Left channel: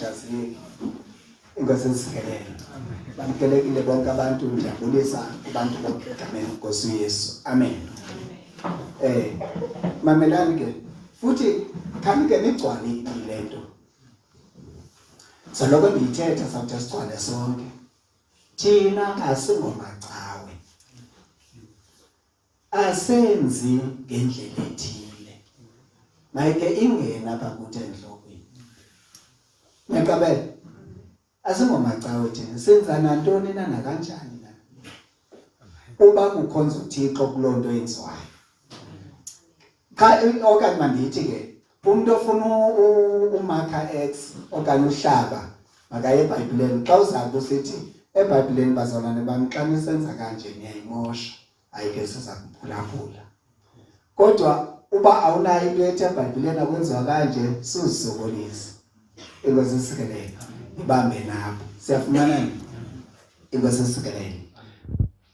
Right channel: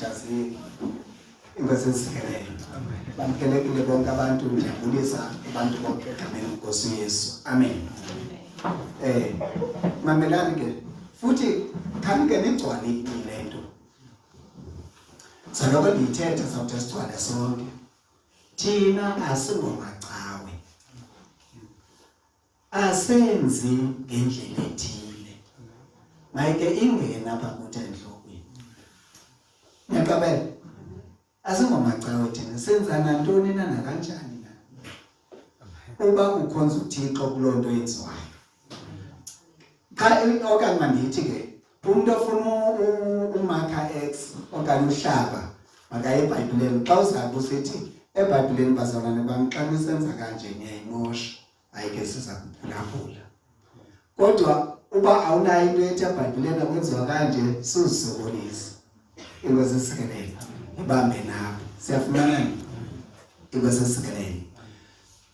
ungakhathazeki. Inkosi isikelele. Bamkelekile bonke abantu, ndiyabulisa abantu bonke egameni lenkosi uYesu. Amen. Mamelani ke futhi khani ke nigcwale le nto. Saloko ndiyithetha sawuthi sigcwale sonke. Thina asingomacawe. Asenzi ngendlela ethile. Mayike ingena apha kuthi endlokweni. Ngiyaqabela. Asingomacawe thina, senza nantoni na nakanjani na. Uba kukhonza uThixo kuloo nto yenziwayo. Cha okanye mandithi ke umuntu ofuna umarka X okanye uhlaba makaye eBhayibhelini. Xa uzabe usithi eBhayibhelini bazalwane bami xa nisenza kanje ngiyayimosha, ayike siza kuphulaphula. Kodwa uba awunayo into ethi eBhayibhelini akwenziwa kanje, suzisokolisa. Inkosi isikelele. Ibambe nabo. Siyafumana ni? Inkosi isikelele.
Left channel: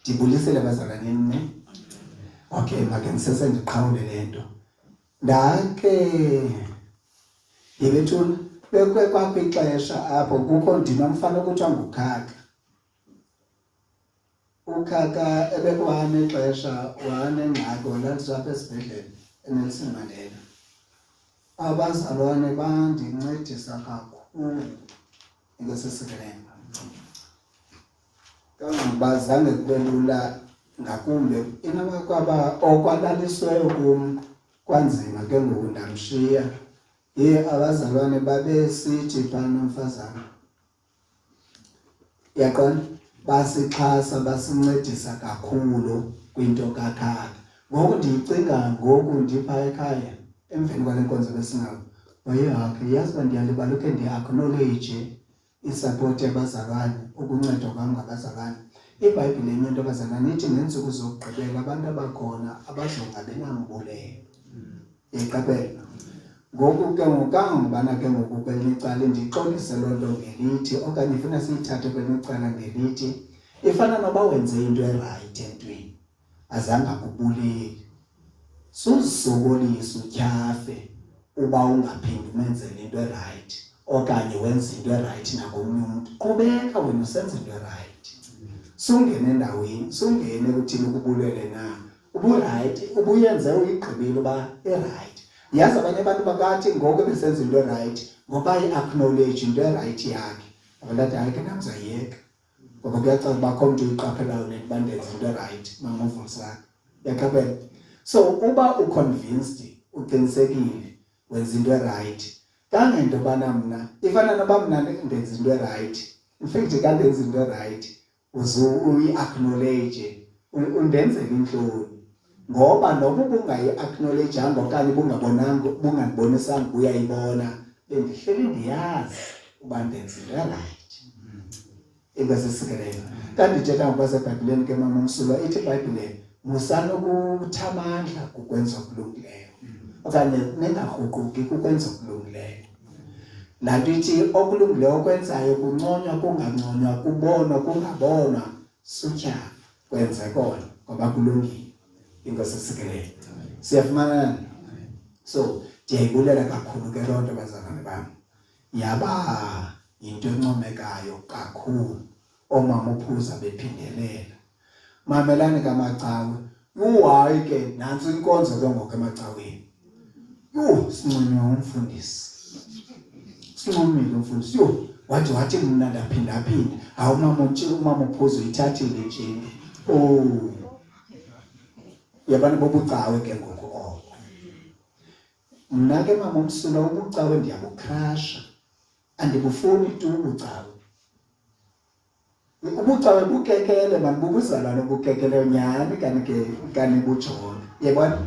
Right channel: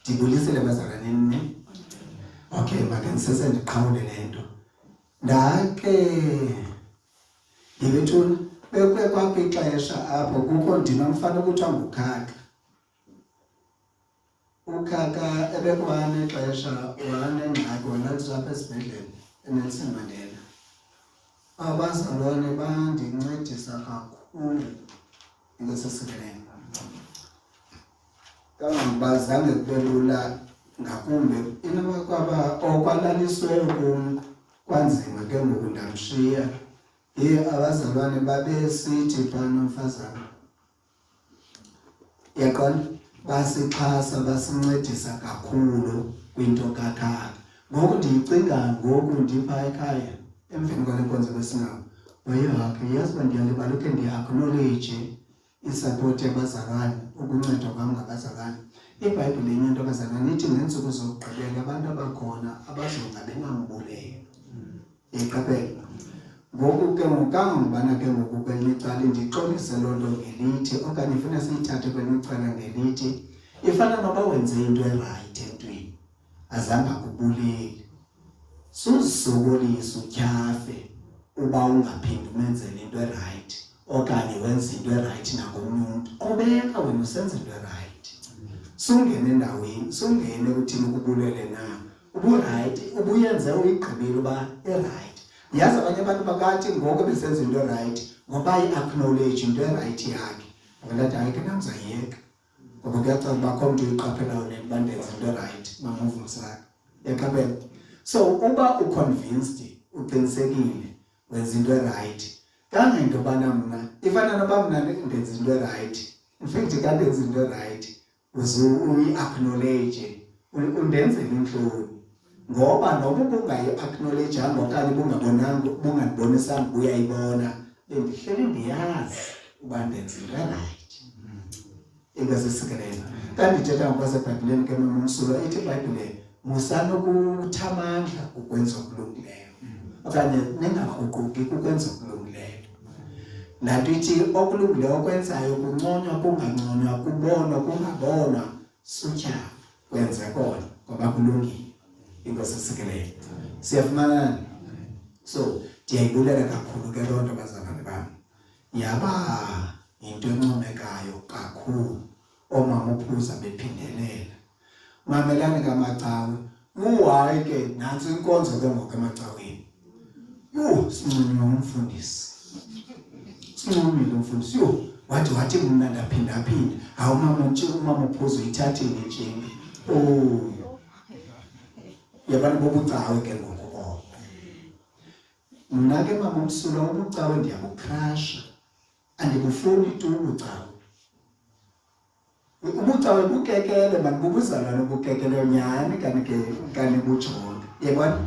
Ndibulisele bazalwaneni. Okay, make ngisese ndiqhawule lento. Ndake yebethuna bekwe kwakho ixesha apho kukho ndima mfana ukuthiwa ngukhaka. Ukhaka ebekwane ixesha wanengxaki walaliswa apha esibhedlele eNelson Mandela. Abazalwane bandincedisa kakhulu. Inkosi isikelele. Kangangibazange kube lula ngakumbe inakwaba okwalalisweyo kum kwanzima ke ngoku ndamshiya. Abazalwane babesithi phana nomfazana. Yaqona basixhasa basincedisa kakhulu kwinto kakhaka. Ngoku ndiyicinga ngoku ndipha ekhaya emveni kwale nkonzo besinayo. Wayehakhe yazi uba ndiyalibala ukhe ndi-acknowledge isupport yabazalwane, ukuncedwa kwam ngabazalwane. iBhayibhile yenye into abazalwane ithi ngeentsuku zokugqibela abantu abakhona abazongabi nambuleyo. Iqaphela. Ngoku ke ngokangubana ke ngoku kwelinye icala ndixolise loo nto ngelithi okanye ifuna siyithathe kwelinye icala ngelithi ifana noba wenze into erayithi entweni azange akubuleli. Suzisokolisa utyhafe uba ungaphindi umenzele into erayithi okanye wenze into erayithi nakomnye umntu. Qhubeka wena usenze into erayithi. Sungene endaweni, sungene uthini ukubulele na. Uburayithi, ubuyenze uyigqibile uba erayithi. Yazi abanye abantu bakathi ngoku besenza into erayithi ngoba i-acknowledge into erayithi yakhe. Abalathi hayi ke namzayeka. Ngoba kuyacaca uba akho mntu uyiqaphelayo nekuba ndenza into erayithi mamuvusaka. Yaqaphela. So uba uconvinced, uqinisekile wenza into erayithi. Kangento yobana mna ifana noba mna ndenza into erayithi. In fact ka ndenza into erayithi uyi-acknowledge undenzela intloni. Ngoba noba ubungayi-acknowledgeanga okanye bungandibonisanga uyayibona, bendihleli ndiyazi uba ndenza into erayithi. Inkosi isikelele. Kanti ndithetha ngokwaseBhayibhileni ke mama umsulwa ithi iBhayibhile musanokutha amandla ukwenza okulungileyo okanye ningakruquki ukwenza okulungileyo. Laa nto ithi okulungileyo okwenzayo kunconywa kunganconywa, kubonwa kungabonwa, sutya kwenze kona ngoba kulungile. Inkosi isikelele. Siyafumana. So ndiyayibulela kakhulu ke loo nto bazalwane bami. Yaba yinto encomekayo kakhulu omama ophuza bephindelela. Mamelani kamacawe. Uhayi ke nantsi inkonzo ke ngoku emacaweni. Sinconywa umfundisi. Sinconyile umfundisi. Wathi mna ndaphinda. Hawu umama ophuza uyithathile njeni. Yabani bobucawe ke ngoku. Mna ke mama umsulwa ubucawe ndiyabukrasha. Andibufuni tu ubucawe. Ubucawe bukekele mani bubuzalwane bukekele nyhani kanti bujonge. Yebona?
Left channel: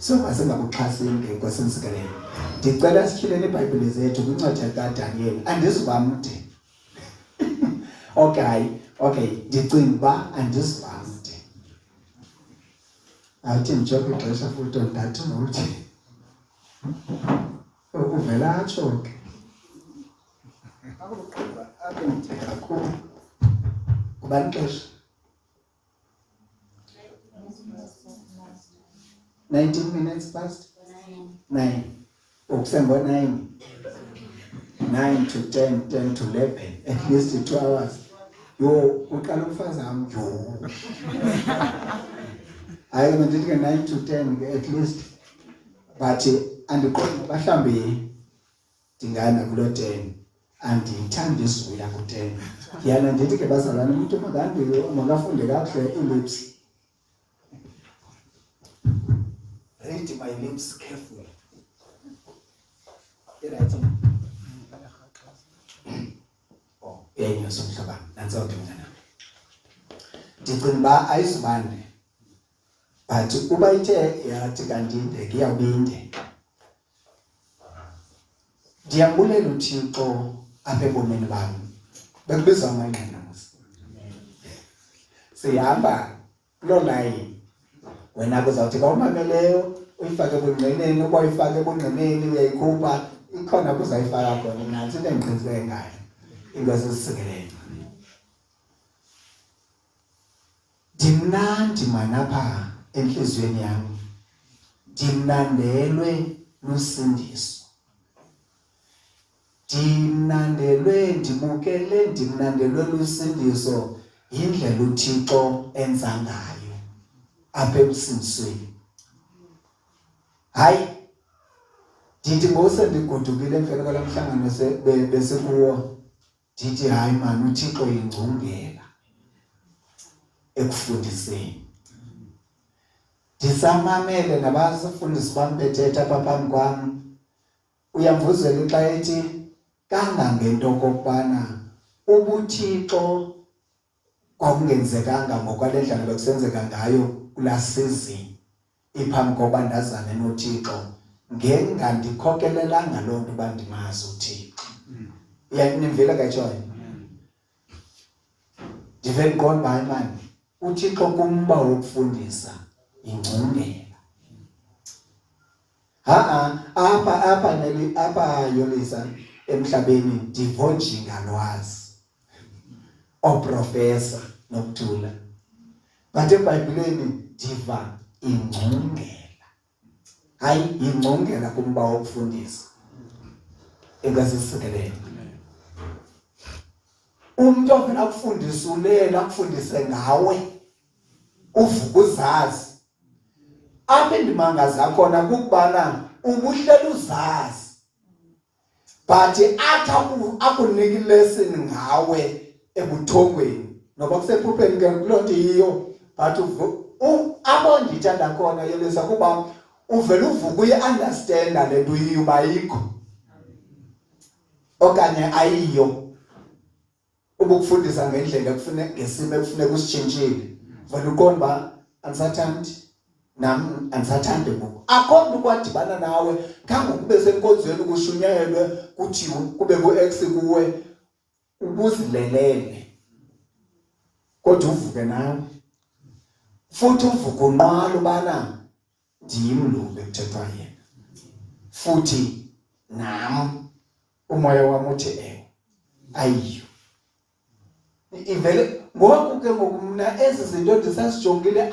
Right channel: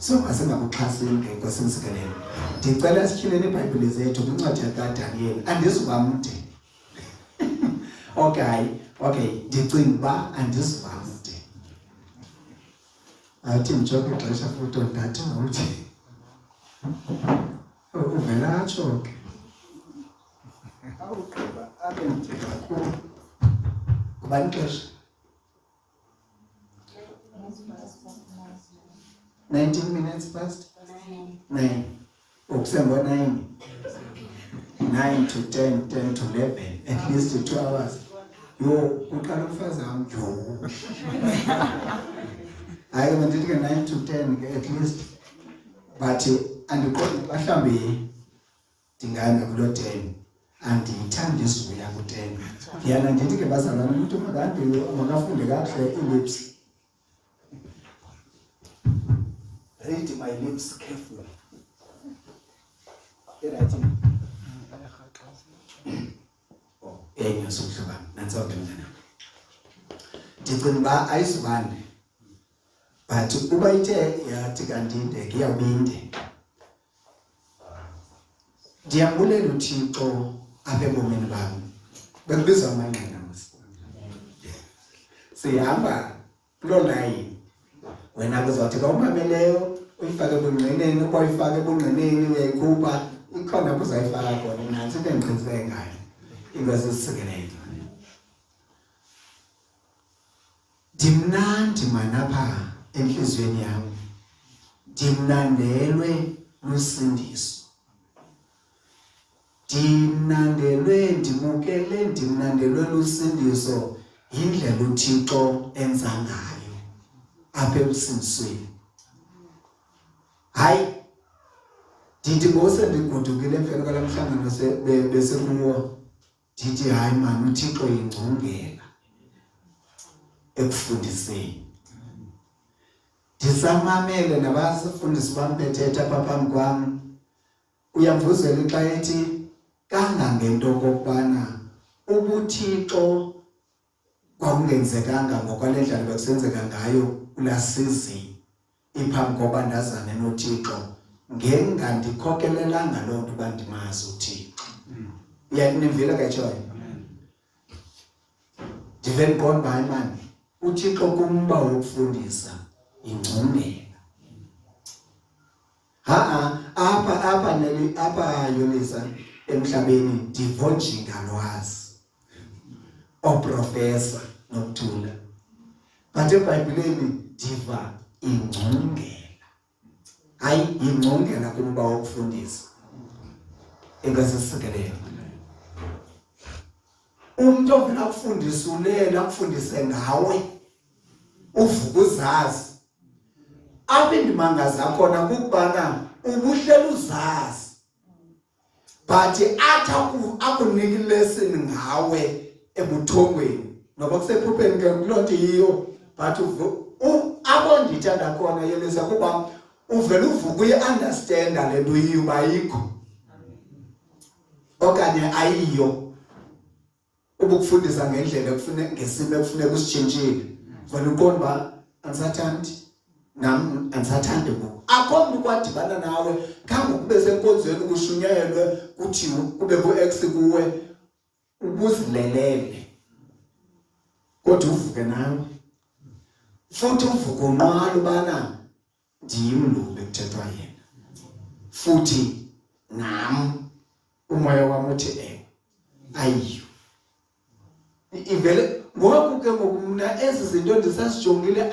So masingabuxhaseli ngenkosi isikelele. Ndicela sityhileni iBhayibhile zethu kwincwadi kaDaniel. Andizuba mde. Okay, ndicinga uba andizuba mde. Athi ndijoke ixesha futhi ndathi nomthi. Uvela atsho ke. Awugqiba abe mde kakhulu. Kubani ixesha? 19 minutes past 9. Ukusembo 9. 9 to 10, 10 to 11, at least 2 hours. Yo, uqala umfazami yo. Hayi mandithi ke 9 to 10 at least. But andiqonda mhlawumbi ndingana kulo 10. Andiyithandi isivuya ku-10. Yana ndithi ke bazalwane umuntu makafunde kakuhle ilips. Read my lips carefully. Right. Oh, yayingasumhloba nantsonto mntana. Ndicinga uba ayizibande. But uba ithe yathi kanti indeke iyawubinde. Ndiyambulela uThixo apha ebomini bami. Bekubizwa amanqinazi. Sihamba kuloo line. Wena kuzawuthi ka umameleyo uyifake ebungqineni, uba uyifake ebungqineni uyayikhupha ikhona kuzayifaka khona nansi into endiqiniseke ngayo. Ingozi isisekeleyo. Ndimnandi manapha enhliziyweni yami. Ndimnandelwe lusindiso. Ndimnandelwe lusindiso yindlela uThixo enza ngayo apha emsindisweni. Hayi ndithi ngose ndigodukile emveni kwala mhlangano besekuwo ndithi hayi mani uThixo yingcungela ekufundiseni. Ndisamamele nabasifundisi bam bethetha apha phambi kwam. Uyamvuzela xa ethi kangangento kokubana ubuThixo kwakungenzekanga ngokwale ndlela bekusenzeka ngayo kulaa season iphambi koba ndazane noThixo ngengandikhokelelanga loo nto uba ndimazi uThixo. Nivile kayitshoyo? Ndive ndiqonda hayi mani uThixo kumba wokufundisa ingcungela. Apha Yolisa emhlabeni ndivonjinga lwazi oprofesa nokuthula. But eBhayibhelini ndiva ingcungela. Hayi ingcungela kumba wokufundisa. Engasisikelele. Umuntu ovela akufundisa ulela akufundise ngawe uvuka uzazi. Apha indimangaza khona kukubana ubuhleli uzazi. But athi akunika ilesson ngawe ebuthongweni. Noba kusephupheni ke kuloo nto yiyo. But abo ndithanda khona Yelisa kuba uvela uvuka uyi-understanda le nto uyiyo uba ayikho. Okanye ayiyo. Ubukufundisa ngendlela ekufuneka ngesimo ekufuneka usitshintshile. Vele uqonda uba andisathandi. Nam andisathandi ngoku. Akho mntu kwadibana nawe khange kube senkonzweni kushunyelwe kuthiwe kube ku-X kuwe ubuzilelele. Kodwa uvuke nawe. Futhi uvuke unqwala ubana ndiyimlube kuthethwa yena. Futhi nam umoya wami uthi ewe ayiyo. Ivele ngoku ke ngoku mna ezi zinto ndisasijongile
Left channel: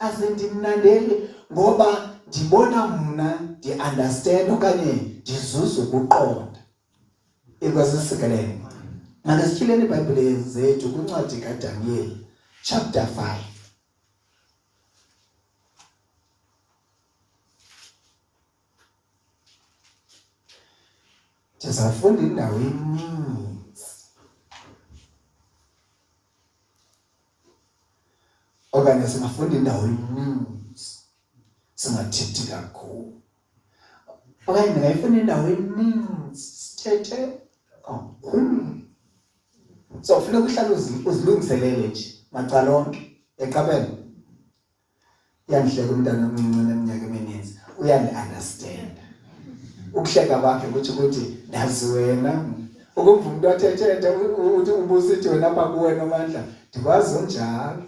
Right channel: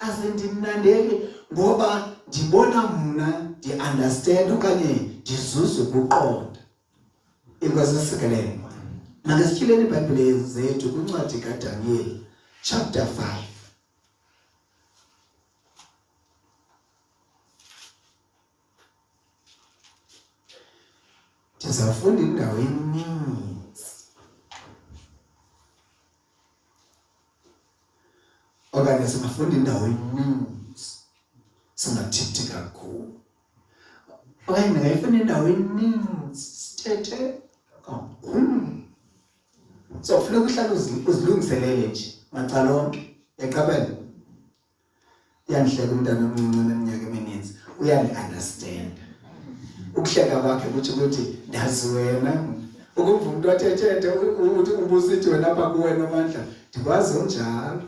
asindimnandeli ngoba ndibona mna ndi-understand okanye ndizuza ukuqonda. Inkwasisikelele. Manesityhileni iBhayibhile zethu kwincwadi kaDaniel chapter 5. Ndizawufunda indawo eninzi. Okanye singafunda indawo eninzi. Singathethi kakhulu. Okanye ndingayifunda indawo eninzi sithethe kakhulu. So kufuneka uhlale uzilungiselele nje macala onke eqabela. Uyandihleka umntana omncinci oneminyaka emininzi uyandi-understand. Ukuhleka kwakhe ukuthi ndazi wena. Ukumva umuntu athethe uthi ubusithi wena apha kuwena Amandla ndikwazi unjalo.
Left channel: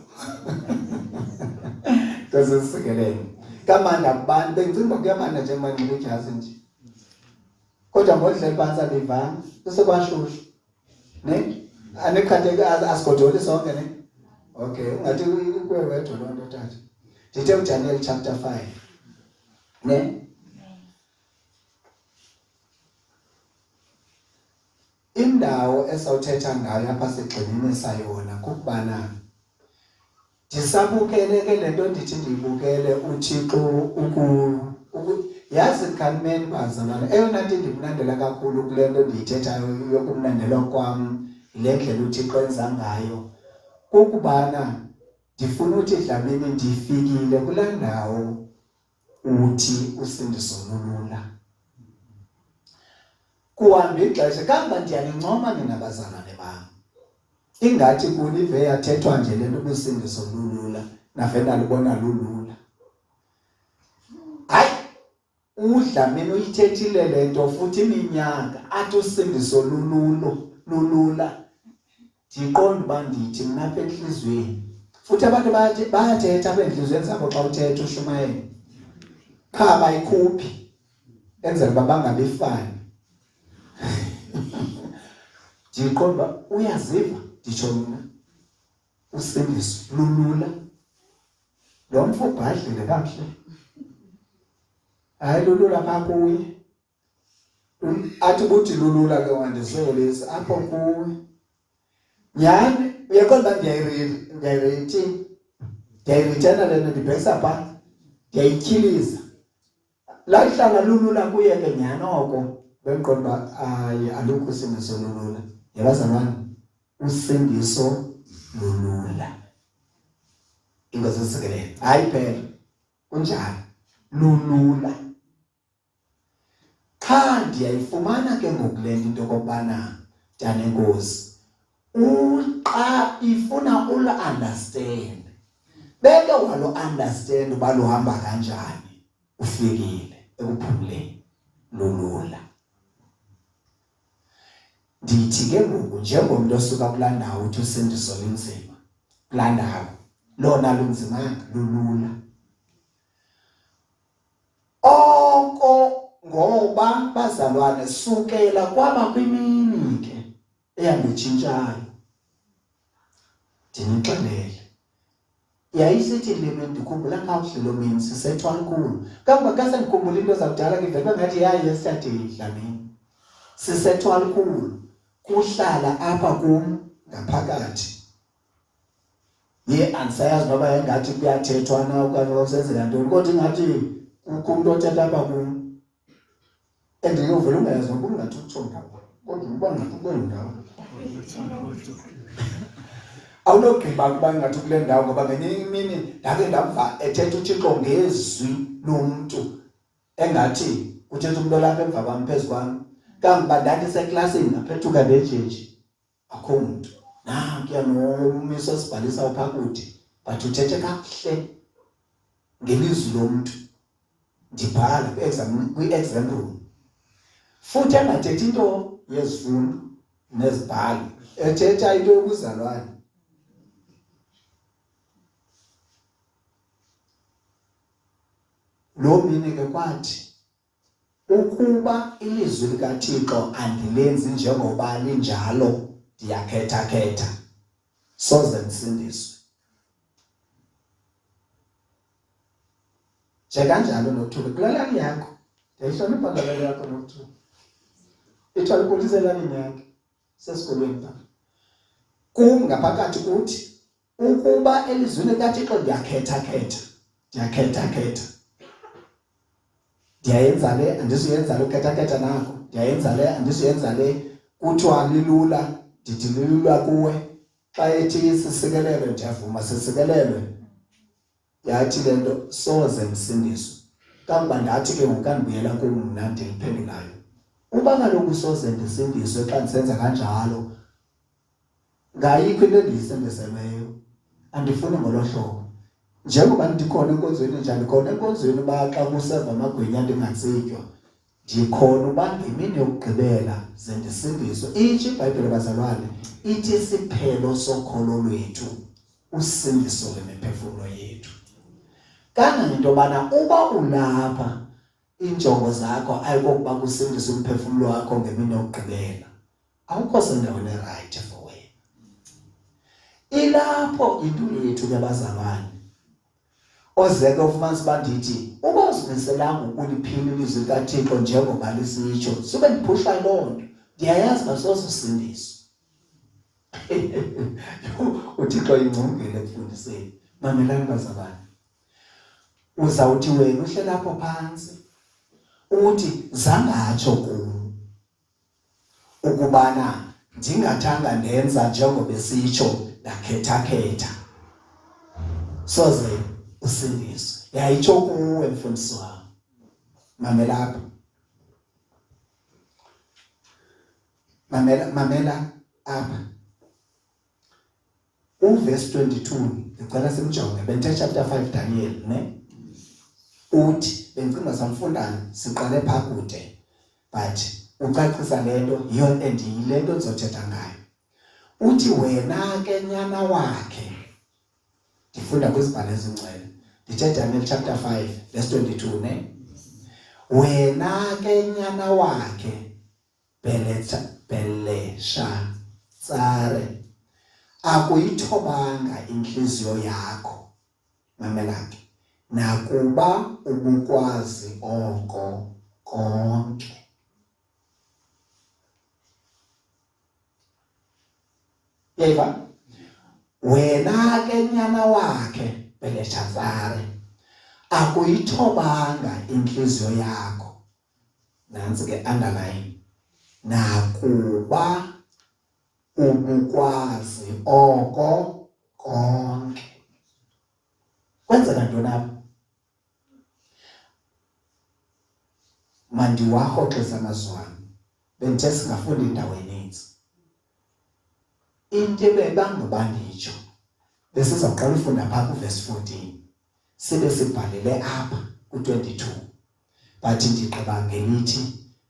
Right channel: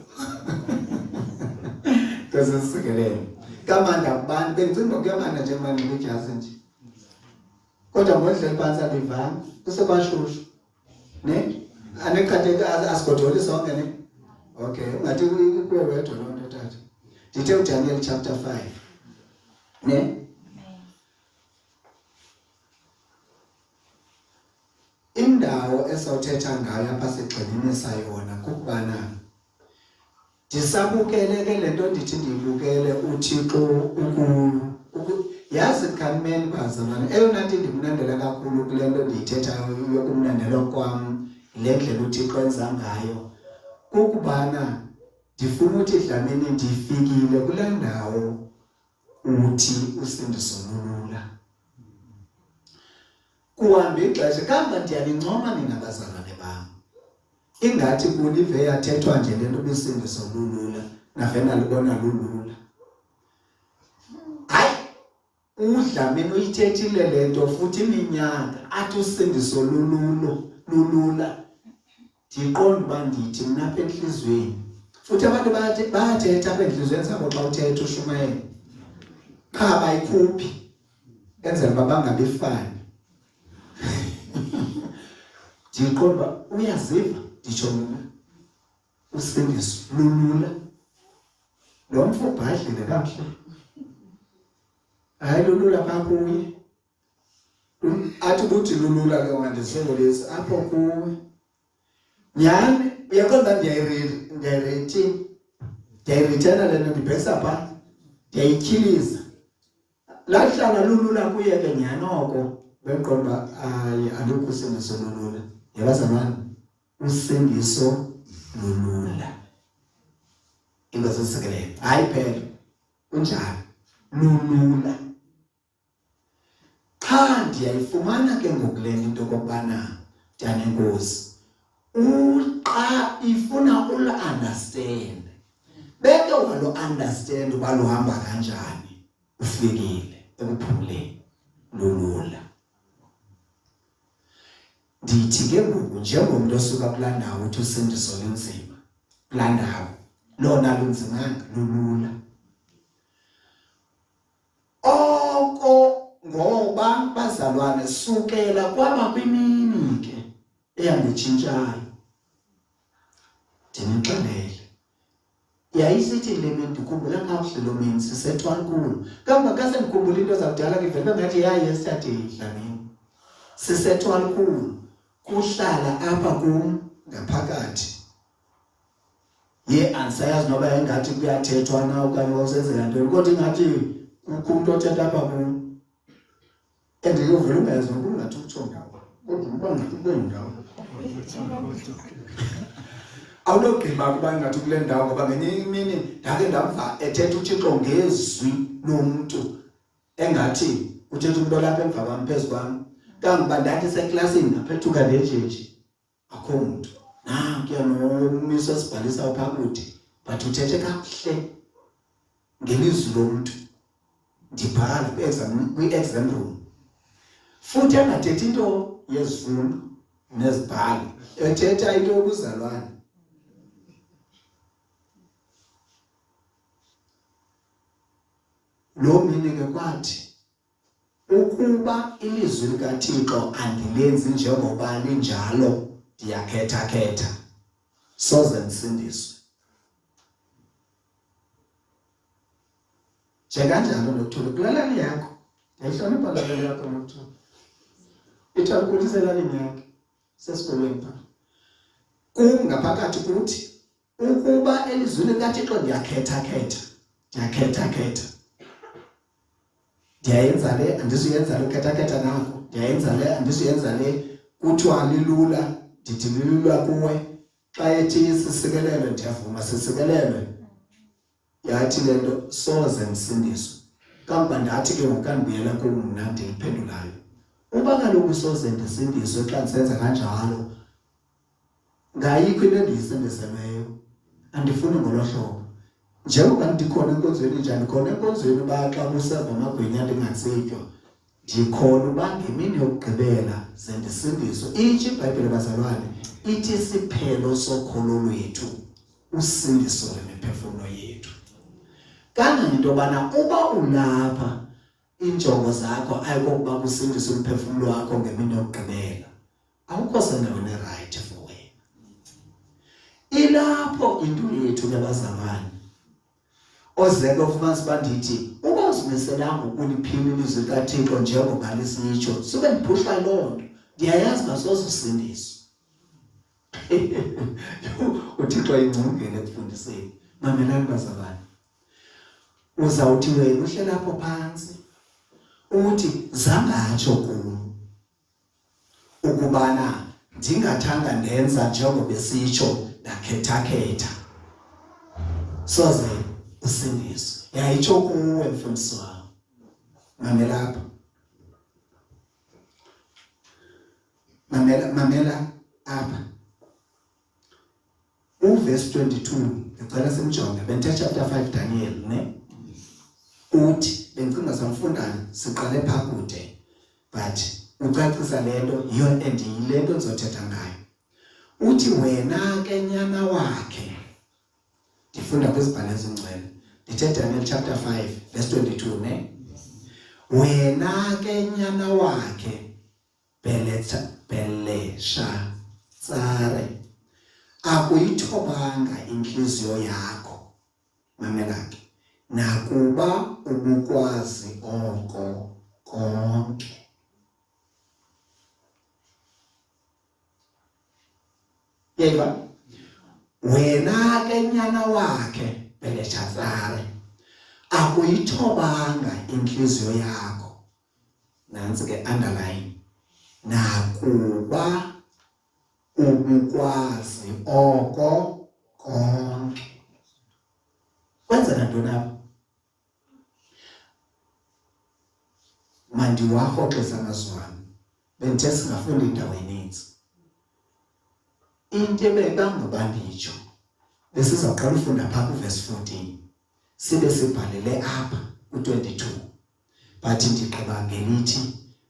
Because isikelele. Kamanda kubani bengicinga kuyamanda nje manje ngikujazi nje. Kodwa ngodlela phansi andivanga usebashushu. Ne? Anekhathe asigodoli sonke ne? Okay, ungathi kuwe wedwa loo nto tata. Ndithe uDaniel chapter 5. Ne? indawo esawuthetha ngayo apha sigxinini sayona kukubana ndisabukele ke lento ndithi ndiyibukele uThixo yazi khameni bazalwane eyona nto ndimnandela kakhulu kule nto ndiyithethayo yokumnandela kwam yile ndlela uThixo enza ngayo kukubana ndifuna uthi Dlamini ndifikile kule ndawo uthi usindiso lulula kuhamba ixesha kambe ndiyanincoma nina bazalwane bam ingathi kulive yathethwa nje le nto usindiso lulula navena libona lulula hayi uDlamini uyithethile le nto futhi iminyaka athi usindiso lulula ndiqonda uba ndithi mna apha enhliziyweni futhi abantu bayathetha apha enhliziyweni zabo xa uthetha ushumayela qha bayikhuphi enzela uba bangabifani ndiqonda uba uyaziva nditsho mna usindiso lulula lo mfo ubhadlile kakuhle hayi lulula phaa kuye athi kuthi lulula ke wandisolisa apho kuwe nyhani uyaqonda ndiyayirithena lena ndibhekisa phaa ndiyayityhiliza lahlala lulula kuye ke nyhani oko bendiqonda uba hayi alukho usindiso lulula yabazalwane usindiso lulula into zesikelele hayi phela kunjani lulula qha ndiyayifumana ke ngoku le into okokubana ntanenkosi xa ifuna ulu-understand beke walu-understand uba luhamba kanjani ufikile ekuphumleni lulula ndithi ke ngoku njengomntu osuka kulaa ndawo uthi usindiso linzima kulaa ndawo lona lunzimanga lulula oko ngoba bazalwane sukela kwaba kwimini ke eyanditshintshayo ndinixelele yayisithi lime ndikhumbula kakuhle lo mini sisethwalukhulu kambe kasendikhumbula into zakudala ke vele ngathi yaye siyadila Dlamini sisethwalukhulu kuhlala apha kum ngaphakathi andisayazi noba engathi kuyathethwa na okanye usenzela ntoni kodwa ingathi kukho umntu othetha apha kum endiyovela ungayazi noba ungathi utsho ndawo kodwa uba ngathi kweendawo awunogqiba ukuba ingathi kule ndawo ngoba ngenye imini ndake ndamva ethetha uThixo ngezwi lomntu engathi uthetha umntu olapha emva kwam phezu kwam kambe ndandiseklasini ngaphethuka ndejeji akho muntu nankuya nomisi osibhalisa uphaa kude but uthethe kakuhle ngelizwi lomntu ndibhala kwi-exam room futhi angathethi into yezifundo nezibhalo ethetha into yobuzalwane lo mini ke kwathi ukuba ilizwi likaThixo andilenzi njengoba linjalo ndiyakhetha soze ndisindiswe njenganjalo noThulu kulalani yakho ndiyayihlonipha ngalelo yakho noThulu ithalukhulisa elalini yakhe sesikolweni pha kum ngaphakathi kuthi ukuba elizwini likaThixo ndiyakhetha ndiyayenza le andizuyenza le ukhetha nako ndiyayenza le andizuyenza le kuthiwa lilula ndithi lilula kuwe xa ethi sisikelelwe ndiyavuma sisikelelwe yathi le nto soze msindiswe kambe ndathi ke ngokandibuyela kum mna ndiyiphendulayo uba kaloku soze ndisindiswe xa ndisenza kanjalo ngayikho into endiyisindiselweyo andifuni ngolo hlobo njengoba ndikhona enkonzweni njani khona enkonzweni uba xa kuseva amagwinya ndingatsitywa ndikhona uba ngemini yokugqibela ze ndisindiswe itsho iBhayibhile bazalwane ithi isiphelo sokholo lwethu usindiso lwemiphefumlo yethu kangangento yobana uba ulapha injongo zakho ayikokuba kusindiswe umphefumlo wakho ngemini yokugqibela awukho sendaweni erayithi for wena ilapho impilo yethu ke bazalwane ozeke ufumanise uba ndithi uba uzimiselanga ukuliphila ilizwi likaThixo njengoba lisitsho sube ndiphushwa loo nto ndiyayazi basoze usindiswa. uThixo ingcungile ekufundiseni. Mamelani bazalwane, uzawuthi wena uhleli lapho phansi uthi zangatsho kulo ukubana ndingathanga ndenza njengoba besitsho ndakhetha soze usindiswe. Yayitsho kuwe mfundisi wami. Mamelapha, mamela apha uverse 22 ngicela simjonge. Benthe chapter 5 Daniel ne uthi bencinga samfundana siqale phakude but ucacisa lento yiyo endiyilento nizothetha ngayo. Uthi wena ke nyana wakhe, ndifunda kwizibhalo ezingcwele, ndithe Daniel chapter 5 verse 22 ne wena ke nyana wakhe Beleshazzar, akuyithobanga inhliziyo yakho, mamela ke, nakuba ubukwazi oko konke. Yeva, wena ke nyana wakhe Beleshazzar, akuyithobanga inhliziyo yakho, nansi ke underline, nakuba ubukwazi oko konke. Kwenzeka ntoni apha? Mandiwarhoxisa amazwane, benthe singafunda indawo eninzi. Into ebebanga nditsho besizawuqala ufunda phaa kuverse 14 sibe sibhalele apha ku-22, but ndigqiba ngelithi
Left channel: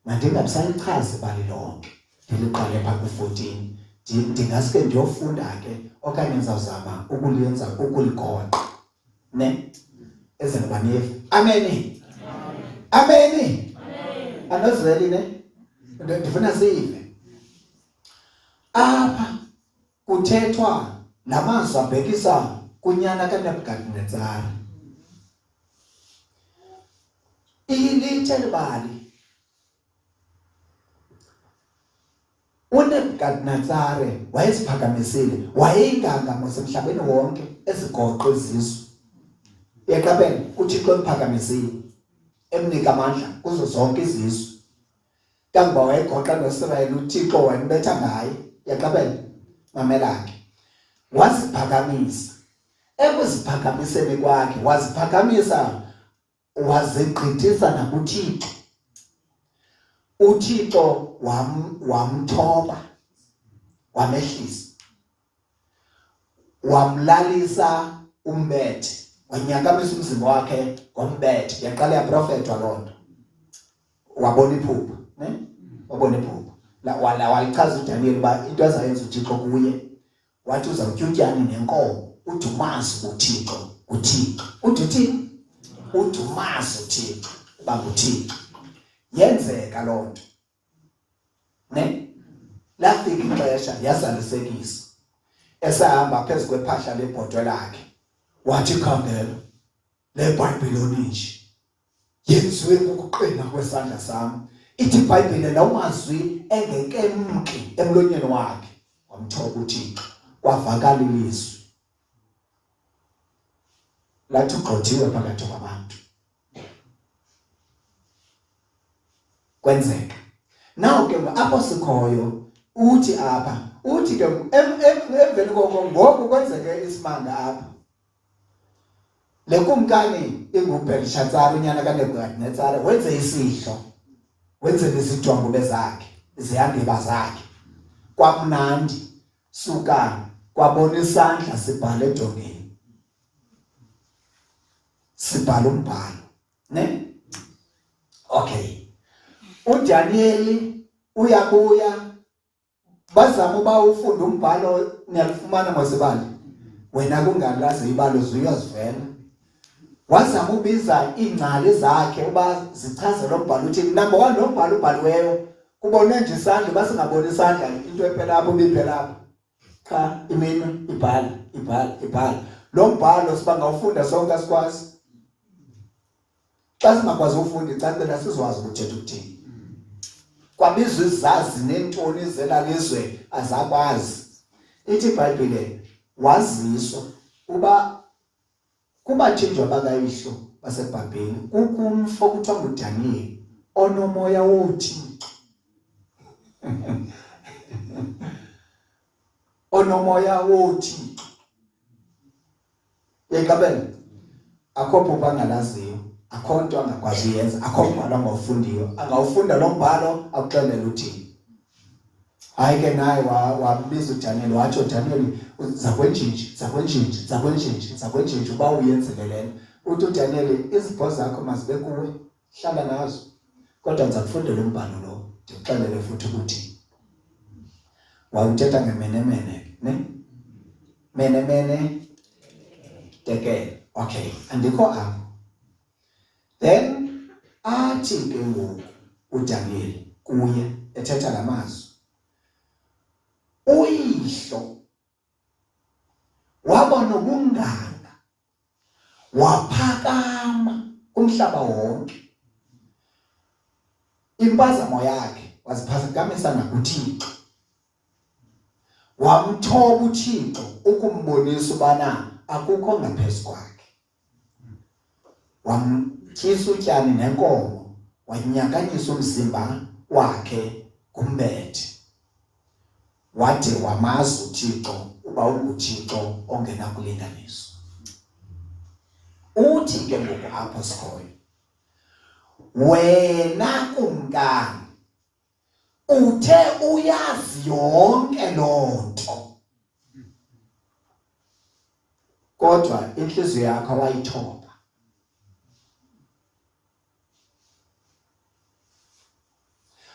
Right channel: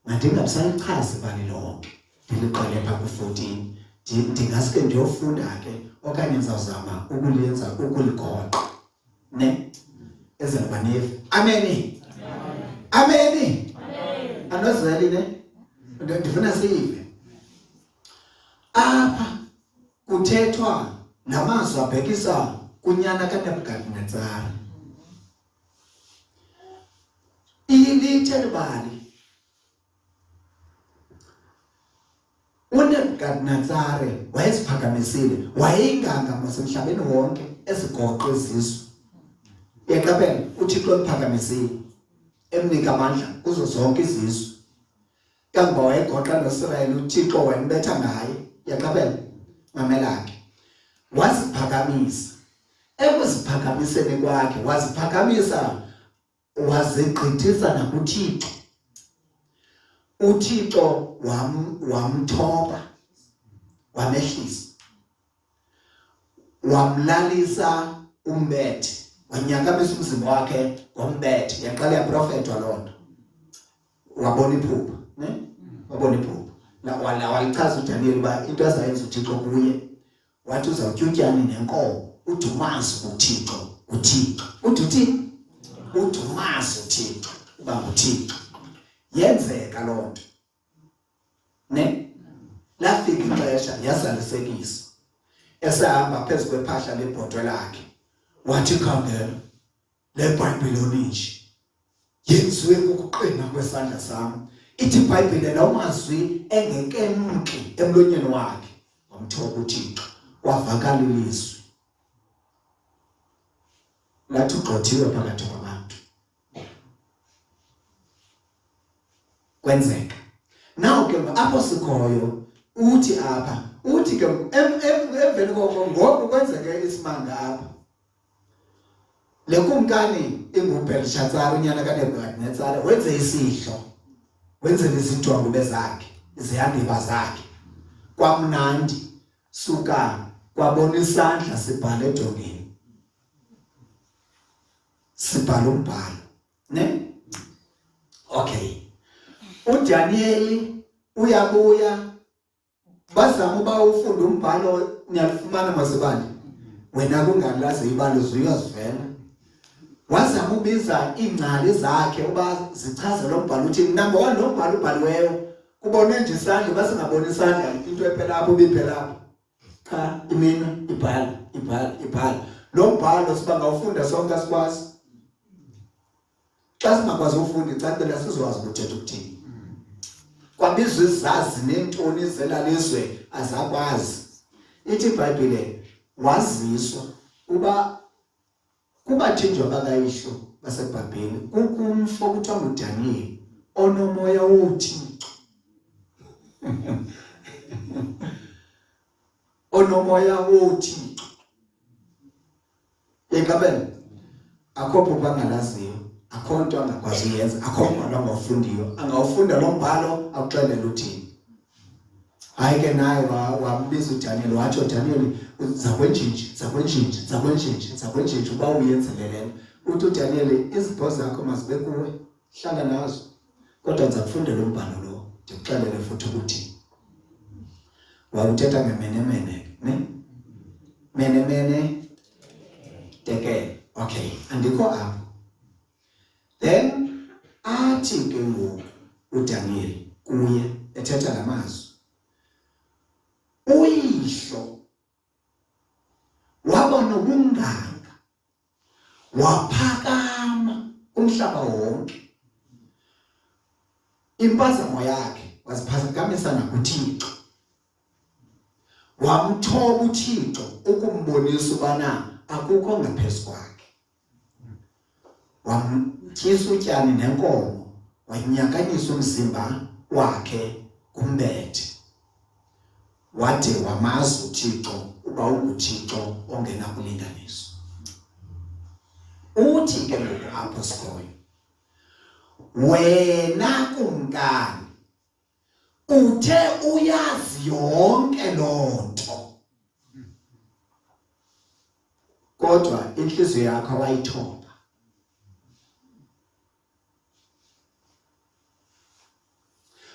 mandingabisalichazi ibali lonke ndiliqale phaa ku-14. Ndingaske ndiyofunda ke okanye ndizawuzama ukuliyenza ukuligoqa ne ezenabaniyefu. Ameni, ameni, anozeli ne ndifuna sive apha kuthethwa namazwi abhekisa kunyana kaNebukadnezar. Ilithe libali uNebukadnezar wayeziphakamisile, wayeyinganga semhlabeni wonke ezigoqa izizwe. Yaqaphela uThixo emphakamisile emnika amandla kuzo zonke izizwe. Kangoba wayegoqa noIsrayeli uThixo wayembetha ngaye. Yaqaphela mamela ke, waziphakamisa. Ekuziphakamiseni kwakhe waziphakamisa wazigqithisa nakuThixo. uThixo wamthoba, wamehlisa, wamlalisa umbethe, wanyakamisa umzimba wakhe ngombethe. Yaqala yaprofethwa loo nto, wabona iphupha ne wabona iphupha walichaza uDaniel uba into azayenza uThixo kuye, wathi uzawutyutyana nenkomo udumasi uThixo. Uthi uthini? Udumasi uThixo uba nguThixo. Yenzeka loo nto ne lafika ixesha yazalisekisa, esahamba phezu kwephahla lebhotwe lakhe wathi khangela le Bhayibhile oninji yenziwe ukuqina kwesandla sami. Ithi iBhayibhile namazwi engekemki emlonyeni wakhe. Wamthoba uThixo, kwavakala ilizwi lathi ugxothiwe phakathi kwabantu. Kwenzeka naw ke apho sikhoyo uthi apha uthi ke emveni koko ngoku kwenzeke isimanga apha. Le kumkani inguBeleshazzar unyana kaNebukadnezar wenze isidlo, wenze izidwangu bezakhe, izihandiba zakhe. Kwamnandi suka kwabona isandla sibhala ejongeni, sibhala umbhalo ne okay. uDaniel uyabuya, bazama uba ufunda umbhalo niyalifumana ngosibani wena kungalazi ibalo ziyazivela. Wazama ubiza iingcali zakhe uba zichaze lo mbhalo uthini. Number 1, lo mbhalo ubhaliweyo kubonwe nje isandla, basingaboni isandla into ephela apho biphela apho. Cha, imino ibhala. Lo mbhalo siba ngawufunda sonke asikwazi. Xa singakwazi ufunda icacela sizwazi ukuthetha ukuthini. kwabizwa izazi nentoni zelalizwe azakwazi. Ithi iBhayibhile waziswa uba kubathinjwa bakayihlo baseBhabheli kukumfo kuthiwa nguDaniel onomoya woThixo. Onomoya woThixo. Ekabela akho phupha angalaziyo, akho nto angakwazi uyenza, akho mbhalo angawufundiyo, angawufunda lo mbhalo akuxelele uthini. Hayi ke naye wambiza uDaniel wathi uDaniel zakwenjinji uba uyenzelele. Uthi uDaniel izipho zakho mazibe kuwe, hlala nazo. Kodwa ndiza kufundela umbhalo lo, ndikuxelele futhi ukuthi wawuthetha ngemenemene, ne? Menemene tekele. Okay, andikho apho. Then athi ke ngoku uDaniel kuye ethetha ngamazwi. Uyihlo waba nobunganga, waphakama umhlaba wonke. Impazamo yakhe waziphakamisa nakuThixo. Wamthoba uThixo ukumbonisa ubana akukho ngaphezu kwakhe. Wamtyisa utyani nenkomo, wanyakanyisa umzimba wakhe kumbethe. Wathi wamazi uThixo uba unguThixo ongenakulinganiswa. Uthi ke ngoku apho sikhoyo, wena kumkani uthe uyazi yonke loo nto, kodwa inhliziyo yakho awayithoba.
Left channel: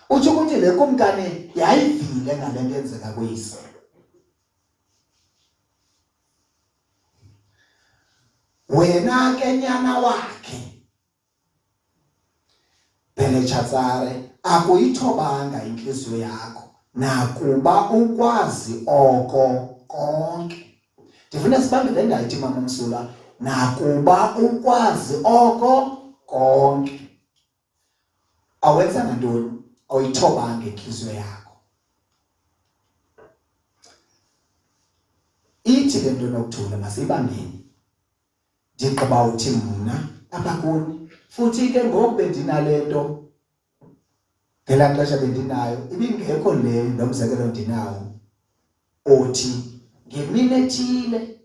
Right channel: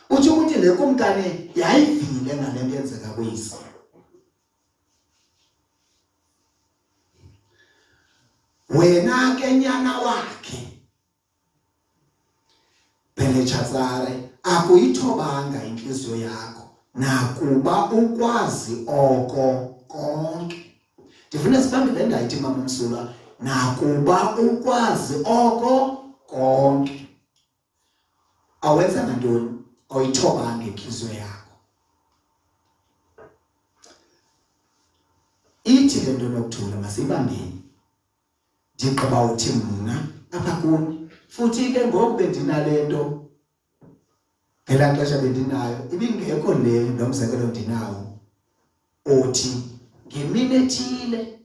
Uthi ukuthi le kumkani yayivile ngale nto yenzeka kuyise. Wena ke nyana wakhe Belshazzar akuyithobanga inhliziyo yakho nakuba ukwazi oko konke. Ndifuna sibambe le ndayithi mama Msula, nakuba ukwazi oko konke. Awenza nantoni? Awuyithobanga inhliziyo yakho. Ithi le nto nokuthula masibambeni. Ndigqiba uthi mna apha kuni futhi ke ngoku bendinale nto ngelaa xesha bendinayo ibingekho le nomzekelo ndinawo othi ngemini ethile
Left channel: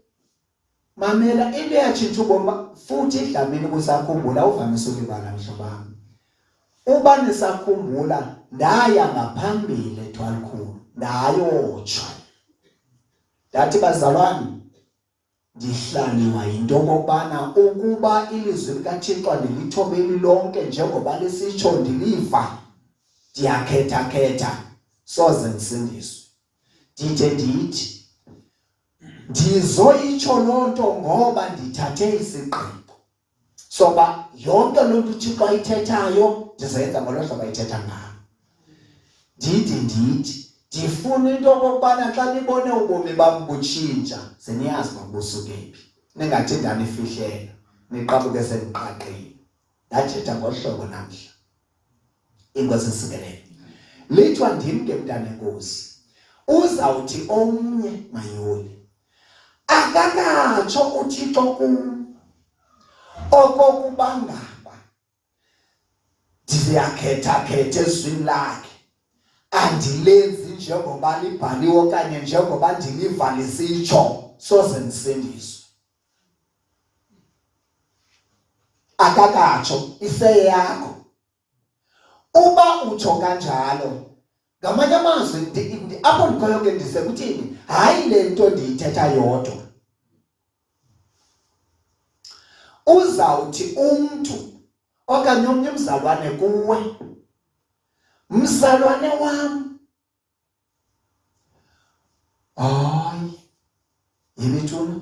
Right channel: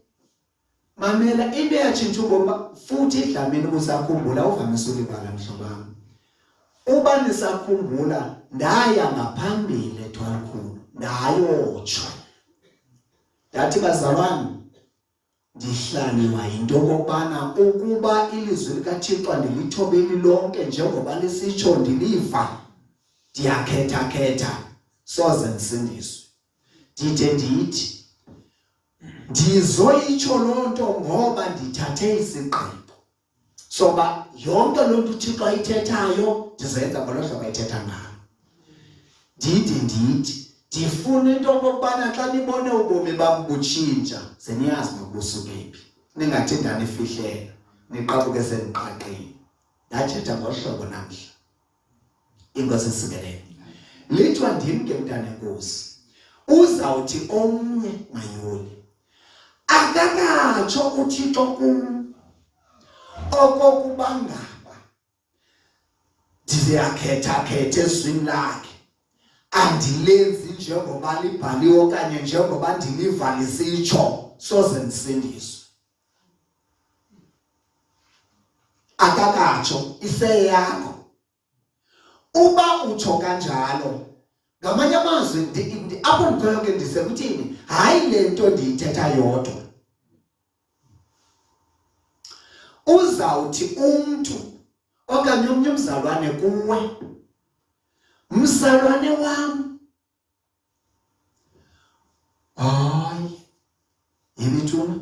mamela into yatshintsha ubomi futhi idlamini busakhumbula uvamise ulibala mhlobam. Uba nisakhumbula ndaya ngaphambili eThwalikhulu ndayotshwa. Ndathi bazalwane ndihlaniwa yinto okokubana ukuba ilizwi likaThixo ndilithobe lilonke njengoba lisitsho ndiliva, ndiyakhetha soze ndisindiswe. Ndide ndithi ndizoyitsho loo nto ngoba ndithathe isigqibo soba yonke loo nto uThixo ayithethayo ndizoyenza ngolo hlobo ayithetha ngalo. Ndithi ndifuna into okokubana xa nibone ubomi bam butshintsha seniyazi makubusuke phi, ningathi ndanifihlela niqabuke seniqaqile. Ndathetha ngohlobo namhla. Inkosi isikelele. Lithiwa ndim ke mntana enkosi, uzawuthi omnye mayoli akakatsho uThixo kum okokuba ngaba ndiyakhetha ezwini lakhe, andilenzi njengoba libhaliwe okanye njengoba ndiliva lisitsho soze ndisindiswe. Akakatsho iseyakho. Uba utsho kanjalo, ngamanye amazwi apho ndikhoyo ke ndisekuthini, hayi le nto ndiyithetha yodwa. Uzawuthi umntu okanye omnye umzalwane kuwe, mzalwane wam, hayi yimithuna,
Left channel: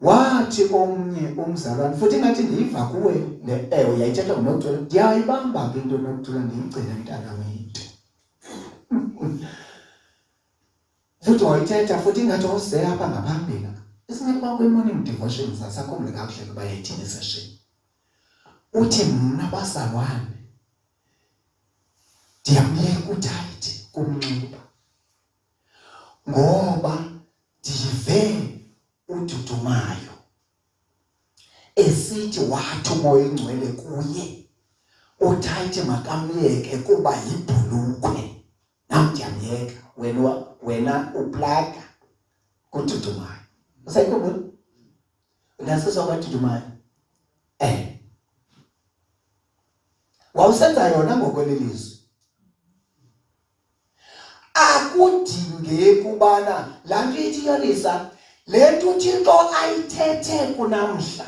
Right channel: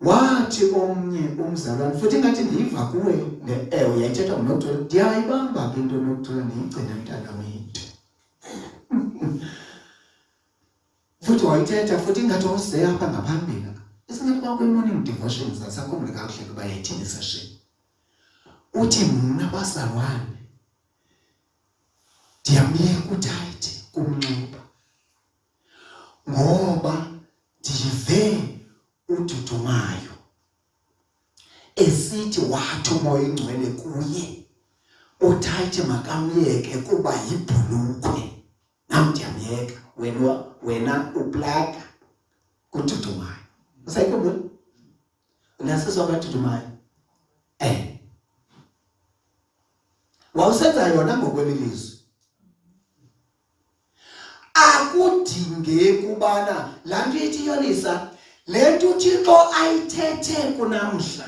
wathi omnye umzalwane futhi ngathi ndiyiva kuwe le ewe yayithetha nguNokuthula, ndiyayibamba ke into Nokuthula ndiyigcine mntana wethu. Futhi wayithetha futhi ngathi wawuze apha ngaphambili. Isingakuba kwi-morning devotion zasakhumbule kakuhle ukuba yayithini session. Uthi mna bazalwane ndiyamyeka uThayithe kumnxiba ngoba ndive uDudumayo esithi wathi uMoya Oyingcwele kuye uThayithe makamyeke kuba yibhulukhwe. Nam ndiyamyeka wena uplaga kuDudumayo. Usayikhumbula? Unasizwa kwaDudumayo? Wawusenza yona ngokwelizwi. Akudinge kubana laa nto ithi Yolisa, le nto uThixo ayithethe kunamhla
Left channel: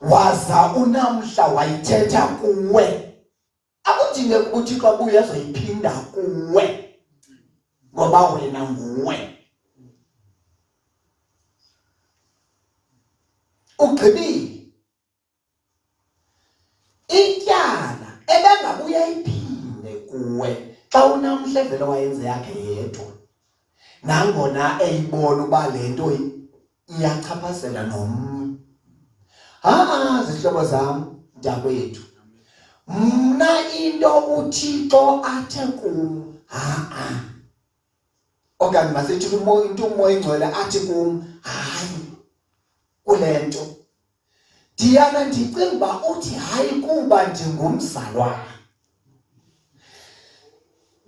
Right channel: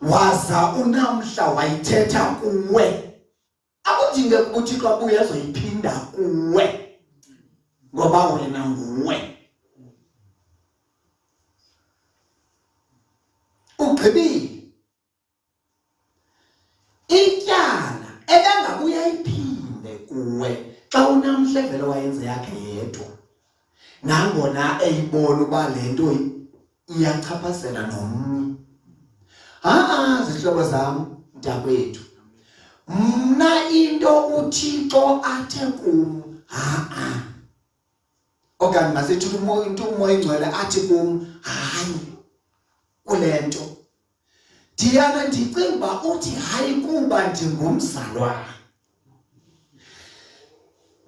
waza unamhla wayithetha kuwe. Akudinge kuba uThixo abuye azoyiphinda kuwe ngoba wena nguwe. Ugqibile. Ityala ebengabuya iphinde kuwe xa unamhla vele wayenze yakhe yedwa. Nangona eyibona uba le nto iyachaphazela nomnye. Zihlobo zam, mntakwethu. Mna into uThixo athe kum, okanye masithi uMoya Oyingcwele athi kum, hayi kule nto. Ndiyana ndicinga uba uthi hayi kuba ndingumzalwane.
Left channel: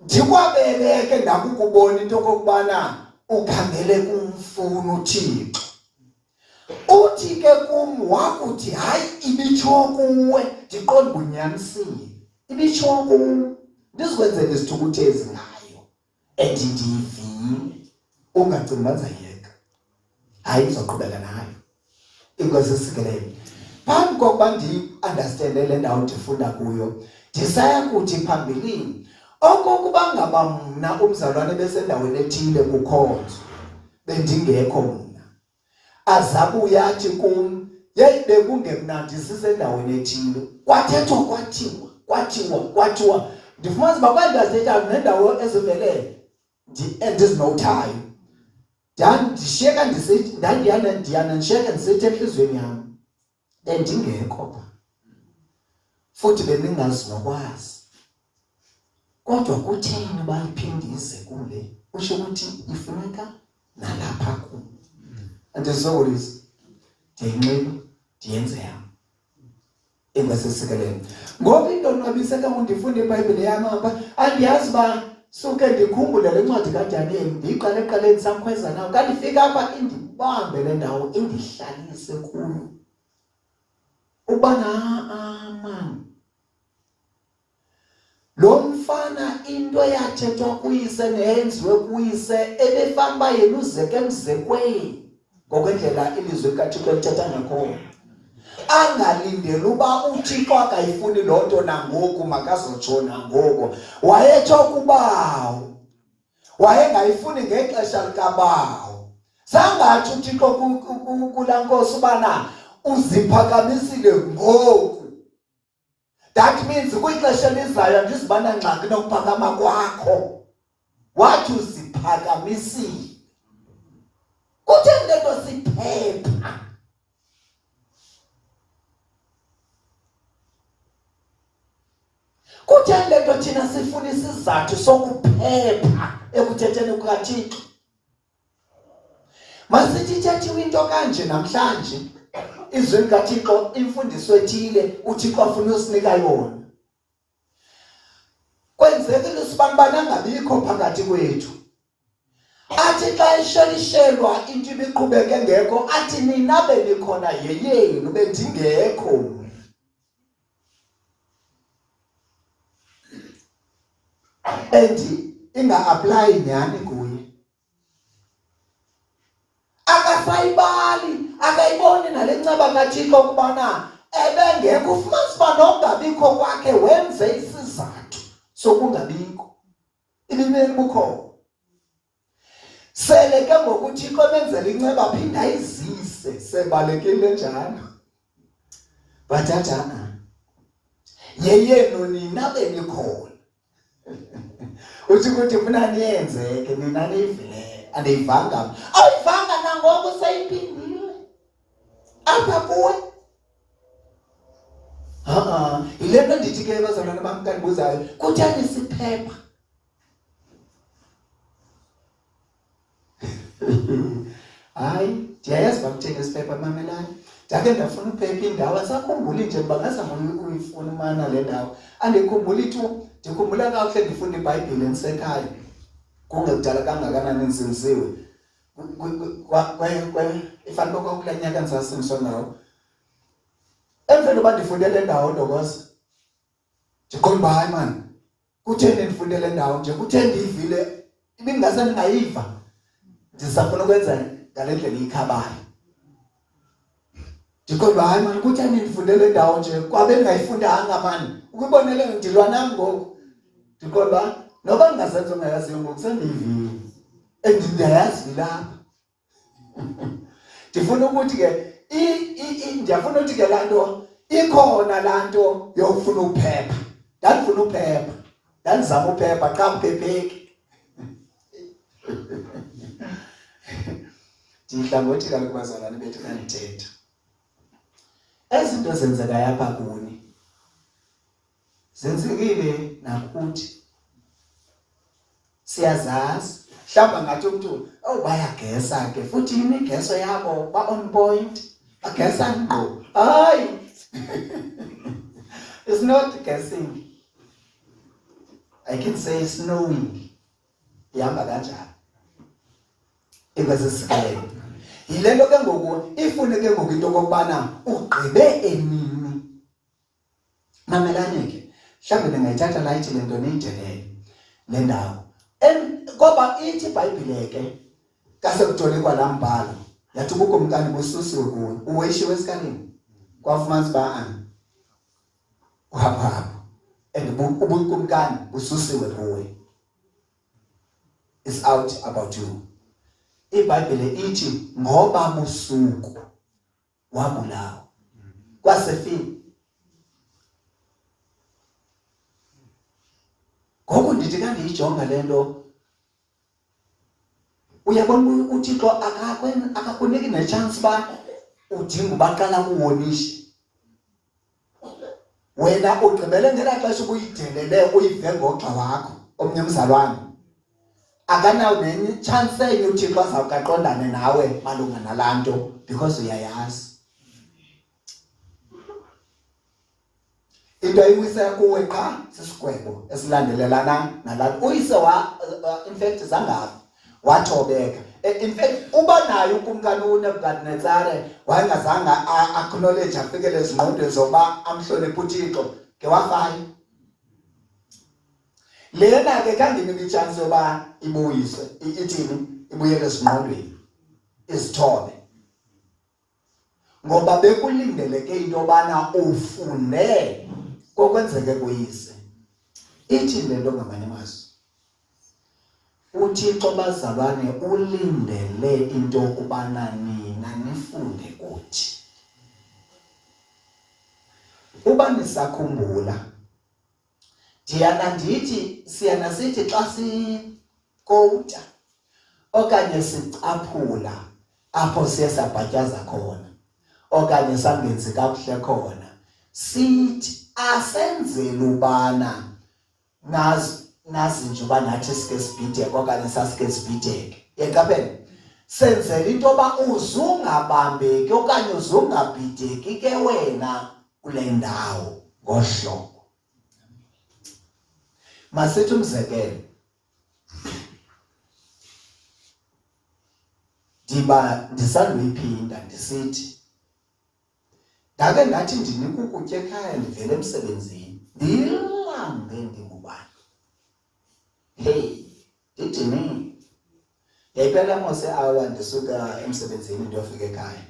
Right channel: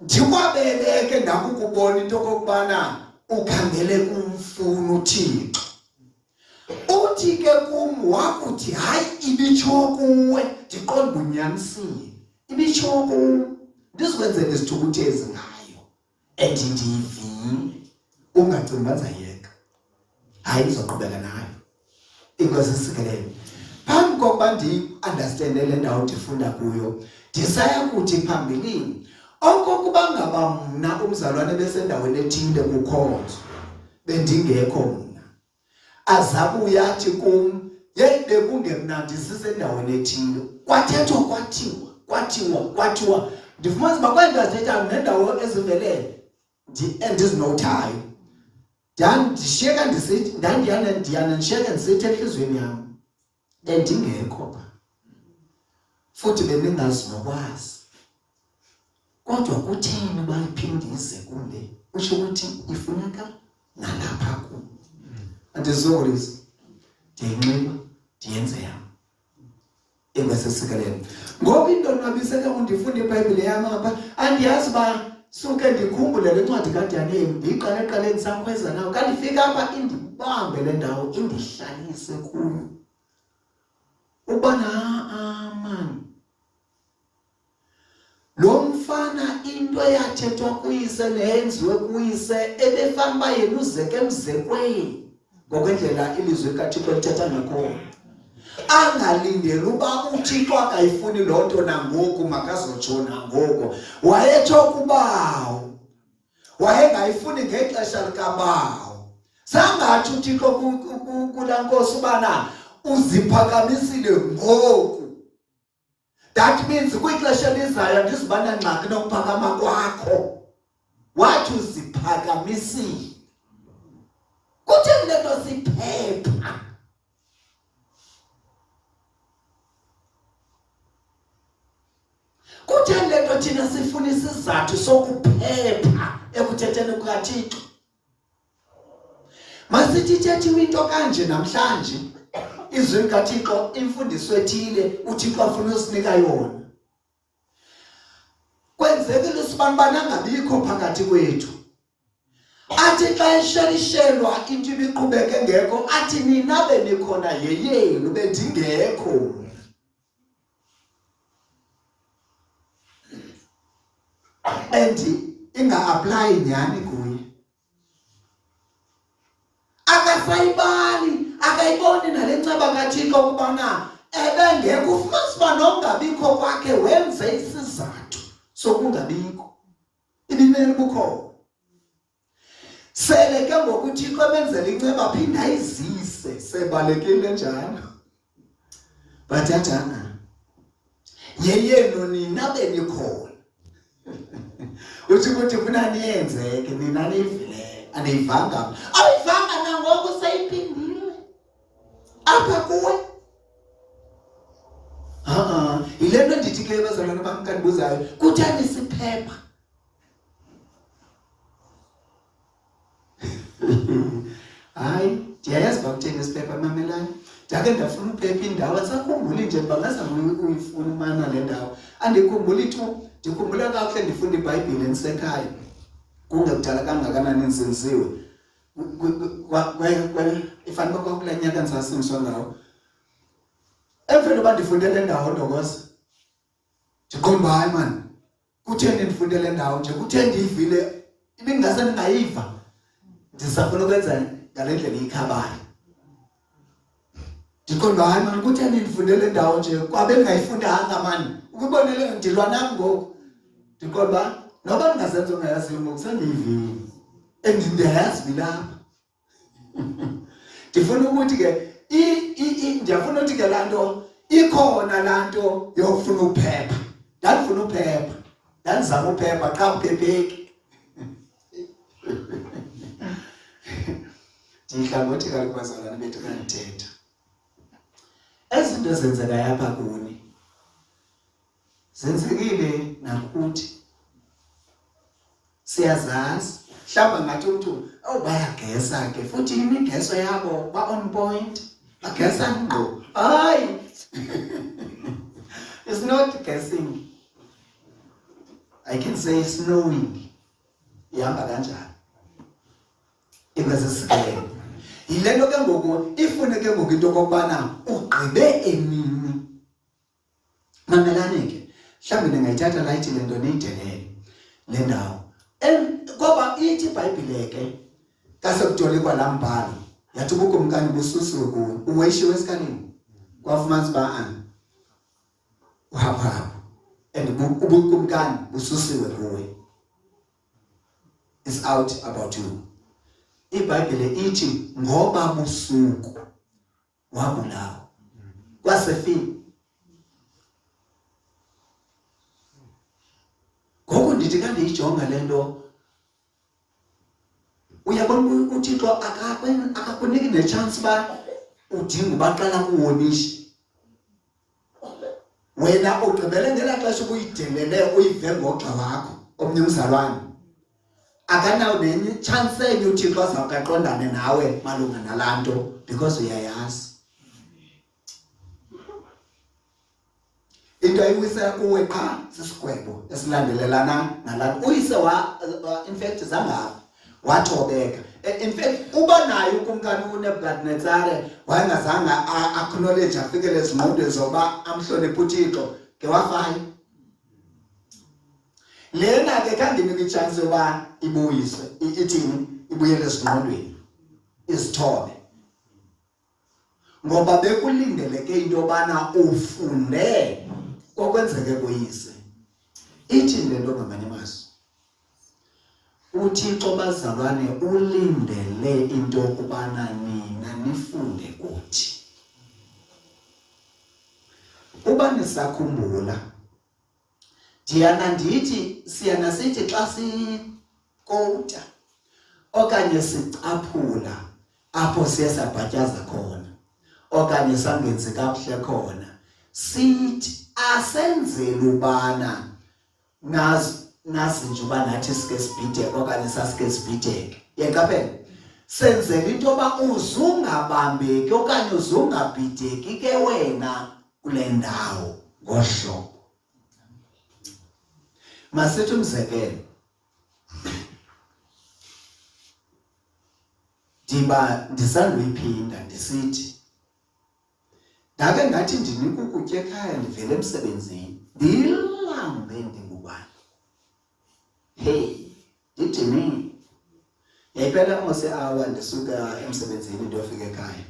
Ndikwabeleke ndakukubona into okokubana ukhangele kumfuna uThixo. Uthi ke kum wakuthi hayi ibitsho kuwe, ndiqonda ubunyanisile. Ibitsho kuwe, ndizikwenzela isithukuthezi ngayo. And ndiyivile. Ungacingi bazayeka. Hayi ndizoqhubeka nayo. Inkosi isikelele. Phambi kokuba ndi-understande le ndawo ndifunda kuyo, ndisaya kuthi phambilini, okokuba ngaba mna umzalwane besendaweni ethile kukhonzo, bendingekho mna, azabuya athi kum, yeyi bekungemnandi sisendaweni ethile. Kwathiwa. Ndifumanisa uba kwandazithetha nendawo ezivelele, endizinothayo. Ndandishiyeka ndisithi, ndiyana ndishiyeka ndisithi entliziyweni yam, ndingekho pha. Futhi bendingazi nokwazi. Kodwa kutheni uba iphindise kule? Usho ukuthi ifuneka nalapha kum. Andizolisa. Ndiyinxiba, ndiyenze yam. Engasesikelele. Ngoba into nabiseka undifunde iBhayibhile yam apha, andiyazi uba suke ndikhumbule le ncwadi kaDaniel, ndiyiqale ekuqaleni samkhweza nawo. Kanti ifika apha indibambe le ndawo, indihlalise kuyo. Ubana man. Lo mfana into yathethwa kuyise neyenziwe kuyise ebefana uba yena uzeke emzekweni ngokwendlela ilizwi likaThixo lithetha ngakhona. Angalindeli uba uThixo akayifuni loo nto nangoku makazotsho nangoku. Wayetsho kubawo, wayengayifuni ngexesha likabawo. Zangathi uThixo kulaa nkosi ubana uziphakamisile ngoku. That means kwixesha elizayo andizibana ngxaki nokuphakama kwakho. Wathi uziphakamisile. Kutheni le nto siphepha? Kutheni le nto thina sifuna isizathu sokuphepha ekuthetheni kukaThixo? Masithi ithethiwe into kanje namhlanje, izwi likaThixo, imfundiso ethile, uThixo afuna usinika yona. Kwenzekile usibani angabikho phakathi kwethu. Athi xa eshelishelwa into ibiqhubeke ngekho, athi nina benikhona yeyenu bendingekho. Inga-apply nyhani kuye. Akasayibali, akayiboni nale nceba kaThixo ukubana ebengekho. Ufumanisa uba nokungabikho kwakhe wenze isizathu sokungabikho. Ibineli bukho. Sele ke ngoku uThixo ebenzela inceba aphinda ayizise, sebalekile njalo. Bathathana. Yeyenu nina benikhona. Uthi ukuthi funa niyenzeke nina nivile andiyivanga. Awuyivanga nangoku seyiphindile apha kuwe. yile nto ndithi ke bazalwane bam xa ndibuzayo kutheni siphepha. Hayi ndiyayazi uba kutheni isiphepha mamelani. Ndake ndafuna uphepha indawo asakhumbuli nje bangazama uyifuna umana le ndawo. Andikhumbuli tu, ndikhumbula kakuhle ndifunda iBhayibhile ndisekhaya. Kungekudala kangakanani nsinziwe. Ifana kwakulaa nyaka ndisasimiswa ngawo. Emveni uba ndifunde le ndawo ndokoza. Ndiqonda hayi mani. Kutheni ndifunde le ndawo nje? Kutheni ndiyivile? Ibingase ndingayiva. Ndisafuna ukwenza ngale ndlela ikhabayo. Ndiqonda hayi mani kutheni ndifunde le ndawo nje? Kwabe ndingayifundanga mani. Ukubonele ndilwa nam ngoku. Ndiqonda noba ndingazenza ungayaziyo ngoku sendiyivile. Ndiyayazi lapha. Ndifuna ukuthi ke ndiyafuna ukuthi ke laa nto ikhona laa nto yokufuna uphepha. Ndandifuna uphepha. Ndandizama uphepha xa uphepheki. Ndihlangothi kaloku bazalwane bethu xa ndithetha. Ezi zinto zenzeka apha kuni zenzekile nakuthi. Siyazazi. Mhlawumbi ngathi umntu bayagesa ke futhi imigeso yabo ba on point. Bagesa ngqo. Hayi. It's not guessing. I can say it's knowing. Ihamba kanjani? Ikwasesikele. Yile nto ke ngoku ifune ke ngoku into kokubana ugqibe emini. Mamelane ke. Mhlawumbi ndingayithatha layithi le nto niyidelele le ndawo. Ngoba ithi iBhayibhile ke kasekujole kwalaa mbhalo yathi ubukumkani bususiwe kuwe. Uweshiwe esikalini kwafumanisa uba uhamba and ubukumkani bususiwe kuwe. It's out about you. iBhayibhile ithi ngoba busuku wabulawa kwasefile. Ngoku ndithi xa ndiyijonga le nto uyabona uThixo akakuniki nechance uba udinga ubaqala kuwonisha. Wena ugqibele ngelaa xesha ubuyidelele uyive ngogxa wakho omnye umzalwane. Akanawo nenye chance enye uThixo azawukaqondane nawe malunga nalaa nto because uyayazi. Into ayiwisela kuwe qha sisigwebo esilandelelana nalapho. Uyise in fact zangavi wathobeka. In fact uba nayo ukumkani uNebukadnezar wayengazange acknowledge afikele ezingqondweni zoba amhloniphe uThixo ke wafaya. Lena ke kandinika ichance yoba ibuyiswe ithini ibuyele ezingqondweni izithobe. Ngoba bekulindeleke into yobana ufunde kokwenzeke kuyise. Ithi le nto ngamanye amazwi uThixo bazalwane ulindele into yokubana nina nifunde kuthi. Uba nisakhumbula ndiyana ndithi siyana sithi xa sikota okanye sicaphula apho siye sabhatyaza khona okanye sangenzi kakuhle khona sithi asenzele ubana nazi nje uba nathi sike sibhideke okanye sasike sibhideke. Yaqaphela senzele into yoba uzungabambeki okanye uzungabhideki ke wena kule ndawo ngohlobo. Masithi umzekelo ndisanduyiphinda ndisithi ndake ngathi ndinika ukutya ekhaya ndivele emsebenzini ndilambe ndingubani. Hey ndithini yayiphela mos i-hour ndisuka emsebenzini ndiyofika ekhaya.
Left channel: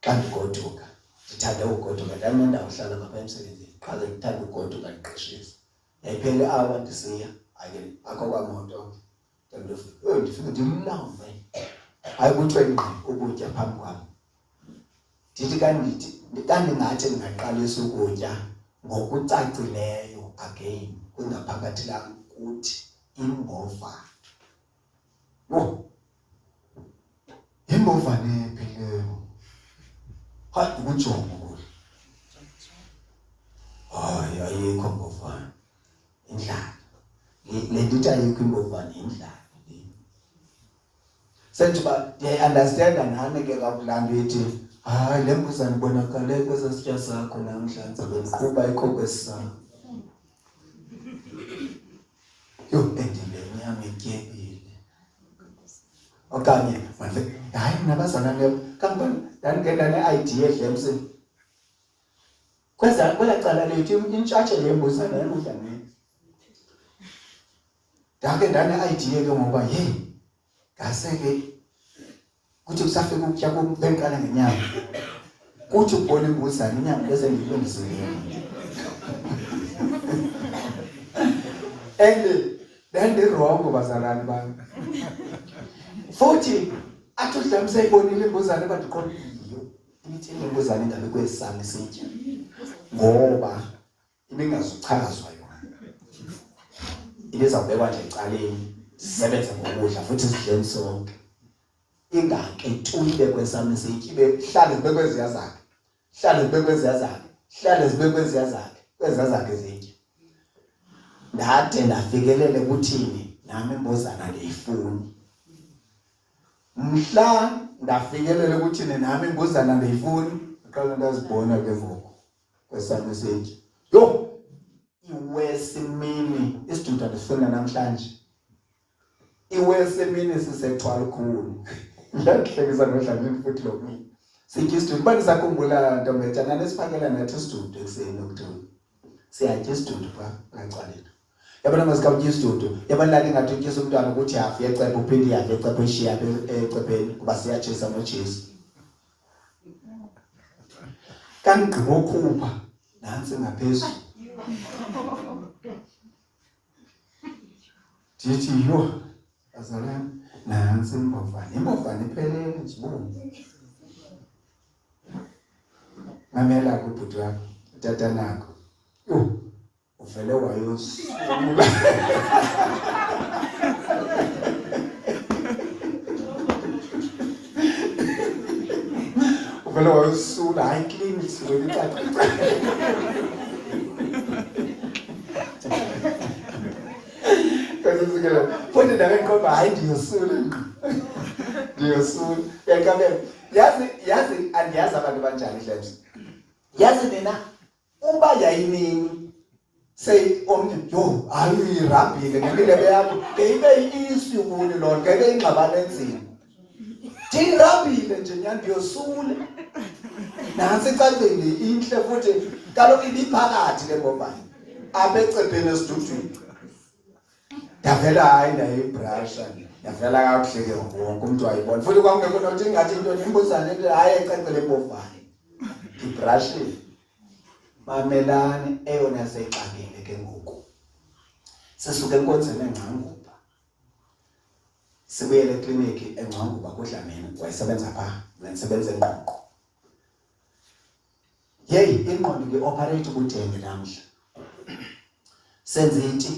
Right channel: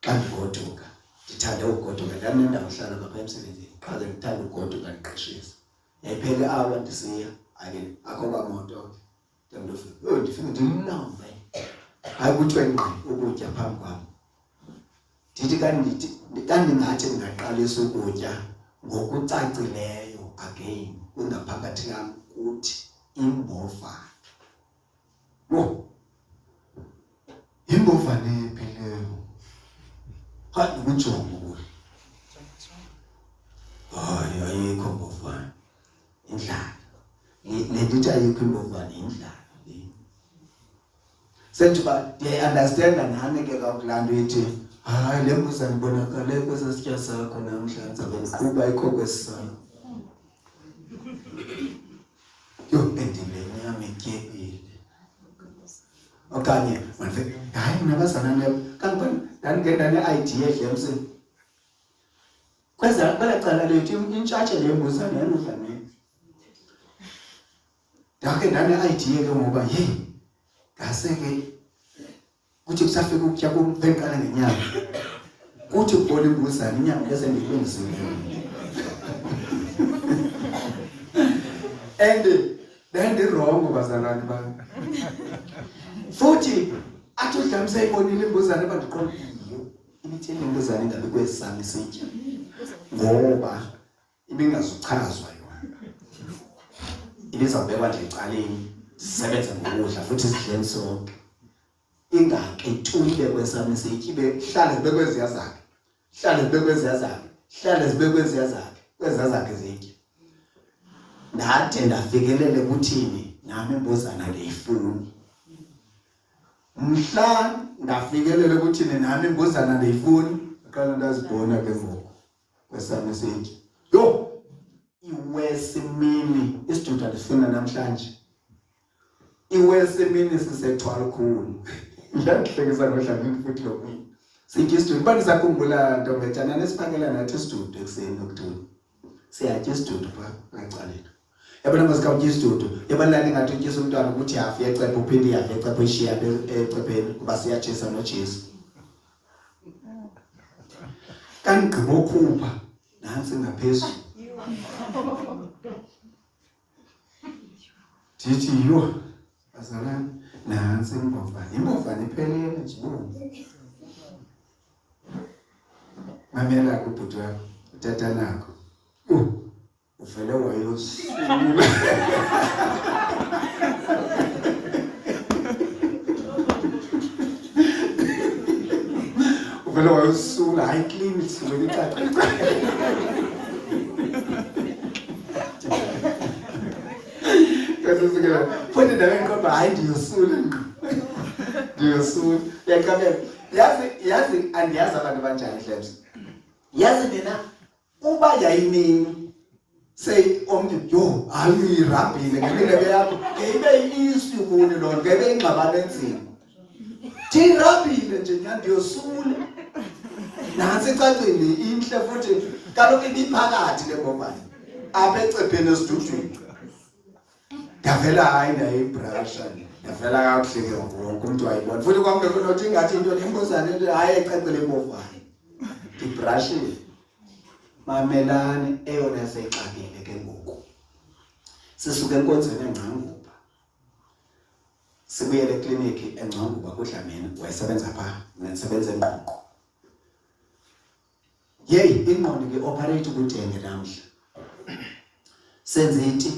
Xa ndigoduka ndithande ugoduka ndinendawo uhlala ngapha emsebenzini qhaze ndithande ugoduka ndiqeshisa. Yayiphela i-hour ndisiya akho kwamoto ndifike ndimlambe. Hayi kuthiwe ngqi ukutya phambi kwam. Ndithi kandingathi ndingaqalisa ukutya ngokucacileyo again kungaphakathi lam kuthi imbova. Imbova nephi leyo? Hayi ukujonga. hayi ayikho imbovane indlala le ndithi ayikho imbovane indlala senthi ba understand nami ke kakulanto yithi hayi le mbuzane ibonakale kwesasitya sakho namhlanje bendiqhuba ikho kwesisakho yo endile nyama ityebile okanye manje hayi nabazana leyo kanti ndangena ne-idea edlemsini kwela cala lethu intshatshe le mbuzane yanodlameni ndake ndane-idea ke ngoba yeyi ngase-ke kuthi kusafika ukutya bendiqala ngenyama kuthi ukubona imbuzane inyama bese ndiyilungiselele and ndandirongo bazalwane bami futhi athi udlame seyibonile imbuzane bandiqondiyo ibithini imbuzane ingabe kwesisami sitya ngoba ibingazuchazwa yona ibizawubekwa nje ecaleni sisebenze ngokudla futhi sidleni sonke ingake tuyile kwesami sitya ibe hlale zibekwe eziya zakhe hlale zibekwe eziya zakhe hlale zibekwe eziya zakhe kweza zakhe zitya ndade ndafikelele kuthini nami imbuzana ndiyifuni mhla ndafikelele kuthini nami imbuzana ndiyifuni aqala ndazibona ke ngoku kwesami sitya yo iwesimini isiduda ndifuna namhlanje iwesimini sisethwala khulu yahlekisa ngodlamini futhi lo mina sitya isidudu bandisakhumbula ntombethana nesiphakela nathi isidudu ekuseni okuthula siyatya isidudu phaa ngacaleni yabona masikawutya isidudu yabona lali ngathi utyisa umntwana ukuthi hafu yecephe uphinde ihafu yecephe eshiya ecepeni kuba siyatshisa nojesu kanti gqibokhupha nantsi ngaphezulu ndithi yho bazalwane nantsi imbovane iphelele nje mamela kubhuti wakho utata nakho uvele wayosula uvele wayosula hayi clean isule icaca kasesikela futhi ndabe ngikhomba hayi ndiyosula ndiyosula yakabela yazi andiyazi abantu banjani Dlebs yazi nina uba yayinini say omnye yo hayi irabhile ngendlela yakho ibe isu kubona lona ngeke ingxabane enzima thini rabhile nje nyandiyosule nansi icaceni inhle futhi kaloku ibiphakathi le mbovane apha ecepeni esidudwini ndavela hayi naye ibrasha ndavela kakuhle ke wonke umuntu wayibona futhi kwangekho nothi ingathi into imbuzane into hayi ecece le mbovane ibrashile mamelane eyona seyixakile ke ngoku sisuke enkonzweni eNgqanguba sibuyele ekliniki eNgqanguba kuDlamini wayesebenza phaa mina ndisebenza eNgqongqo yeyi ingqondo nge-operate kuDenge namhla senze iti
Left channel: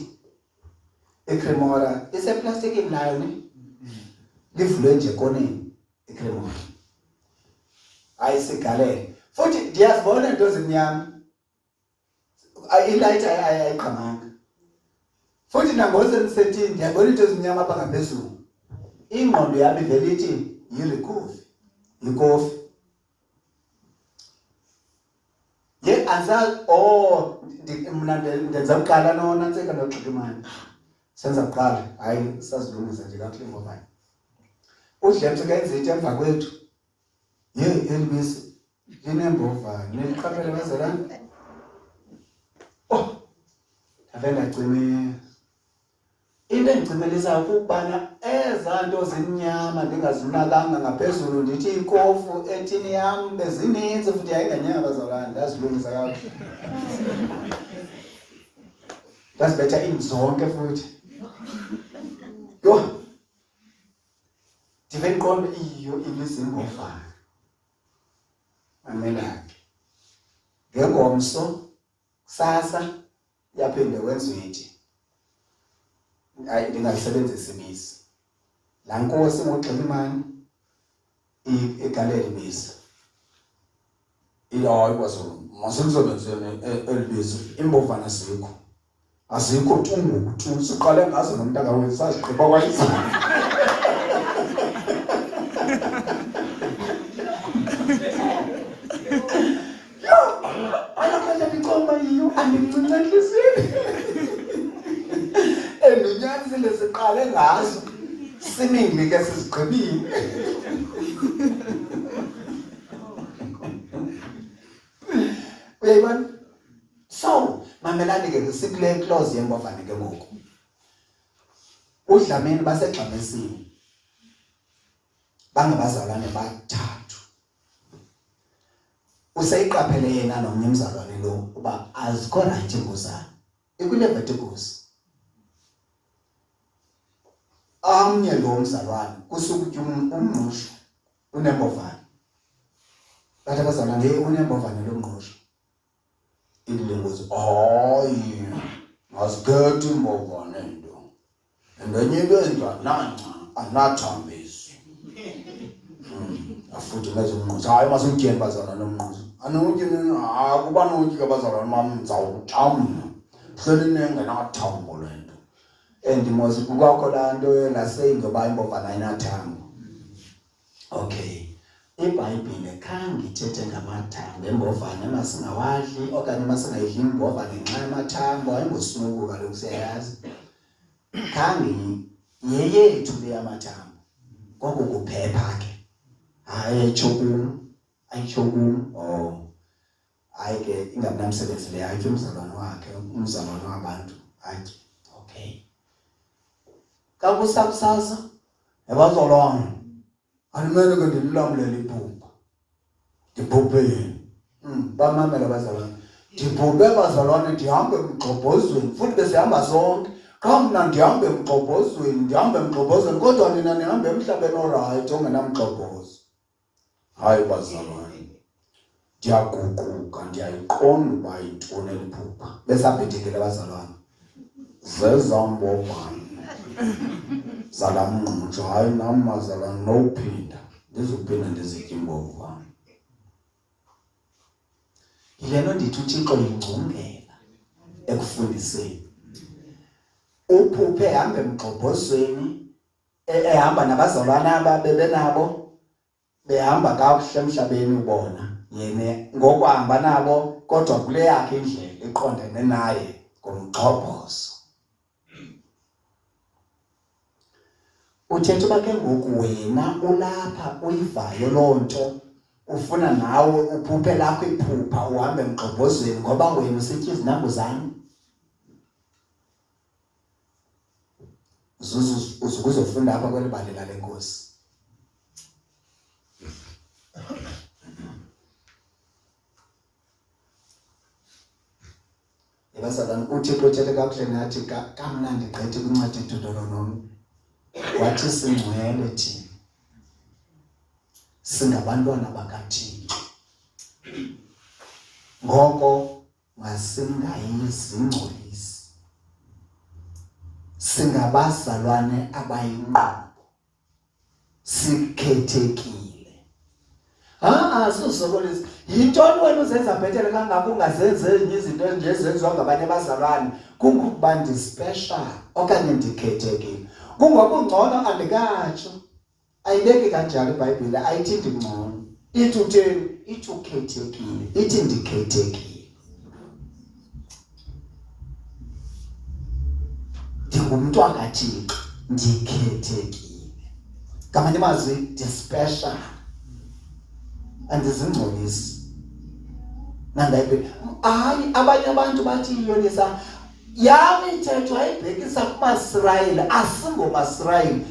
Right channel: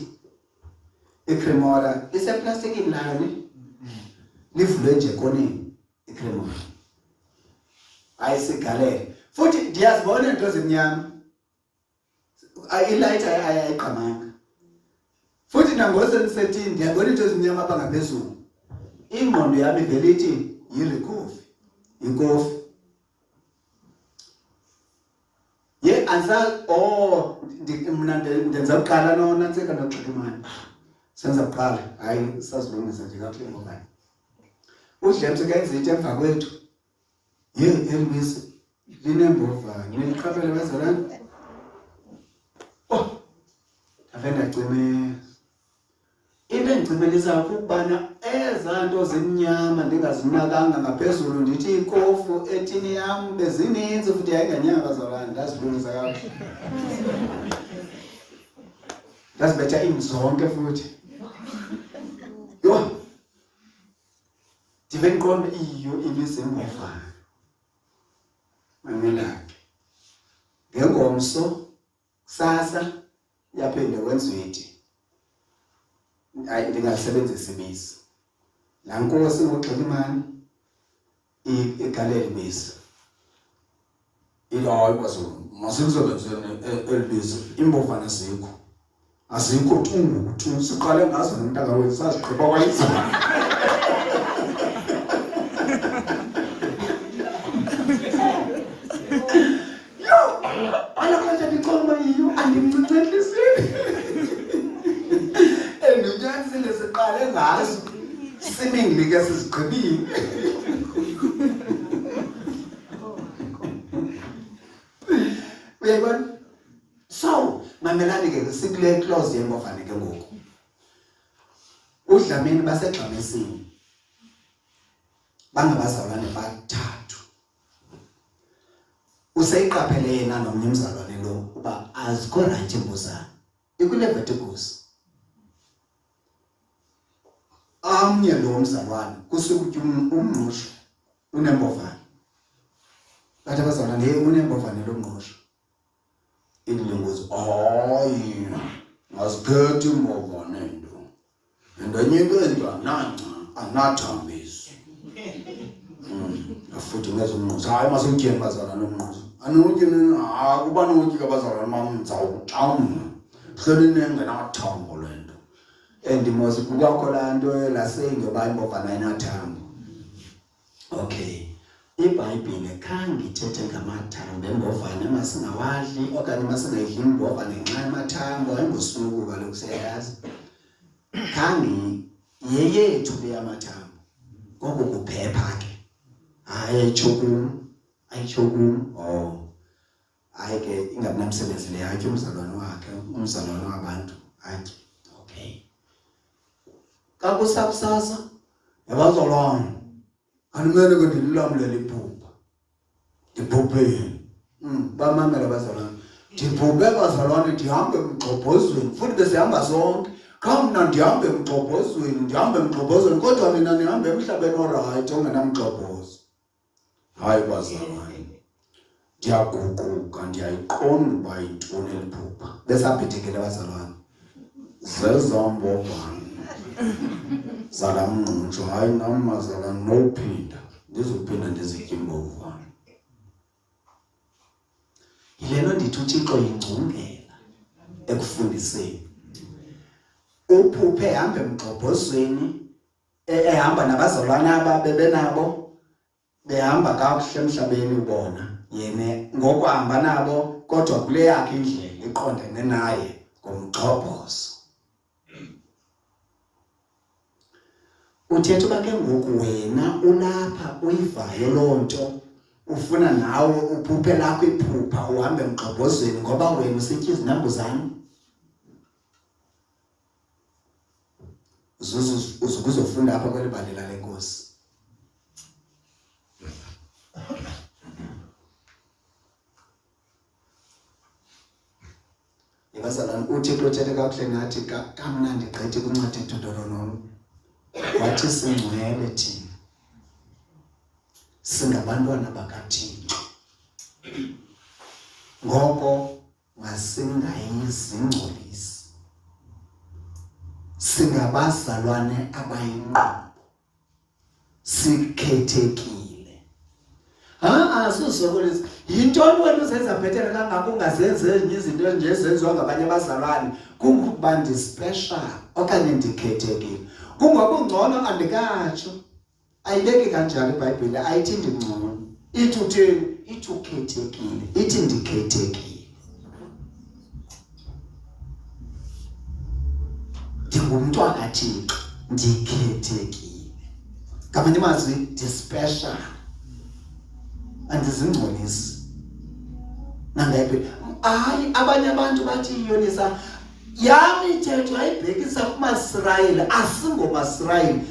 iCremola iseplastikini nayo livulwe nje koneni iCremola ayisigalele futhi ndiyazibona into ezimnyama ilight ayiqhamanga futhi nangoze nisethini ndiyabona into ezimnyama apha ngaphezulu ingqondo yami ivele ithi yirikofi ikofi ye ansa mina ndenza uqala nona ntseka ndoxoxa imali senza kuqala hayi sazilungisa nje kakuhle ngoba uDlebs kayenza into emva kwethu ye elibisi linembovane neliqaphele bazalwane avenda cime into engicimelisa ukubana ezanto zimnyama ndingazinakanga ngaphezulu ndithi ikofu ethini yam bezininzi futhi yayinganyama bazalwane ndazilungisa kakuhle ndazibetha imzonke futhi yo ndive ndiqonde iyo ibizingofana mamelake ngengomso kusasa yaphinde wenziwe ithi ndingalisebenzisa ibisi laa nkosi ngoxela imali igalela ibisi hayi bazulu masimsebenzeni elibizo imbovane azikho tu siqale ngazo nomntaka wethu saziqhipha kwayizona. Ayakade ndicoma yiyo andimncinci entliziyweni. Endunyanisile siqale ngazo simingli ke sizigqibile. Uyayibona? So, mamelani ke sikule close yembovane ke ngoku. uDlamini baseGxamesini bangabazalwane bathathu. Useyiqaphele yena nomnye umzalwane lo uba azikho right imbuzane ikuLeviticus. Amnye lo mzalwane kusukuthi umngqusho unembovane. Bathi abazalwane unembovane lo mngqusho. Ilunguzo hayi aziphethe imbovane ndo. Ndanyeke ndwananca anathambisi. Afuthi ngezimnqusho hayi masimtyeni bazalwane nomngqusho. Anonke akuba nonke abazalwane mamzawutamna. Hleli nengenathambo lento. Endimozi kukwakho la nto laseyi ngoba imbovane ayinathambo. Okay. IBhayibhile khange ithethe ngamathambo embovane masingawadli okanye masingayidli imbovane ngenxa yamathambo ayingosuku kaloku siyayazi. Khange yeyethu le yamathambo koko kuphepha ke hayi ayichokum hayi ke ingabinamsebenzi le yakhe umzalwane wabantu athi okay kakusasa yabazalwane alimele ke ndilamulele iphupha ndiphuphe bamamela abazalwane ndiphuphe abazalwane ndihambe emgxobhozweni futhi besihamba sonke Kam mna ndihambe emgxobhozweni kodwa mina ndihambe emhlabeni orayight ongenamgxobhozo. Hayi bazalwane ndiyaguquka ndiyayiqonda uba yintoni eliphupha besabhidekile bazalwane zezambovane zala mngqusho hayi nam bazalwane nophinda ndizophinda ndizitye imbovane. Yile nto ndithi uThixo yingcungela ekufundiseni. Uphuphe ehamba emgxobhozweni ehamba nabazalwane ababebenabo behamba kakuhle emhlabeni ubona yena ngokuhamba nabo kodwa kule yakhe indlela iqondene naye ngomgxobhozo. Uthetha uba ke ngoku wena ulapha uyivayo loo nto ufuna nawe uphuphe lakho iphupha uhambe emgxobhozweni ngoba wena usitya izinambuzane. Uzokuzofunda apha kweli bali lale Nkosi. Yabazalwane uThixo uthethe kakuhle nathi kamnandi gqithi kwincwadi kaDuteronomi. Wathi singcwele thina singabantwana bakaThixo. Ngoko masingayizingcolisi. Singabazalwane abayinqobo. Sikhethekile. Sosokolisa. Yintoni wena uzenza bhetere kangaka ungazenzi ezinye izinto enjezenziwa ngabanye abazalwane kungokuba ndispecial okanye ndikhethekile. Kungokungcono andikatsho. Ayibeki kanjalo iBhayibhile ayithi ndingcono. Ithi utheni? Ithi ukhethekile. Ithi ndikhethekile. Ndingumntwana kaThixo ndikhethekile. Ngamanye amazwi ndispecial. Andizingcolisi. Nangayiphi hayi abanye abantu bathi iyonisa yami ithetho ayibhekisa kumaSirayeli asingomaSirayeli.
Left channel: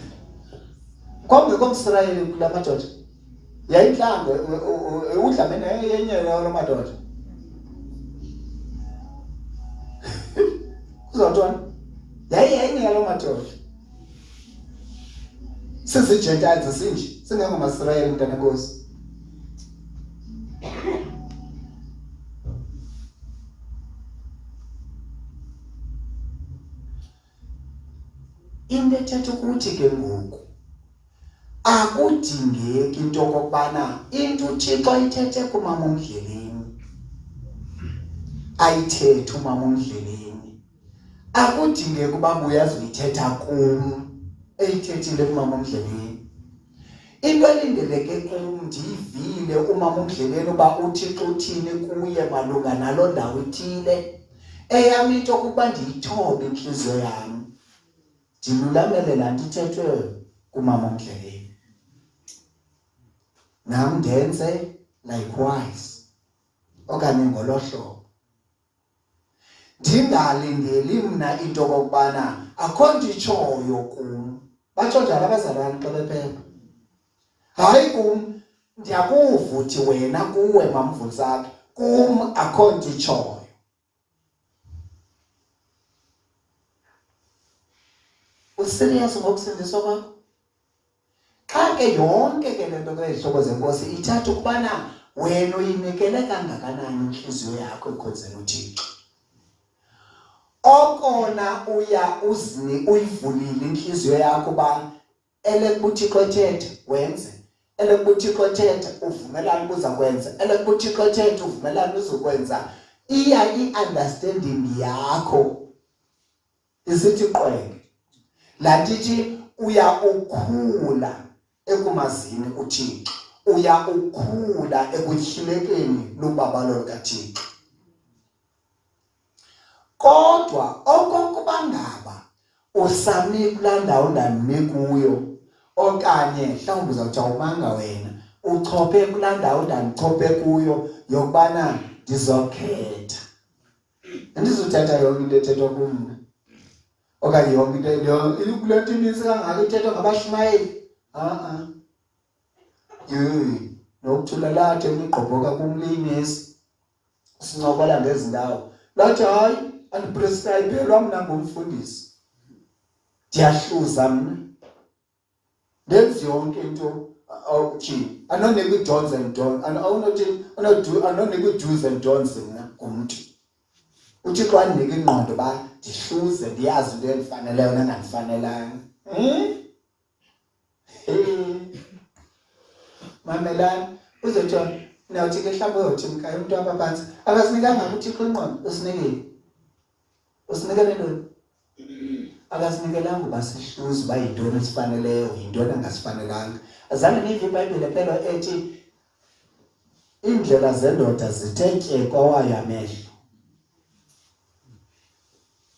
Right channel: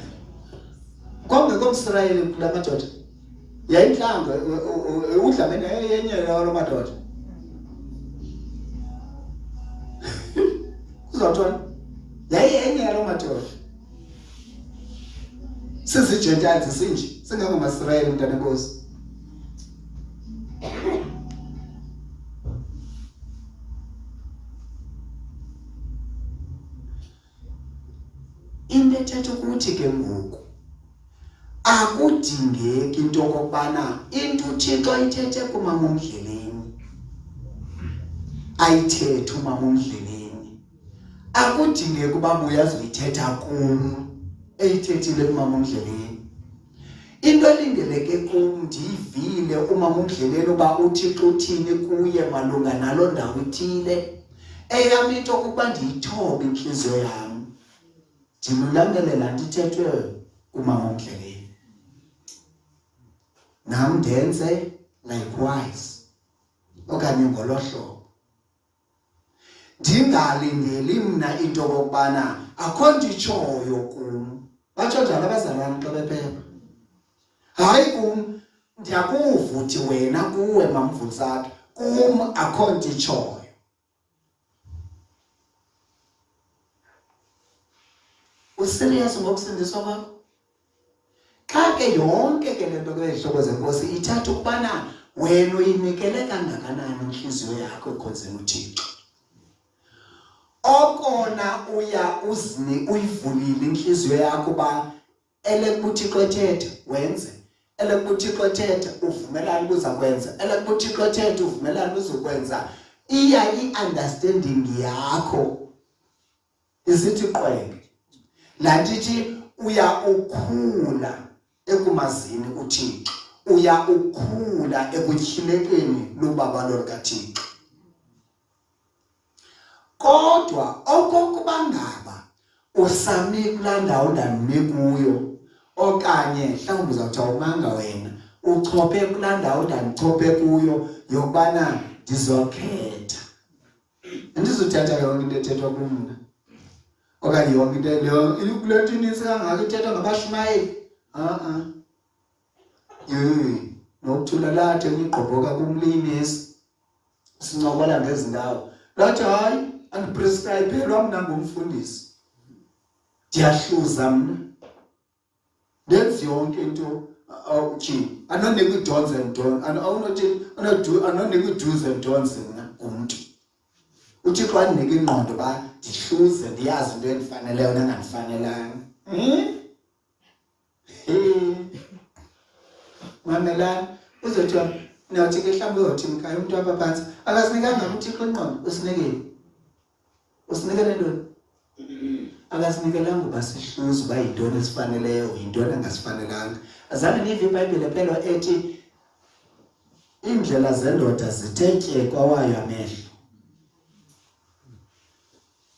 Kwangekho umSirayeli kula madoda. Yayinhlanga uDlamini yenye lo madoda. Uzothona yenye lo madoda. Sisi-Gentiles sinje singangomaSirayeli mntana Nkosi. Into ethetha ukuthi ke ngoku akudingeki into okubana into uThixo ayithethe kumama uMdleleni ayithethe umama uMdleleni akudingeki ukuba uyazi uyithetha kum eyithethile umama uMdleleni. Into elindeleke kum ndiyivile umama uMdleleni uba uThixo uthini kuye malunga naloo ndawo ithile. Eyam into kuba ndiyithobe inhliziyo yam ndilulamele laa nto ithethwe kumama uMdleleni, nam ndenze likewise okanye ngolo hlobo. Ndingalindeli mna into okokubana akho nto itshoyo kum. Batsho njalo abazalwane xa bephepha. Hayi kum ndiyakuva uthi wena kuwe mamVusakhe, kum akho nto itshoyo. Userious ngokusindiswa kwakho? Xa ke yonke ke lento kwezihlobo zenkosi ithatha ukubana wena uyinikele kangakanani inhliziyo yakho ekhonzeni uThixo. Okona uyivulile inhliziyo yakho ba elekuthixo ethethe wenze, elekuthixo ethethe uvumelana uza kwenza, elekuthixo ethethe uvumelana uzokwenza. Iya i-understanding yakho isithi qwenge. La ndithi uya ukhula ekumazini uThixo, uya ukhula ekutyhilekeni lubaba lukaThixo. Kodwa okokuba ngaba usami kulaa ndawo ndandime kuyo, okanye mhlawumbi uzawuthi awumanga wena uchophe kulaa ndawo ndandichophe kuyo yokubana ndizokhetha, andizothatha yonke into ethethwa kumna, okanye yonke into kule nto inintsi kangaka ithethwa ngabashumayeli. Nokuthula lathi enigqobhoka kumlinisi sincokola ngezi ndawo lathi hayi andiprescribelwa mna ngumfundisi, ndiyahluza mna ndenzi yonke into anonika i-dons and don'ts, anonika i-do's and don'ts mna ngumntu. uThixo andinika ingqondo uba ndihluze ndiyazi into endifaneleyo nengandifanelanga. Mamelani uzothiwa nawuthi ke mhlawumbi uyothi mkhaya umntu apha phantsi akasinikanga uThixo ingqondo. Usinikele ntoni? Akasinikelanga uba sihluze uba yintoni esifaneleyo yintoni engasifanelanga. Azange niyive iBhayibhile phela ethi iindlela zendoda zithe tye kwawayo amehlo.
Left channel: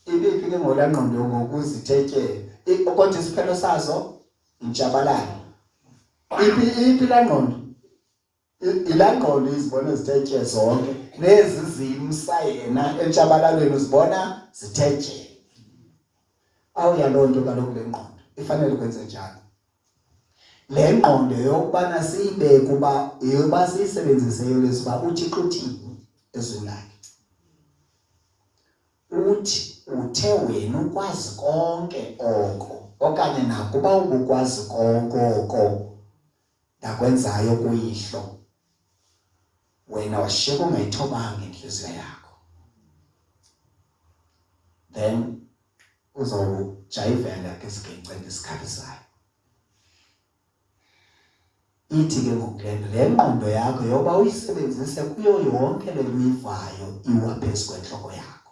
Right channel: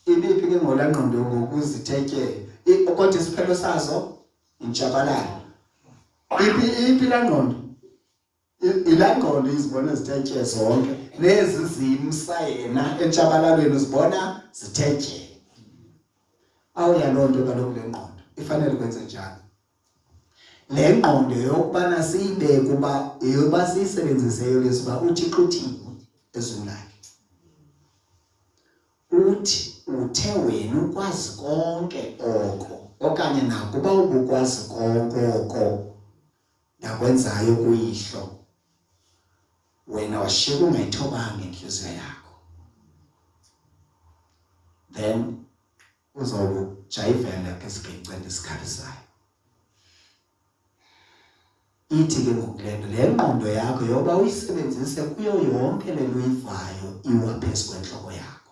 Ibiphi ke ngolaa ngqondo ngokuzithe tye? Kodwa isiphelo sazo intshabalalo. Iphi laa ngqondo? Ilaa ngqondo izibona zithe tye zonke, nezi zimsa yena entshabalalweni uzibona zithe tye. Awuya loo nto kaloku le ngqondo ifanele kwenze njani? Le ngqondo yokubana siyibeke uba yeyoba siyisebenziseyo lesiba uThixo uthini ezweni lakhe. Uthi uthe wena ukwazi konke oko, okanye nakuba ubukwazi konke oko ndakwenzayo kuyihlo, wena washiyeka ungayithobanga inhliziyo yakho, then uzawujayivela ke isigenceni esikhalisayo. Ithi ke ngokulelo le ngqondo yakho yoba uyisebenzise kuyo yonke le uyivayo iwa phezu kwentloko yakho.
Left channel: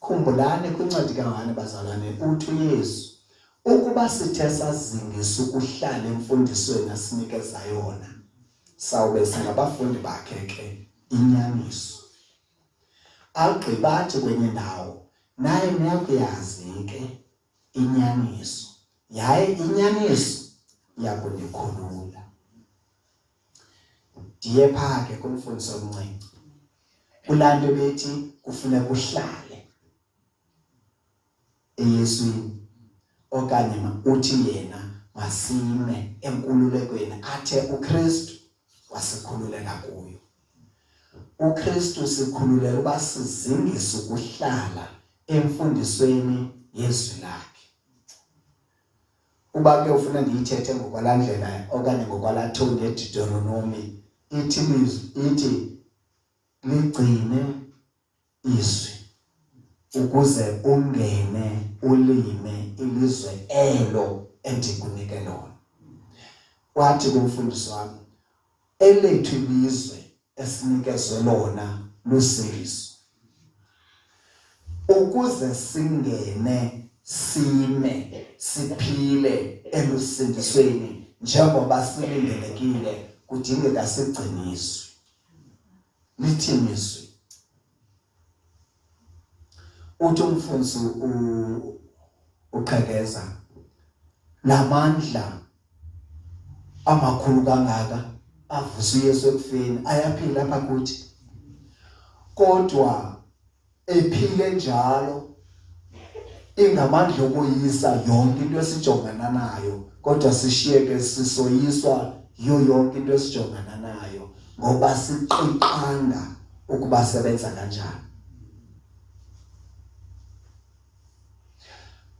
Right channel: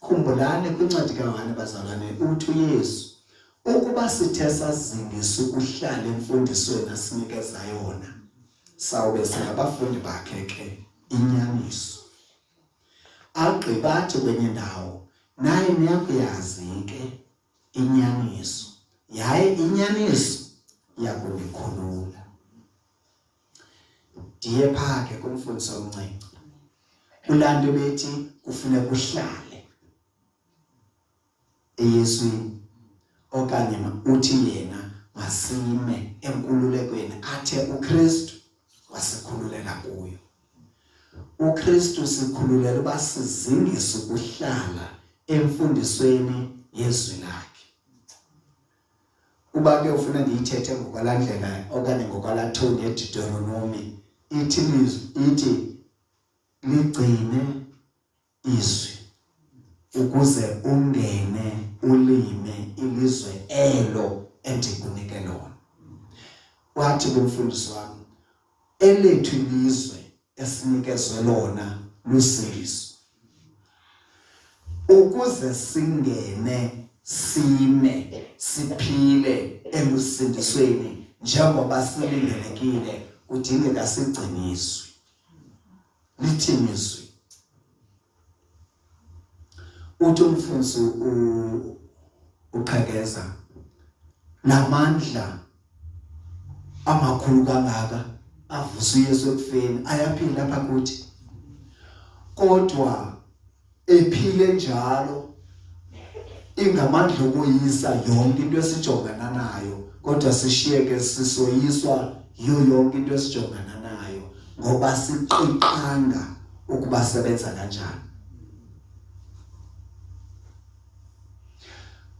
Khumbulani kwincwadi kaYohane bazalwane uthi uYesu ukuba sithe sazingisa ukuhlala emfundisweni asinikeza yona sawube singabafundi bakhe ke inyaniso. Agqibathi kwenye ndawo naye niyakuyazi ke inyaniso, yaye inyaniso yakunikhulula. Ndiye phaa ke kumfundisi omncinci kulaa nto bethi kufuneka uhlale eYeswini, okanye uthi yena masime enkululekweni athe uKristu wasikhululela kuyo. uKristu sikhululela uba sizingise ukuhlala emfundisweni yezwi lakhe. Uba ke ufuna ndiyithethe ngokwalaa ndlela okanye ngokwalaa thoni yeDeuteronomy ithi ligcine izwi ukuze ungene ulime ilizwe elo endikunike lona. Wathi kumfundisi wami elethu ilizwe esinikezwe lona lusizo, ukuze singene sime siphile elusindisweni njengoba silindelekile kudingeka sigciniswe lithiniswe. Uthi umfundisi uqhekeza lamandla amakhulu kangaka avusa uYesu ekufeni ayaphila apha kuthi, kodwa ephile njalo ingamandla okuyisa yonke into esijongana nayo, kodwa sishiyeke sisoyiswa yiyo yonke into esijongana nayo ngoba siqiqanda ukuba sebenza kanjani.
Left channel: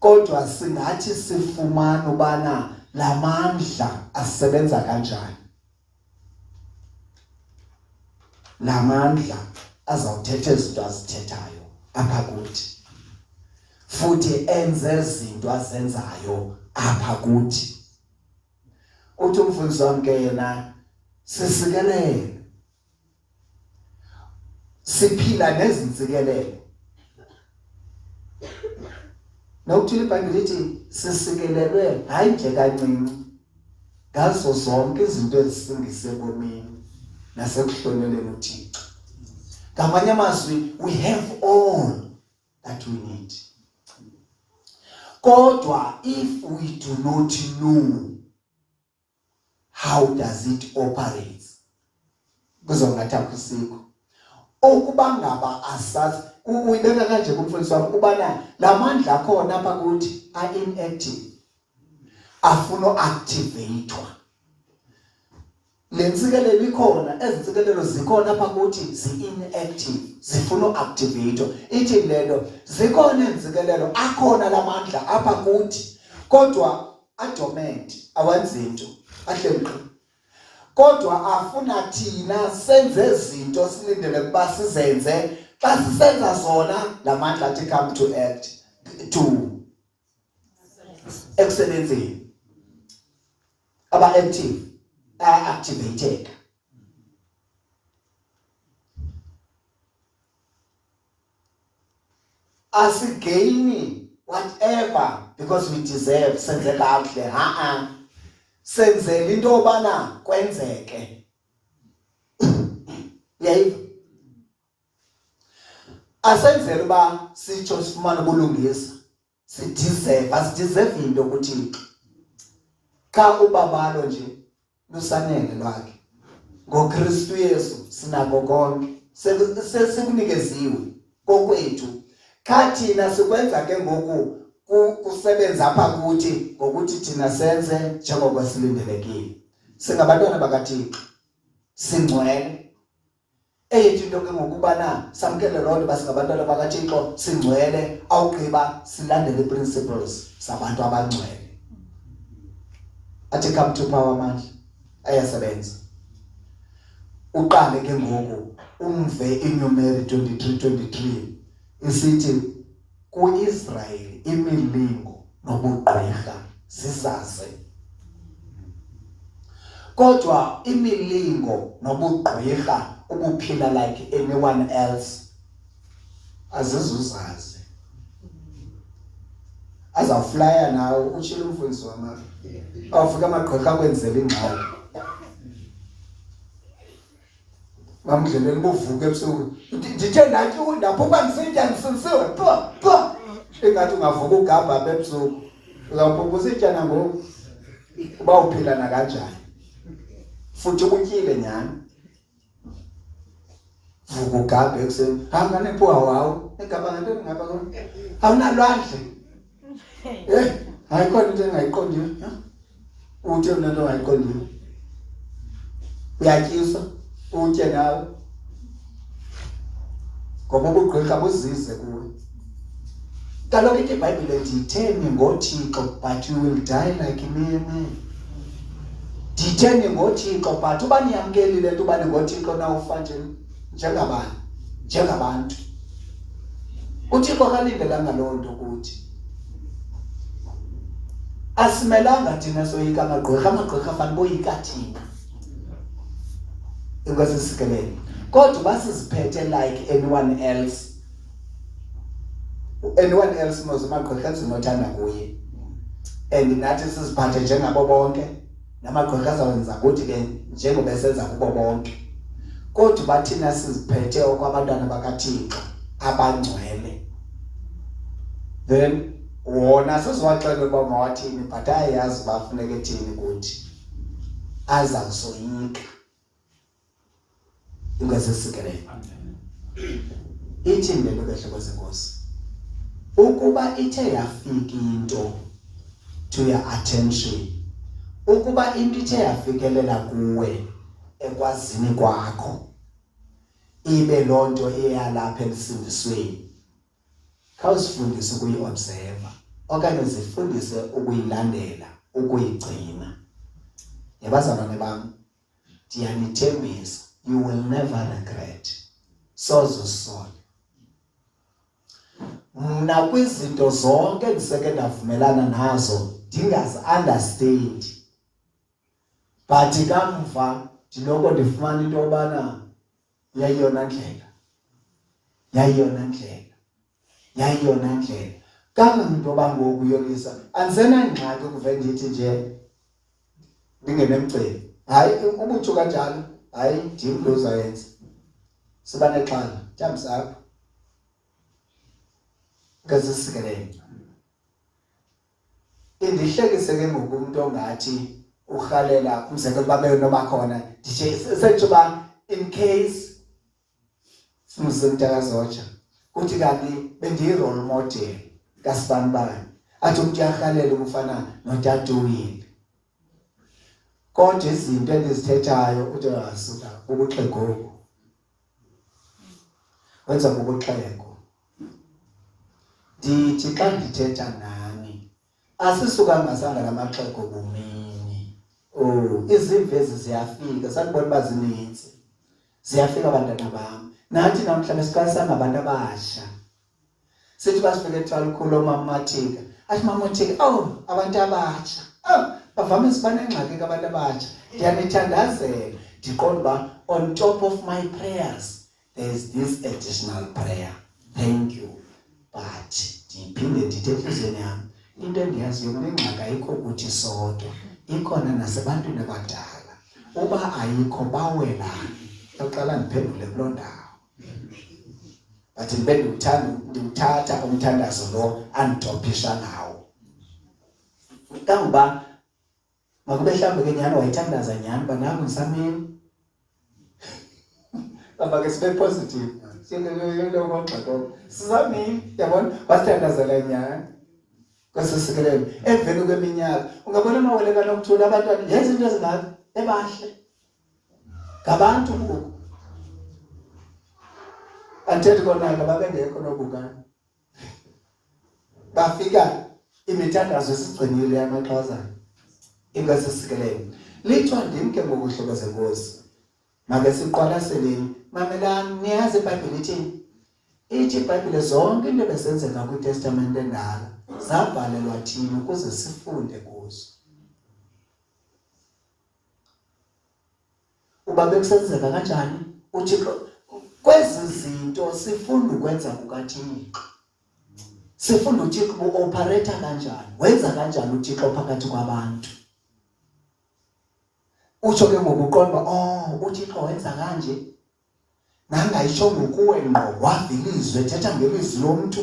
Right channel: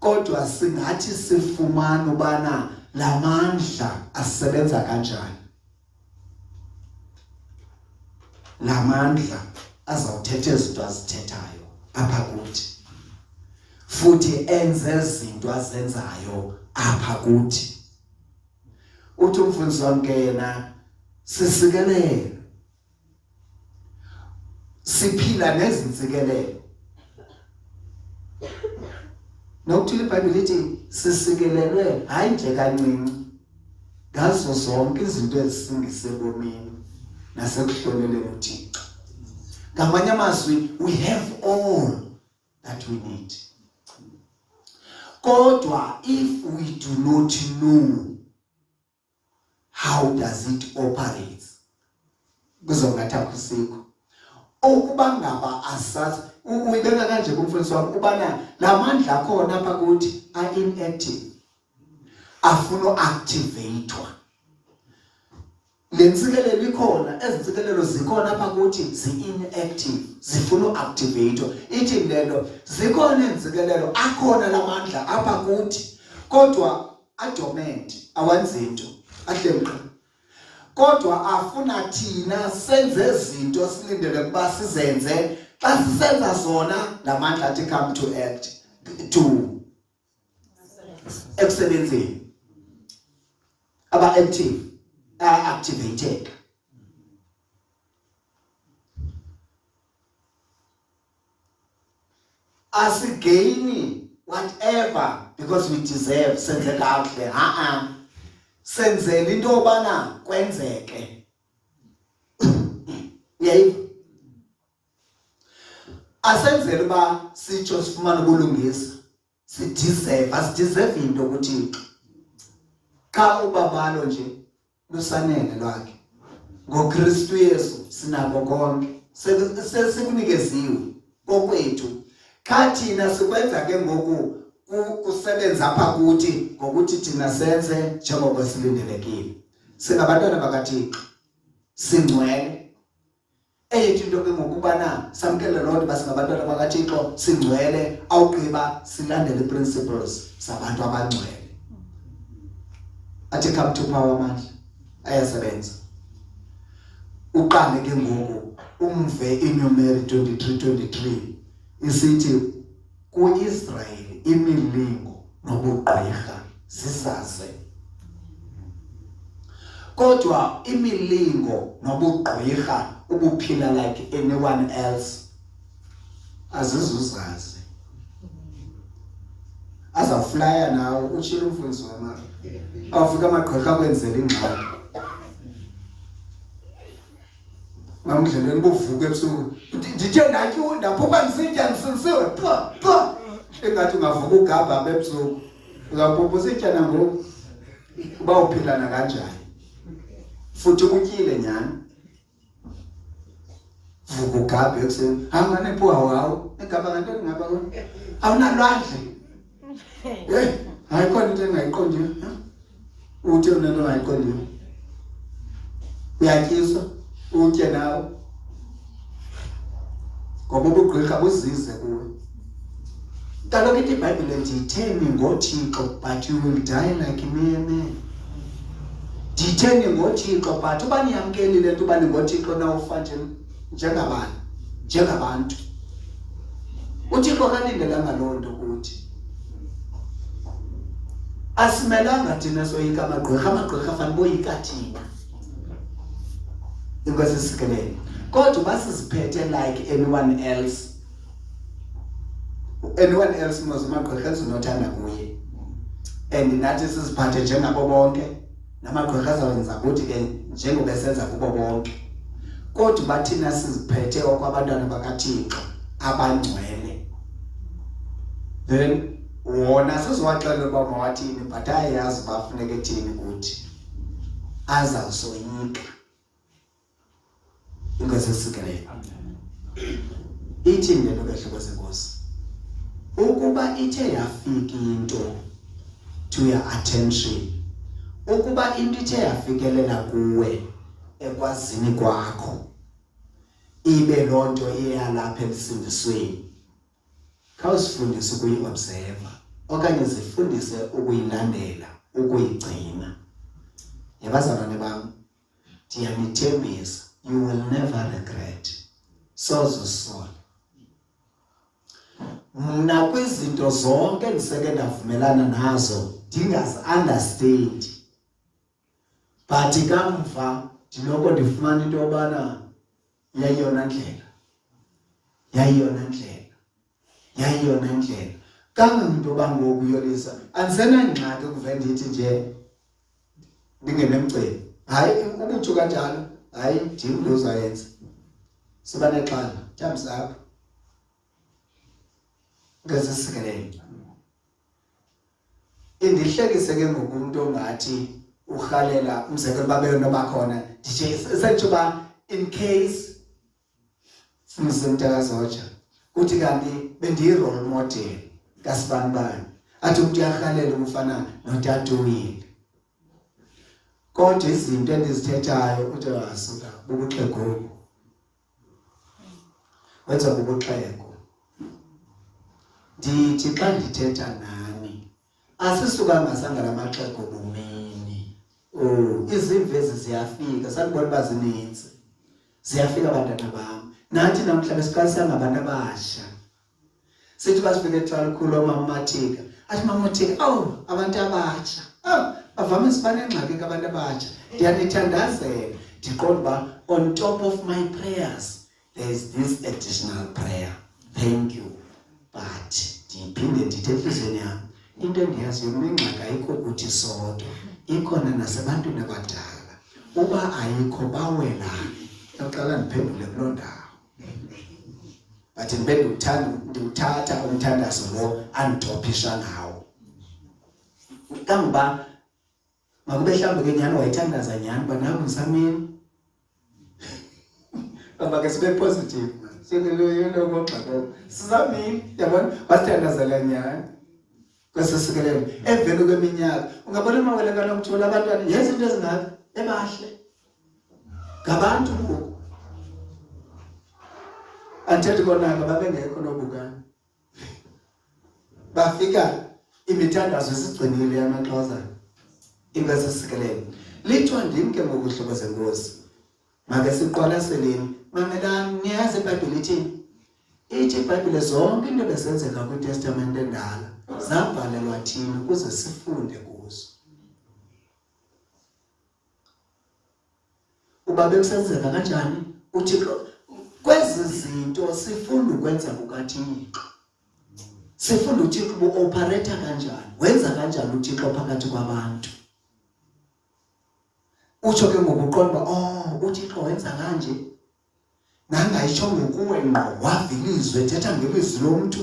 Kodwa singathi sifumana ubana lamandla asebenza kanjani, lamandla azawuthetha izinto azithethayo apha kuthi, futhi enze izinto azenzayo apha kuthi. Uthi umfundisi wami yena sisikelele, siphila nezinsikelelo. Nokuthi iBhayibheli lithi sisikelelwe hayi nje kancinci ngazo zonke izinto ezisingise komini nasekuhloneleni uThixo. Ngamanye amazwi, we have all that we need. Kodwa if we do not know how does it operate, kuzongathi akusikho. Ukuba ngaba asazi uyibeka kanje kumfundisi wami ubana lamandla akhona apha kuthi inactive, afuna uactivatewa. Lensikelelo ikhona, ezinsikelelo zikhona apha kuthi zi-inactive, zifuna uactivatewa. Ithi lelo zikhona izinsikelelo akhona lamandla apha kuthi, kodwa adormant, awenzi into, ahleli. Kodwa afuna thina senze izinto silindele kuba sizenze. Xa sisenza zona lamandla athi come to act, to ekusebenzeni aba active, activated. Asigaini whatever because we deserve, senze kahle, senzele into obana kwenzeke. Yayiva asenzele uba sitsho sifumane ubulungisa, sideserve into kuThixo. Ka ubabalo nje lusanele lwakhe ngoKristu Yesu sinako konke, sesikunikeziwe kokwethu. Kha thina sikwenza ke ngoku kusebenza apha kuthi ngokuthi thina senze njengoba silindelekile. Singabantwana bakaThixo, singcwele. Eyethu into ke ngokubana samkele lonke basingabantwana bakaThixo, singcwele, awugqiba silandele principles zabantu abangcwele. Athi come to power amandla ayasebenza. Uqale ke ngoku umve iNumeri 23:23 isithi kuIsrayeli imilingo nobugqwirha zizaze. Kodwa imilingo nobugqwirha ubuphila like anyone else azizuzazi. Azawuflya nawo utshilo umfundisi wami. Awufika amagqwirha kwenzela ingxaki. Bamdleleni kuvuka ebusuku. Ndithe ndathi ndaphuma ngisitya ngisisiwe. Engathi ungavuka ugaba apha ebusuku. Uzawuphupha usitya nangoku. Uba uphila na kanjani. Futhi utyile nyani. Vuka ugaba ekuseni. Hamba nephuwa wawo. Egaba ngantoni ngapha kona? Awunalwandle. Hayi khona into engayiqondiyo. Uthi unento engayiqondiyo. Uyatyiswa. Utye nawe ngoba ubugqirha buzize kuwe. Kaloku ithi iBhayibhile ithi theni ngoThixo but you will die like mere men. Ditheni ngoThixo but uba niyamkelile into uba ningoThixo na ufa njengabantu. uThixo kalindelanga loo nto kuthi. Asimelanga thina soyika amagqirha fanele boyika thina. Inkwesisikelele. Kodwa basiziphethe like anyone else. anyone else knows amagqwirha ezinothanda kuye and nathi siziphathe njengabo bonke namagqwirha azawenza kuthi ke njengoba esenza kubo bonke kodwa bathina siziphethe okwabantwana bakaThixo abangcwele then wona sizowaxelela uba mawathini but ayazi bafuneka ethini kuthi azawusoyika ingazesikelele ithi ngelo behlobo zenkosi ukuba ithe yafika into to your attention ukuba into ithe yafikelela kuwe ekwazini kwakho ibe lonto eyalapha emsindisweni khawusifundise ukuyi-observe okanye zifundise ukuyilandela ukuyigcina yabazalwane bami ndiyanithembisa you will never regret sozusola mna kwizinto zonke ndiseke ndavumelana nazo ndingazi-understand but kamva ndiloko ndifumana into yobana yayiyona ndlela kanganto yoba ngoku Yolisa andisenangxaki ukuve ndithi nje ndingenemcimbi hayi ubutsho kanjalo hayi ndim lo uzayenza siba nexhala thumbs up ngazisikelele indihlekise ke ngoku umuntu ongathi urhalela umzekelo babe noma khona ndithi senjoba in case simzimntakazotsha uthi kanti bendiyi-role model kasibani athi umuntu uyarhalela umfana noTatuwile kodwa izinto endizithethayo uthi wasuka bubuxhego wenza bubuxhego ndithi xa ndithetha nani asisukanga sangala maxhego bumini izimvezi ziyafika sanibona uba zininzi ziyafika abantwana bam nathi namhlanje siqalisanga abantu abasha sithi basifike ethwala lukhulu omamathika athi mamathika abantu abatsha bavamise banengxaki abantu abatsha ndiyanithandazela ndiqonda uba on top of my prayers there is this additional prayer thank you but ndiphinde ndithe enhliziyweni yami into endiyaziyo kunengxaki ayikho kuthi sodwa ikhona nasebantwini abadala uba ayikho bawelane oqala ndiphendule kuloo ndawo but ndiwuthatha umthandazo lo andidophisha ngawo kangoba makube mhlawumbe ke nyhani wayithandaza nyhani uba naku ngisamini ngoba ke sibe positive silelokoxako sizamini yabona basithandazela nyhani kwesisikelelo emveni kweminyaka ungabona amawele kaNomthula abantwana yenza into ezingaka ebahle ngabantu ngoku anthethi konanga babengekho nobukana bafika imithandazo esigcinile yamaXhosa ingasisikelelo lithiwa ndim ke ngokuhlobo zenkosi make siqwalaseleni mamelani niyazi iBhayibhile ithini ithi iBhayibhile zonke into ebesenzeka kwiTestamente endala zabhalelwa thina ukuze sifunde kuzo uba bekusenzeka kanjani uThixo kwezi zinto sifunda ukwenza kukaThixo sifunda uThixo uoperate kanjani wenza kanjani uThixo phakathi kwabantu utsho ke ngokuqonda uThixo wenza kanje nangayitsho ngokuwe ngqo wavilizwe ethetha ngelizwi lomuntu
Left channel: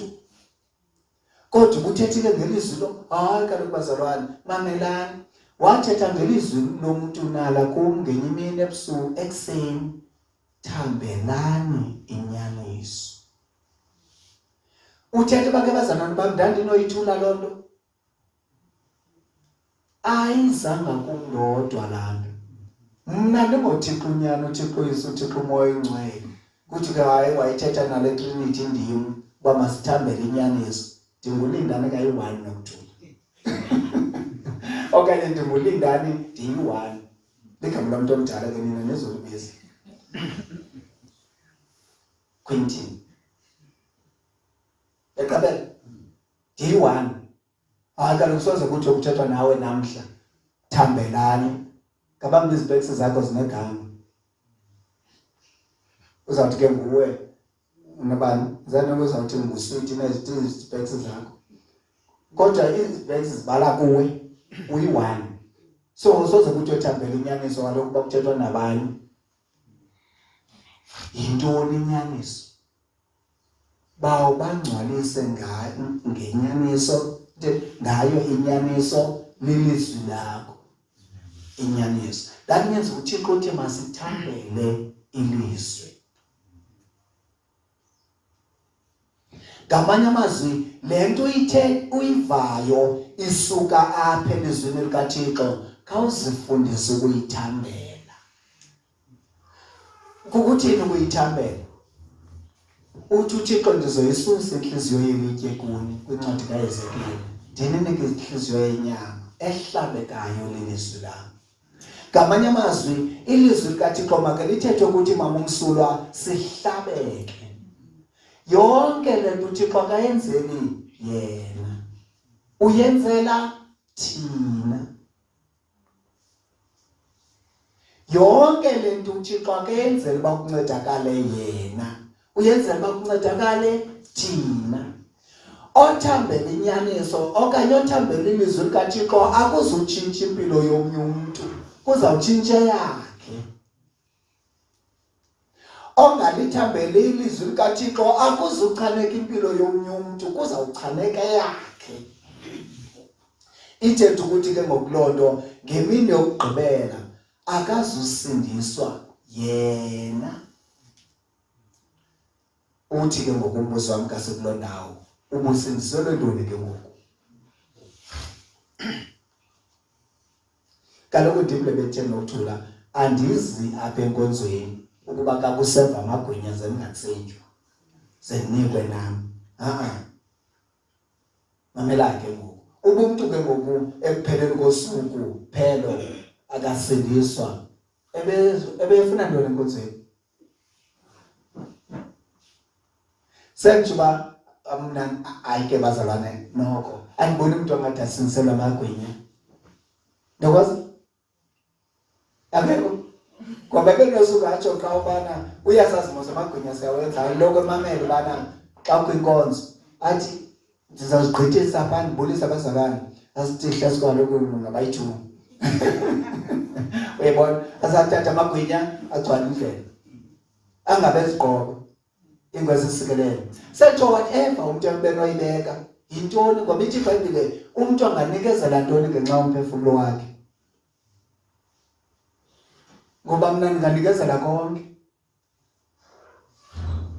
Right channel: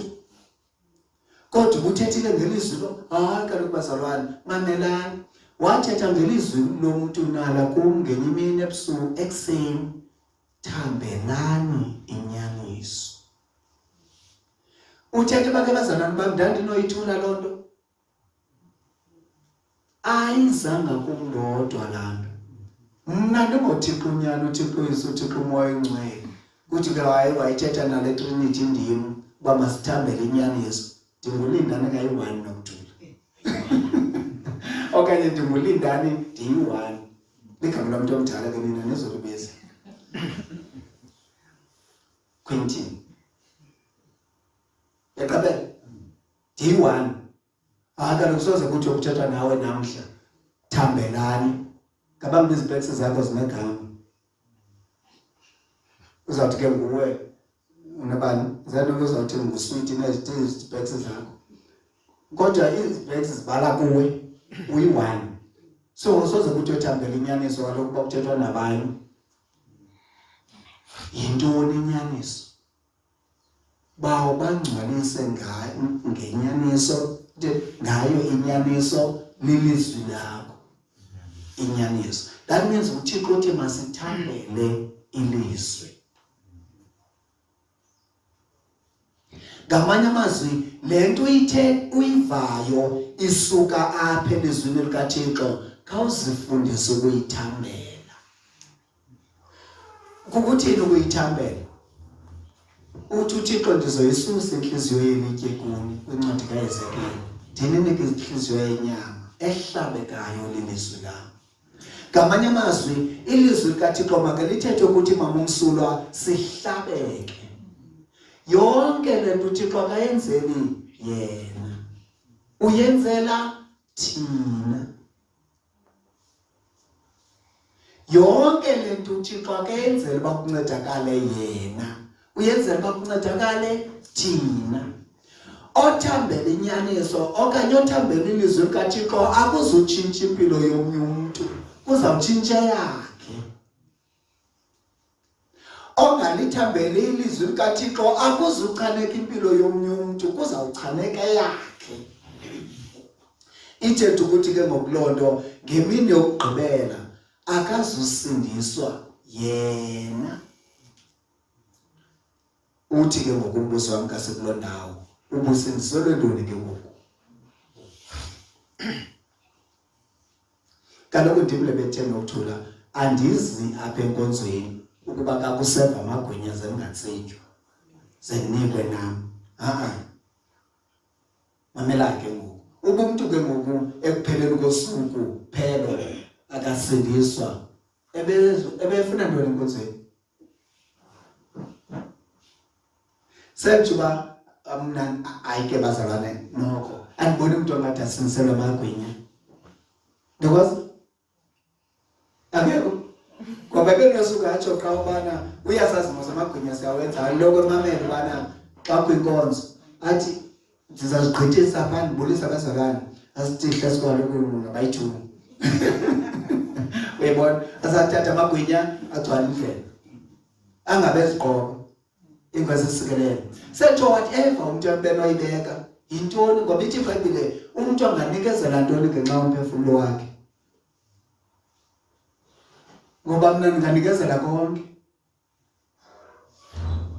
kodwa ubuthethile ngelizwi lo hayi kaloku bazalwane mamelani wathetha ngelizwi lomuntu nala kum ngenye imini ebusuku ekuseni thambelani inyaniso uthethe bake bazalwane bam ndandinoyithula loo nto ayizanga kundodwa laa nto mna ndingoThixo unyana uThixo uyise uThixo umoya oyingcwele kuthi ke hayi wayithetha nale Trinity ndim uba masithambele inyaniso ndingulindane ngayi-1 nokuthula okanye ndingulindane ndiyi-1 ligama lomntu omdala ke nina nezolubezi Quentin yaqabela ndiyi-1 kaloku soze kuthi ukuthethwa nawe namhla thambelani ngabambi izipekisi zakho zinegama uzawuthi ke nguwe unabani zanoma uzawuthenga ngusweet nezipeks zakho kodwa izipeks zibala kuwe uyi-1 so soze kuthi uthambele inyaniso kaloku kuba kuthethwa nabanye yintoni inyaniso bawo bangcwalise ngenyaniso ngayo inyaniso lilizwi lakho inyaniso that means uThixo uthi masithambele ilizwi ngamanye amazwi lento ithe uyivayo isuka apha elizwini likaThixo khawuzifundise ukuyithambela kukuthini ukuyithambela uthi uThixo ndizoyisusa inhliziyo yelitye kuni kwincwadi kaEzekiel ndinike inhliziyo yenyama ehlabekayo lilizwi lami ngamanye amazwi ilizwi likaThixo makalithethe ukuthi mamumsulwa sihlabeke yonke lento uThixo akayenzeli yena uyenzela thina yonke lento uThixo akayenzeli bakuncedakale yena uyenzela bakuncedakale thina othambela inyaniso okanye othambela ilizwi likaThixo akuzutshintsha impilo yomnye umuntu uzawutshintsha yakhe ongalithambela ilizwi likaThixo akuzuchaneka impilo yomnye umuntu kuzawuchaneka yakhe ithethe ukuthi ke ngokulonto ngemini yokugqibela akazusindiswa yena uthi ke ngokumbuso wami kasekuloo ndawo ubusindiselwe ntoni ke ngoku kaloku ndim lebethe nokuthula andizi apha enkonzweni ukuba kakuseva amagwinya zengatsetywa zenikwe nam mamela ke ngoku ubuntu ke ngoku ekupheleni kosuku phelo akasindiswa ebefuna ntoni enkonzweni senjuba mna ayike bazalwane noko andiboni umuntu ongathi asindiselwa amagwinya ndokwazi akekho ngoba benosuka atsho xa ubana uyasazi mos amagwinya siyawenza loko emamele ubana xa kwinkonzo athi ndizazigqithisa apha ndibulisa abazalwane asithihla sikwaloku ngabayi-2 uyabona asathatha amagwinya agcwala indlela angabezigqoko ingozi isikelele sentsho whatever umuntu empenoyibeka yintoni ngoba ithi iBhayibhile umuntu anganikezela ntoni ngenxa yomphefumulo wakhe ngoba mna ndinganikezela konke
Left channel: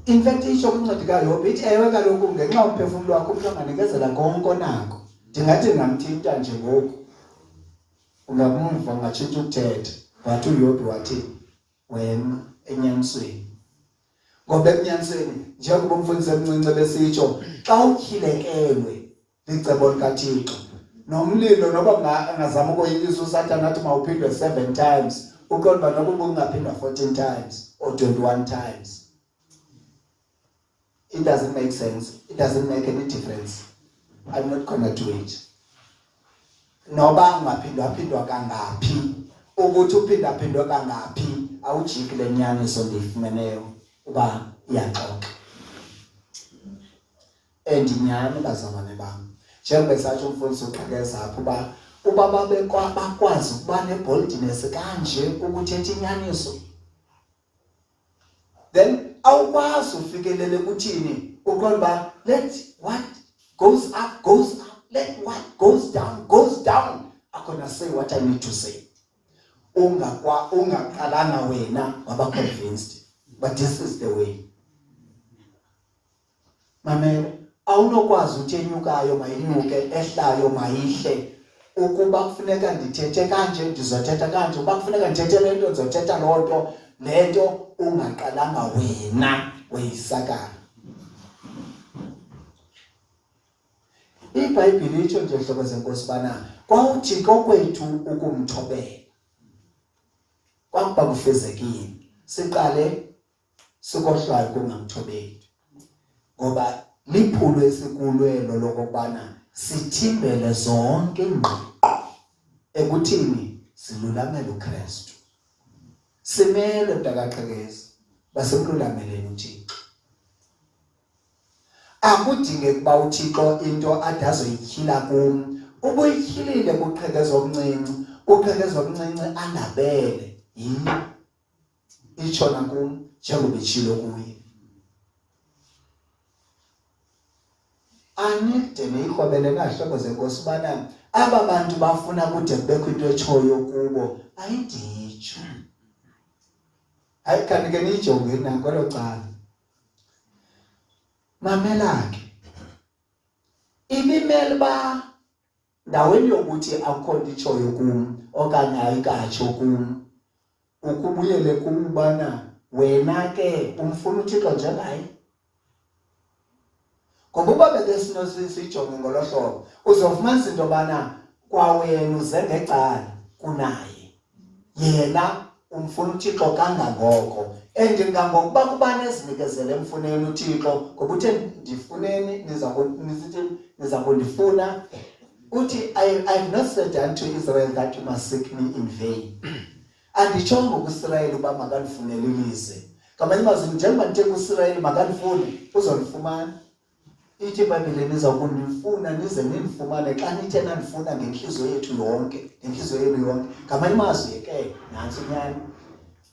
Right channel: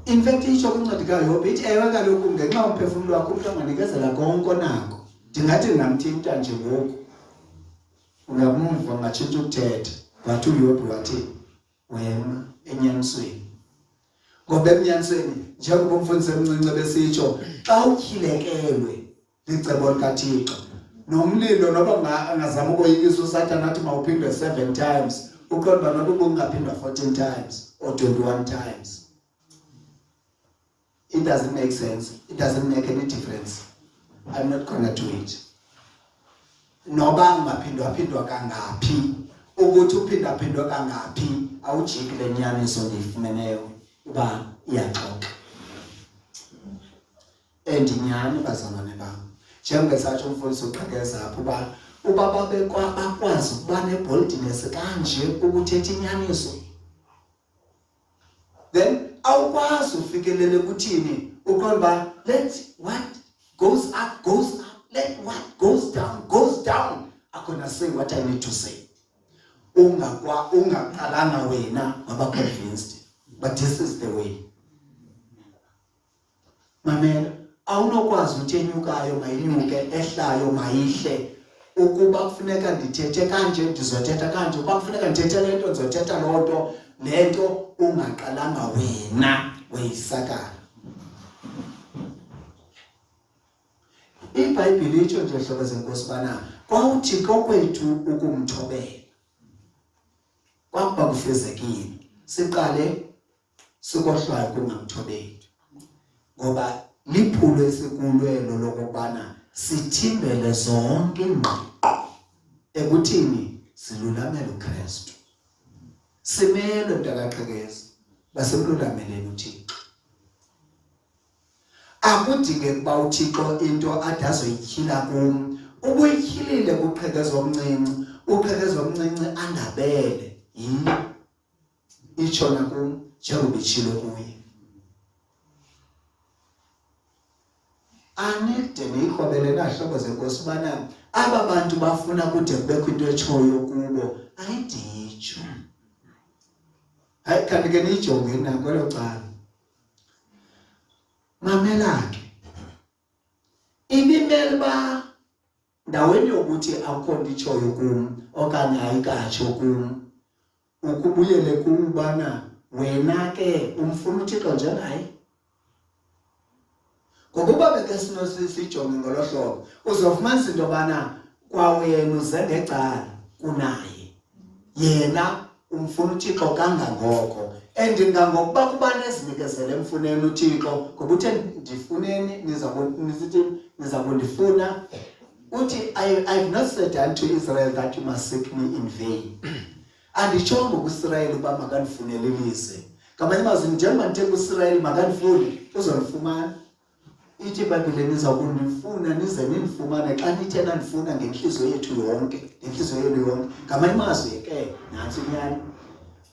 in fact itsho kwincwadi kaYobhi ithi ewe kaloku ngenxa yomphefumulo wakho umuntu anganikezela konke onako ndingathi ndingamthinta nje ngoku ungamumva ungatshintsha ukuthetha but uYobhi wathi wema enyanisweni ngoba ekunyanisweni njengoba umfundisi omncinci besitsho xa ukhilekelwe licebo likaThixo nomlilo noba angazama ukoyikisa uSathane athi mawuphindwe 7 times uqonda nokuba ungaphindwa 14 times or 21 times it doesn't make sense it doesn't make any difference I'm not gonna do it noba ungaphindwa kangaphi ukuthi uphindaphindwe kangaphi awujiki lenyaniso ndiyifumeneyo uba iyaxoxa endinyani bazalwane bam njengoba satsho umfundisi uqhekeza apho uba bakwazi ukuba neboldness kanje ukuthetha inyaniso then awukwazi ufikelele kuthini uqonda let what goes up goes up let what goes down I'm gonna say what I need to say ungaqalanga wena waba convinced but this is the way mamela awunokwazi uthenyukayo mayinyuke ehlayo mayihle ukuba kufuneka ndithethe kanje ndizothetha kanje ukuba kufuneka ndithethe lento ndizothetha lonto lento ungaqalanga wena weyisakala iBhayibhile itsho nje hlobo zenkosi bana kwawuthi kokwethu ukumthobela kwakuba kufezekile siqale sikohlwayo kungamthobeli ngoba liphulo esikulwelo lokubana sithimbele zonke ingqiqo ekuthini silulamele uKristu simele mntakaxhekeza basemlulameleni uThixo akudinge ukuba uThixo into ade azoyityhila kum. Ubuyityhilile kuqhekeza omncinci, uqhekeza omncinci andabele yini itshona kum njengoba itshilo kuye. Anide niyikrobele nahlobo zenkosi ubana aba bantu bafuna kude kubekho into etshoyo kubo ayiditsho. Hayi kanti ke niyijonge nakwelo cala. Mamela ke. Ibimele ba ndaweni yokuthi akukho nto itshoyo kum okanye ayikatsho kum. Ukubuyele kubana wena ke umfuna uThixo njengaye. Ngoba uba beke sijonge ngolo hlobo uzofumanisa into yobana kwawena uze ngecala kunaye. Yena umfuna uThixo kangangoko. Ngokuba kuba nezinikezele emfuneni uThixo ngoba uthe ndifuneni niza kundifuna. Uthi I've not said unto Israel that you must seek me in vain. Anditshongo kuIsrael uba makandifunele ilizwe. Ngamanye amazwi njengoba ndithe kuIsrael makandifune uzondifumana. Ithi iBhayibhile niza kundifuna nize nindifumane xa nithe nandifuna ngenhliziyo yethu yonke, ngenhliziyo yenu yonke. Ngamanye amazwi ke nantsi inyani.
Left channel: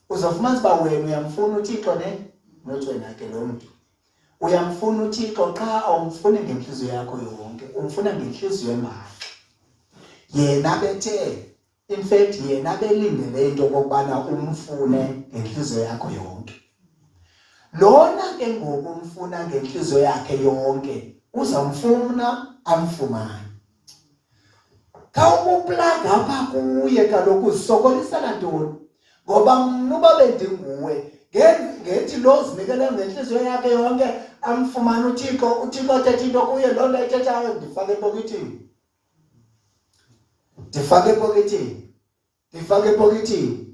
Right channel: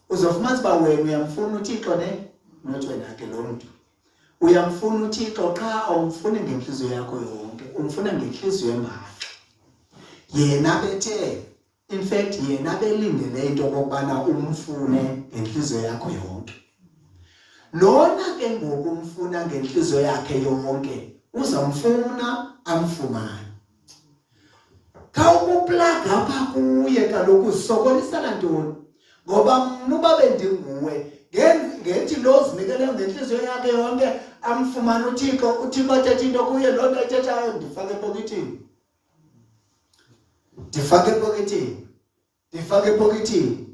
Uzofumanisa uba wena uyamfuna uThixo nothi wena ke lo mntu. Uyamfuna uThixo xa awumfuni ngenhliziyo yakho yonke, umfuna ngenhliziyo emangxa. Yena bethe in fact yena belindele into okubana umfune ngenhliziyo yakho yonke. Lona ke ngoku umfuna ngenhliziyo yakhe yonke uzamfuna amfumane. Kawukuplaga apha kuye kaloku uzisokolisela ntoni? Ngoba mna uba bendinguwe ngethi lo zinikele ngenhliziyo yakhe yonke amfumane uThixo athethe into kuye loo nto ayithethayo ndifake epokethini. Ndifake epokethini.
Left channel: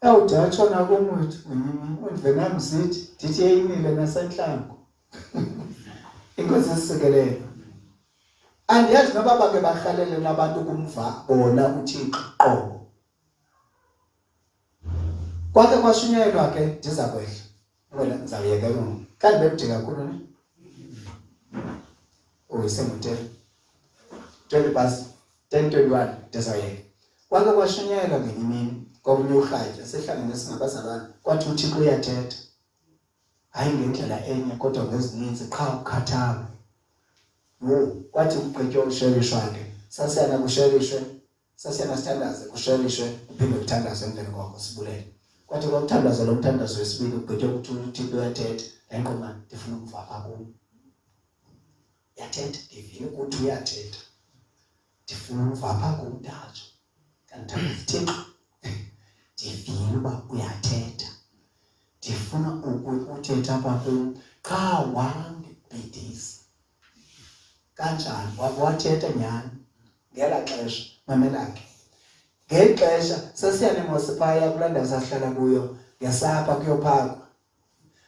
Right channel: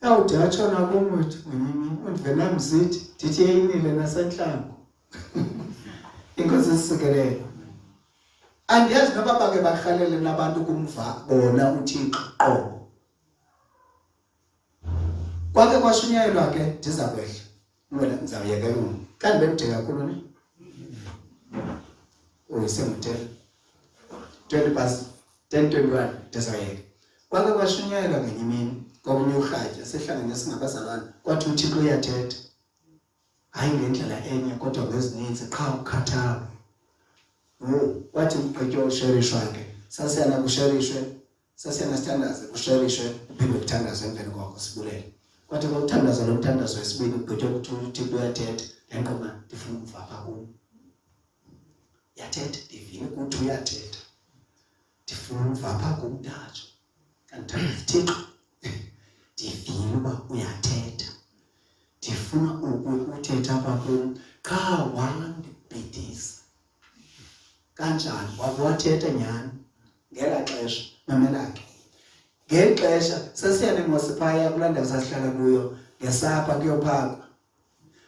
Awudatshona komwethu undivena mzithi ndithi yeyinile nasentlango. Inkosi isisekelele. Andiyazi noba bake barhalele nabantu kumva bona uThixo qo. Kwake kwashunyelwa ke ndiza kwehla. Ngoba ndizawuyeka yona. Kanti bekude kakhulu ne? Uyisenguthe 20 past 10:21 ndizawuyeka. Kwake kwashunyelwa ngenye imini komnye urhatya sehlangene singabazalwane kwathi uThixo uyathetha. Hayi ngendlela enye kodwa ngezininzi qha ukhathalo. Kwathi ugqitywa usherishwa ke sasiyana kusherishwe sasiyana sithandaze kusherishwe uphinde kuthandazwe emveni kwakho sibulele. Kwathi kwakuthandaza lo mthandazo wesibili ugqitywa ukuthi uThixo uyathetha lenqoma ndifuna ukuva apha kuwe. Yathetha ndivile ukuthi uyathetha. Ndifuna ukuva apha kumntatsho. Kanti Thixo ndivile uba uyathetha. Ndifuna ukuthetha apha kum qha wandibhidisa. Kanjani wathetha nyani ngela xesha mamela ke. Ngeli xesha sasiyane ngosiphaya kulanda sasihlala kuyo ngesapha kuyophakwa.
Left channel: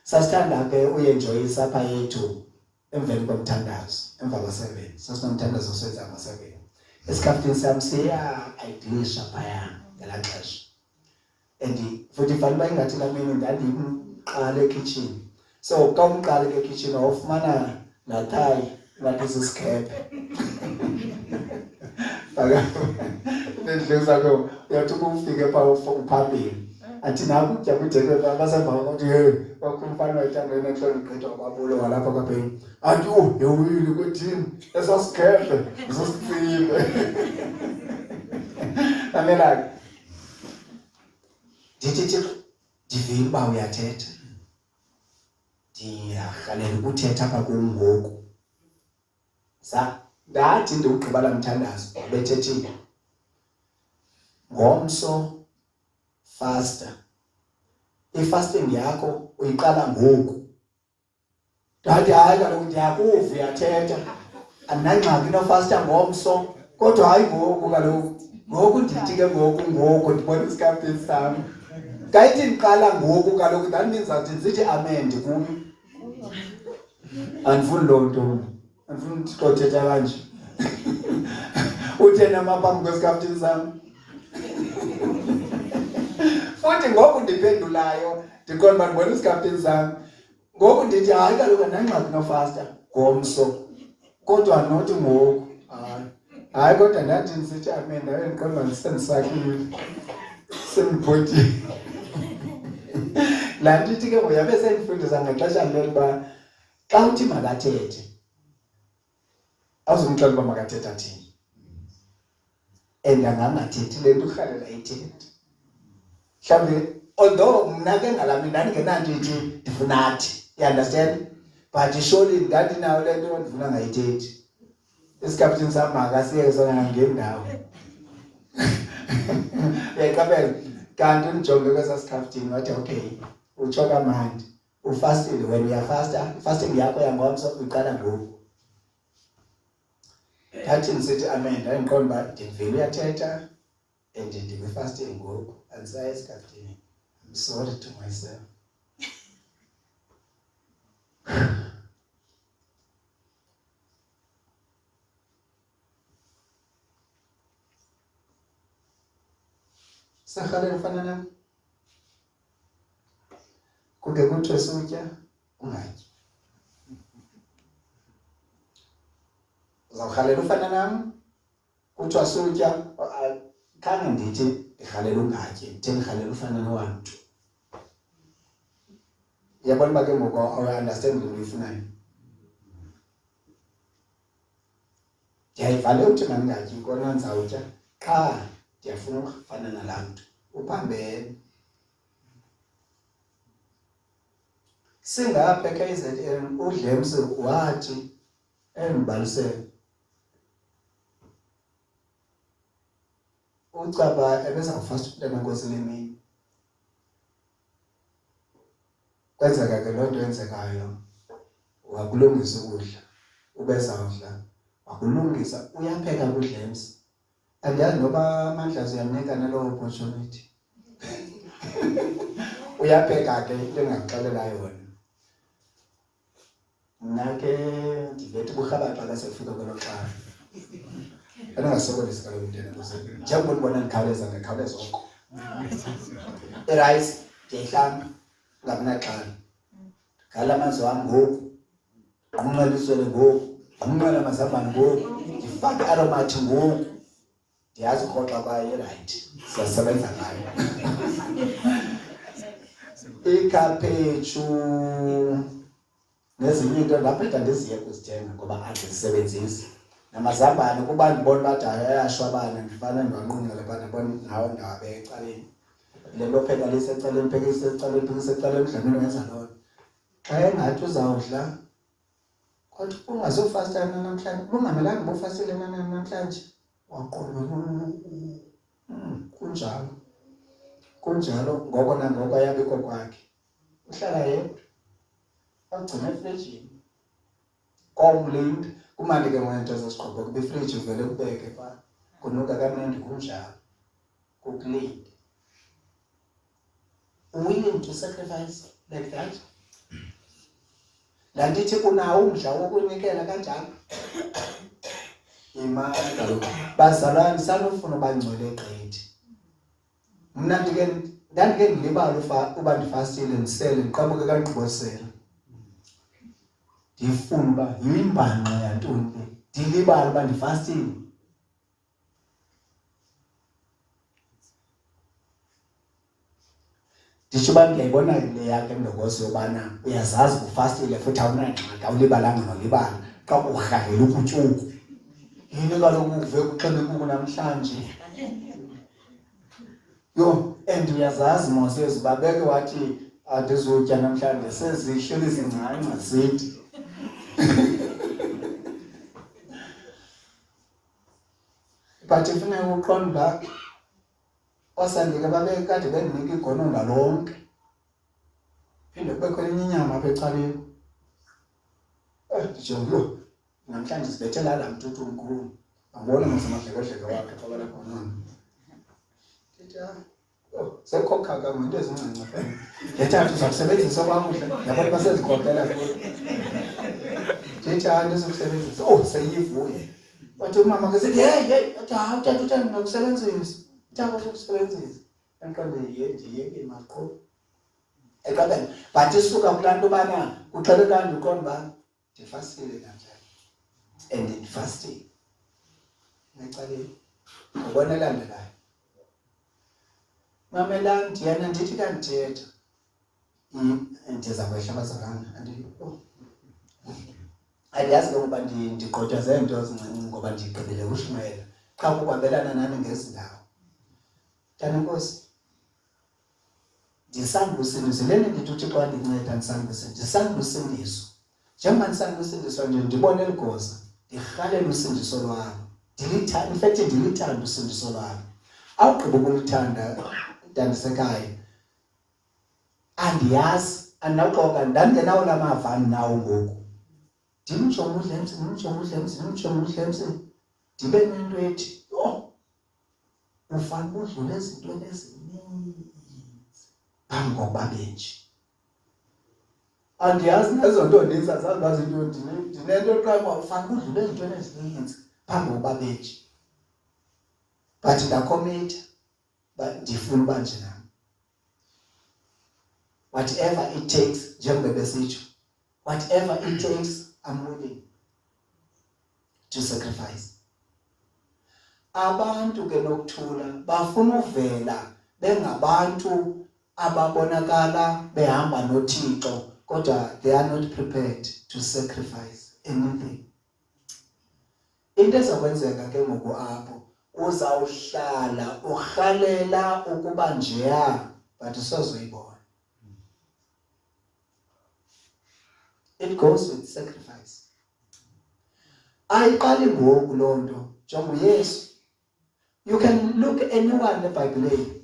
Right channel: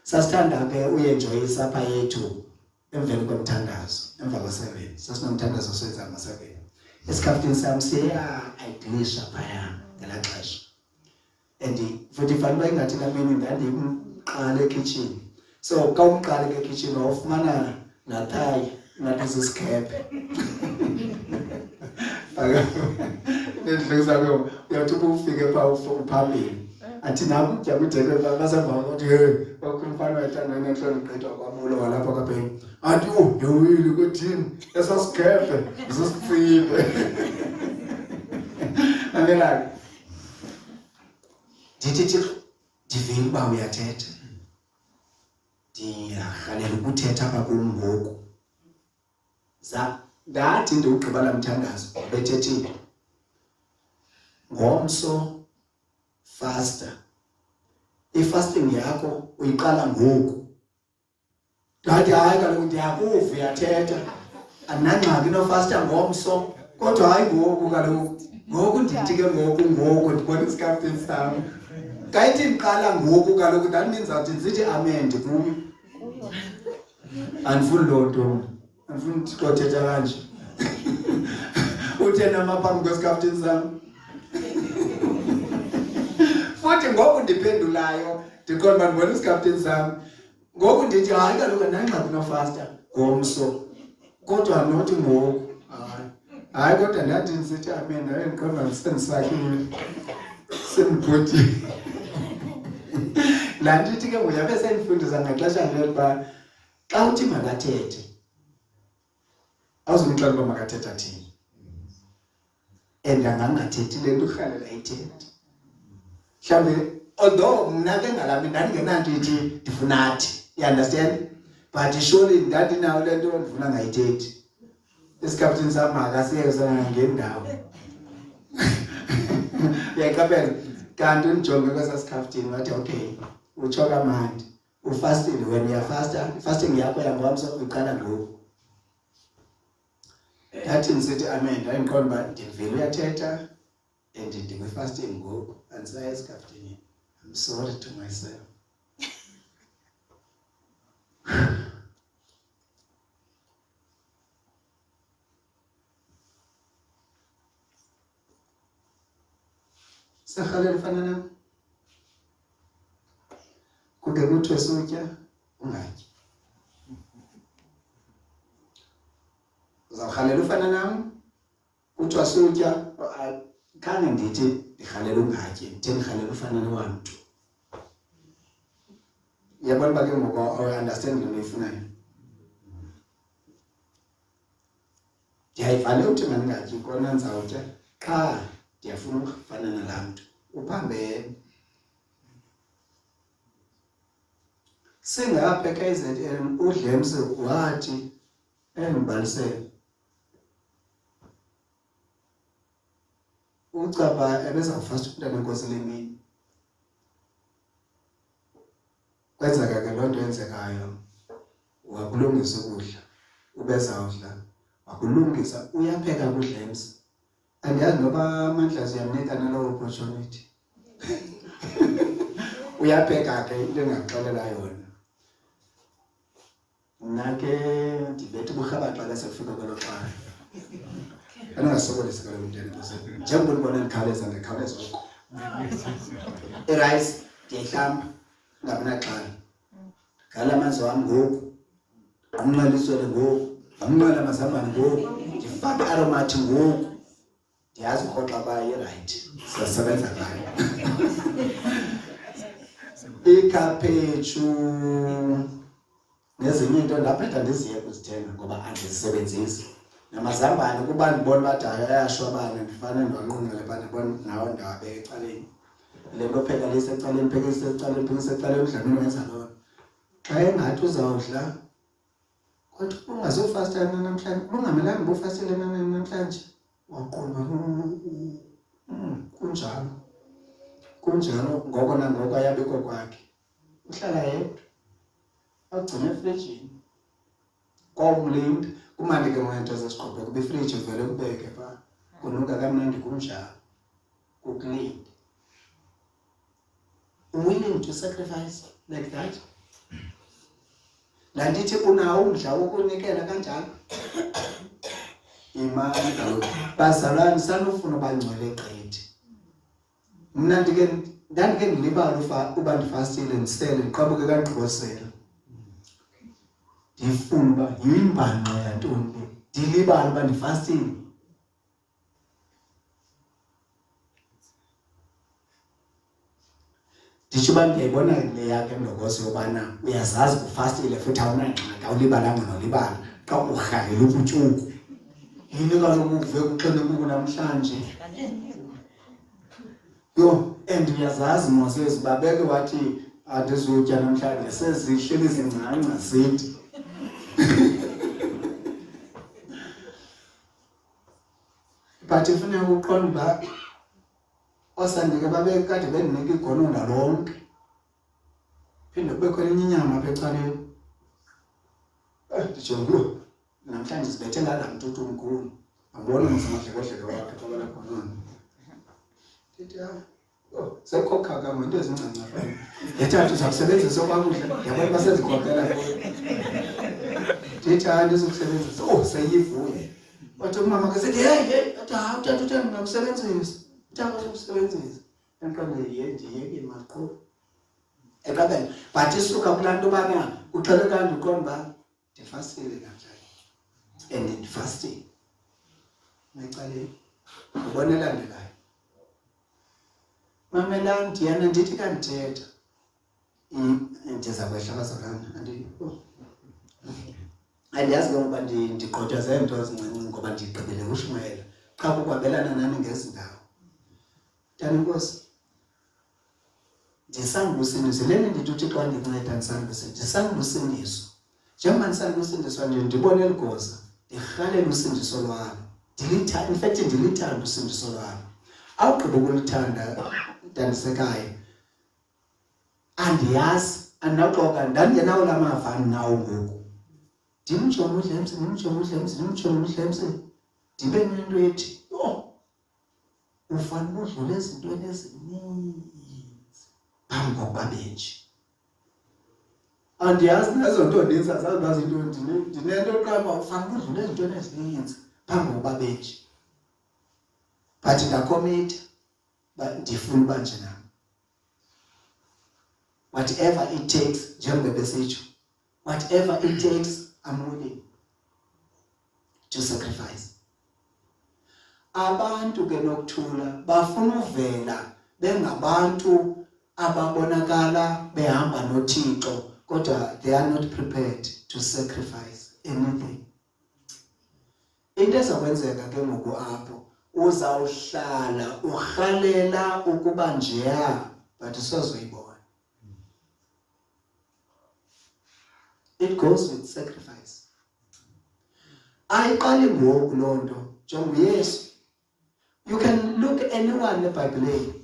Sasithanda ke uyenjoy isapha yethu emveni komthandazo emva kwa7 sasinomthandazo osenza ngo7. Esikhaftini sami siya ayidilisha phaya ngela xesha. Futhi fanele ingathi kamini ndandimqala ekitchen. So xa umqala ekitchen awufumana nathayi nathi sisikhepe. Bendleza ke uyathi ufike pha uphambili. Athi naku kutya kudeke basemva ukuthi hey bakhulupana bayithandana enhloni gqitha kwabulo walapha kaphela. Athi yewili kuthini esasikhepe isosifile. Mamela ndithi ndivile uba uyathetha. Ndiyarhalela ukuthetha apha kum ngoku. Ndathi ndiwugqiba la mthandazo bethethile. Ngomso faster. I-fasting yakho uyiqala ngoku. Ndathi hayi kaloku ndiyakuva uyathetha. Andinangxaki nofasta ngomso kodwa hayi ngoku kaloku. Ngoku ndithi ke ngoku ndibona isikhaftini sami. Ngayithi ndiqala ngoku kaloku ndandinizawuthi ndithi amen kuyo. Andifuni loo nto. Andifuni Thixo thetha kanje. Uthena maphambi kwesikhaftini sami. Futhi ngoku ndiphendulayo ndikhona ndibona isikhaftini sami. ngoku ndithi hayi kaloku andingxaki nofasta ngomso kodwa nothi ngoku hayi kodwa ndathi ndisithi amen ndaye ndiqonda ndisendisakile sendibhodile laa ndithi ke ngoyabe sendifundisa ngexesha lokuba xa uthi makathethe awuzumxelela uba makathethe athini and angangathethi le nto urhalela ayithethe mhlawumbi although mna ke ngalami ndandingenanto ithi ndifuna athi you understand but surely ndandinayo le nto ndifuna ngayithethi isikaptini sam makasiye sona ngendawo yaqaphela kanti unijonge kwesasikaptini wathi okay utsho kamandi ufastile when uyafasta ifasting yakho yangomso uqala ngoku ndathi ndisithi amen ndaye ndiqonda uba ndivele uyathetha and ndikwi-fasting ngoku andisaya esikaptini I'm sorry to myself. Sakhalela ufana nami. Kuke kuthiwe sutya ungatyi. Uzawurhalela ufana nami. Kuthiwa sutya khange ndithi ndirhalela ungatyi, ndithe ndirhalela ufana nowantu. Yabona uba ke ngoku understand into oyifunayo. Ndiyayivale uthi mandingatyi kona ndizawutya qha ndiyafuna ukufana nalaa mntu uphambene. Singapha KZN uDlemse wathi endibalisele ucaba ebezawufasta umntana wenkosi lemini. Kwenzeka ke loo nto yenzekayo wakulungisa ukudla ubezawudla wakulungisa uyapheka kuDlemse. Andiyazi noba amandla siyamnika naloo opportunity. Uyapheka ke into engaxelela yona. Mna ke ndibethe uburhabaxa xa sekufika kwelo xala. Andingasokolisi kaloku into entoze. Njengoba ndibona ndikhawuleza ndikhawuleza oko. Irayisi ndiyayihlamba ngabinaxhala. Ngala amanzi wam ngoku. Anqela iswele ngoku. Anqela amazambane ngoku. Ndifake aromathi ngoku. Ndiyazi urhoxa kwayo irayithi. Siyasebenza ngayo. Ikhaphetshu nezinye into ndaphetha ndiziyeka uzithenga ngoba andizisebenzisi. Namazambane kuba ndibona bathi ayashwabana ndifana ndiwanqunqele bana bona nawo ndawabeka ecaleni. Le nto pheka lisecaleni phekisa ecaleni phekisa ecaleni udlamini wenza loo. Xa engathi uzawudla kodwa ungazofasta namhlanje bungamelanga bufastile namhlanje waqonda kunjalo ngoko nangoko ayabikho kwakhe uhlala yedwa agcine efrijini komlinda kumandi ke ngento zesiqhopho kuba ifriji uvele kubeke pha kunuka kamnandi kunjalo kukulinda. Willing to sacrifice like that. La ndithi unawo umdla wokunikela kanjalo. Imali kaloku bazalwane sanofuna bangcwele gqithi. Mna ndandike ndilibala uba ndifastile ndisele ndiqabuke kaNgqibosela. Ndifuna uba yimbhanqa yantoni ndilibala uba ndifastile. Nditsho uba ndiyayibona le yakhe ndokosi yobana uyazazi ufastile futhi awunangxaki awulibalanga nolibala xa urhalela ukutyuku. Yini kaloku uve kuxele kuku namhlanje. Yo, and uyazazi Moses babeke wathi andizutya namhlanje sezihleli zingcanca zithi. But ifuna ukuqonda osandike babeke kade bendinika igononda lonke. Phinde kubekho enye inyama apha ecaleni. Nditsho lo namhlanje sibethela la mntu omkhulu. Abona ngasemadlekodleke wakhe xa balakhona. Ndithi sekhokha kama into ezincanca apha. Ethathu uzakusebenzisa kakuhle yabona basezikhokhela kuyo. Ndithi ndizokusebenzisa seyivule. Wathi umama ke sithi hey utata uthanda nokusebenzisa. Uthanda ukusebenzisa. Enqonde yeyeke maqho. eqabela but isuka kulantu bana uxele kanti uqonda ndifastile kanjani and ndifasting mayicaleni ubonelandelayo mamelani ndiyana ndithi kandithetha ndiza kwehla bazalana andiyazi ngoba ndigqothwa zento ezincinci ngoba ndigqibele uShumayela xa kukwabelana nani ngezindawo Tana Nkosi ndisanda usindiso lena ndithi uthi xa ndinceda ndisanda usindiso ndisanda usindiso njengoba ndisanda usindiswa nje ndibone eligoza ndirhalela usindiso lwalo ndilithanda in fact ndilithanda usindiso lwalo awugqiba ukulithanda ndandisekayo andiyazi andinaxoka ndangenawo lamava nawo ngoku ndimjonga uDlemzi ndibe nento ethi yho ufanele udlule ezintweni ezininzi phambi kokuba benje andiyazi nezo nto ndinza zazi into ndinento qaba ufanele udlule ezintweni ezininzi phambi kokuba benje but ndakomita ndifuna uba nje nami whatever it takes njengoba besitsho whatever it takes I'm willing to sacrifice abantu ke nokuthula bafuna uvela bengabantu ababonakala behamba noThixo kodwa they are not prepared to sacrifice anything into ezokwenzeka ke ngoku apho uzawuhlala urhalela ukuba njeya but usozoyibona it goes with sacrifice ayiqali ngoku lonto njengoba Yesu you can look anyone eBhayibhelini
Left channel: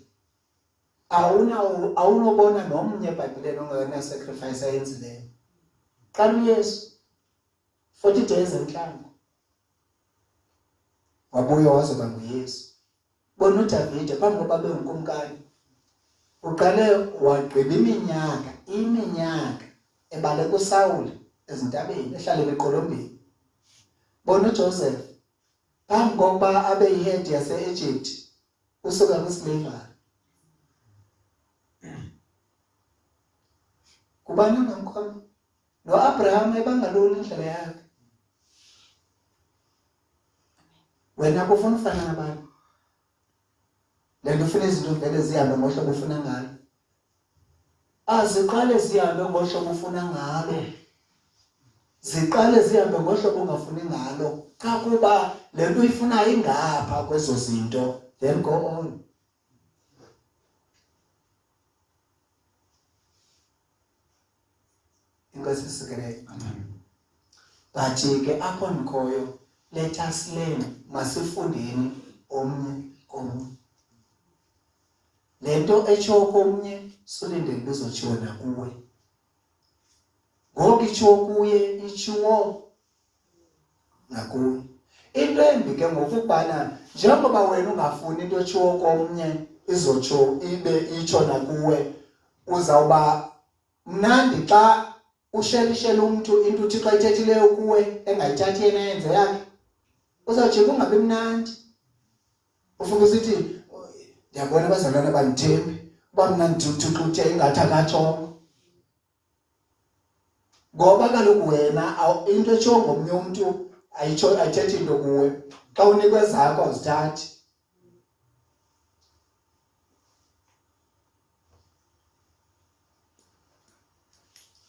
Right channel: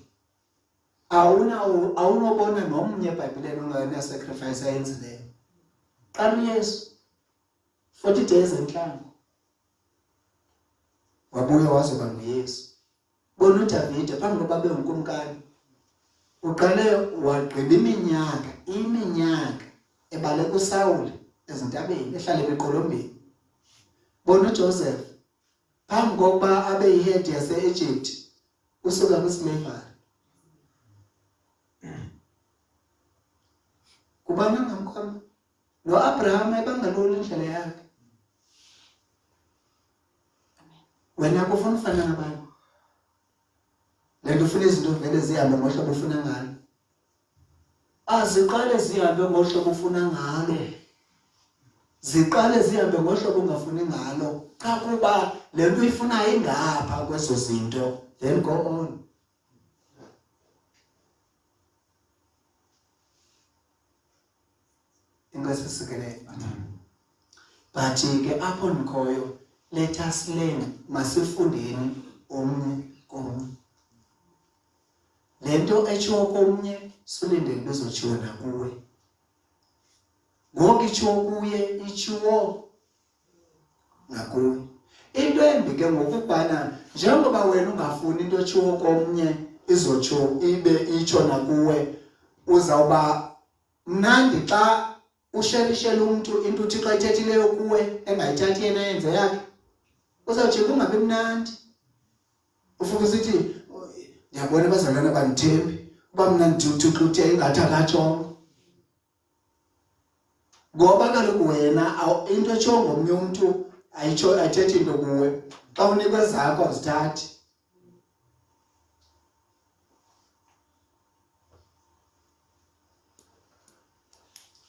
awunobona nomnye eBhayibhelini ongena sacrifice ayenzileyo xa uYesu 40 days enhlangu wabuya wazoba nguYesu bona uDavide phambi kokuba abe unkumkani uqale wagqiba iminyaka ebaleka uSawuli ezintabeni ehlala eqolombeni bona uJoseph phambi kokuba abe yihead yase-Egypt usuka kwislavery kubani ngamkhona noAbraham ebangaloli indlela yakhe wena kufuna ufana nabantu lento ufuna izinto vele zihambe ngohlobo ufuna ngalo aziqale zihambe ngohlobo ufuna ngalo ziqale zihambe ngohlobo ungafuni ngalo xa kuba lento uyifunayo ingapha kwezo zinto then go on inkosi sisikele but ke apho ndikhoyo let us learn masifundeni omnye komnye lento etsho komnye solinde kuzotshiwo nakuwe ngoku itsho kuye itshiwo nakuwe into embi ke ngokubana njengoba wena ungafuni into etshiwo komnye izotsho ibe itsho nakuwe uzawuba mnandi xa ushelishela umuntu into uthi xa ithethileyo kuwe engayithathi yena yenze yakhe uzawujika ungabi mnandi ufuna usithi ndiyabona abazalwana bandithembi uba mna ndithi uthixo ingathi akatsho ngoba kaloku wena into etsho ngomnye umntu ayitsho ayithethi into kuwe xa unikwe zakho awuzithathi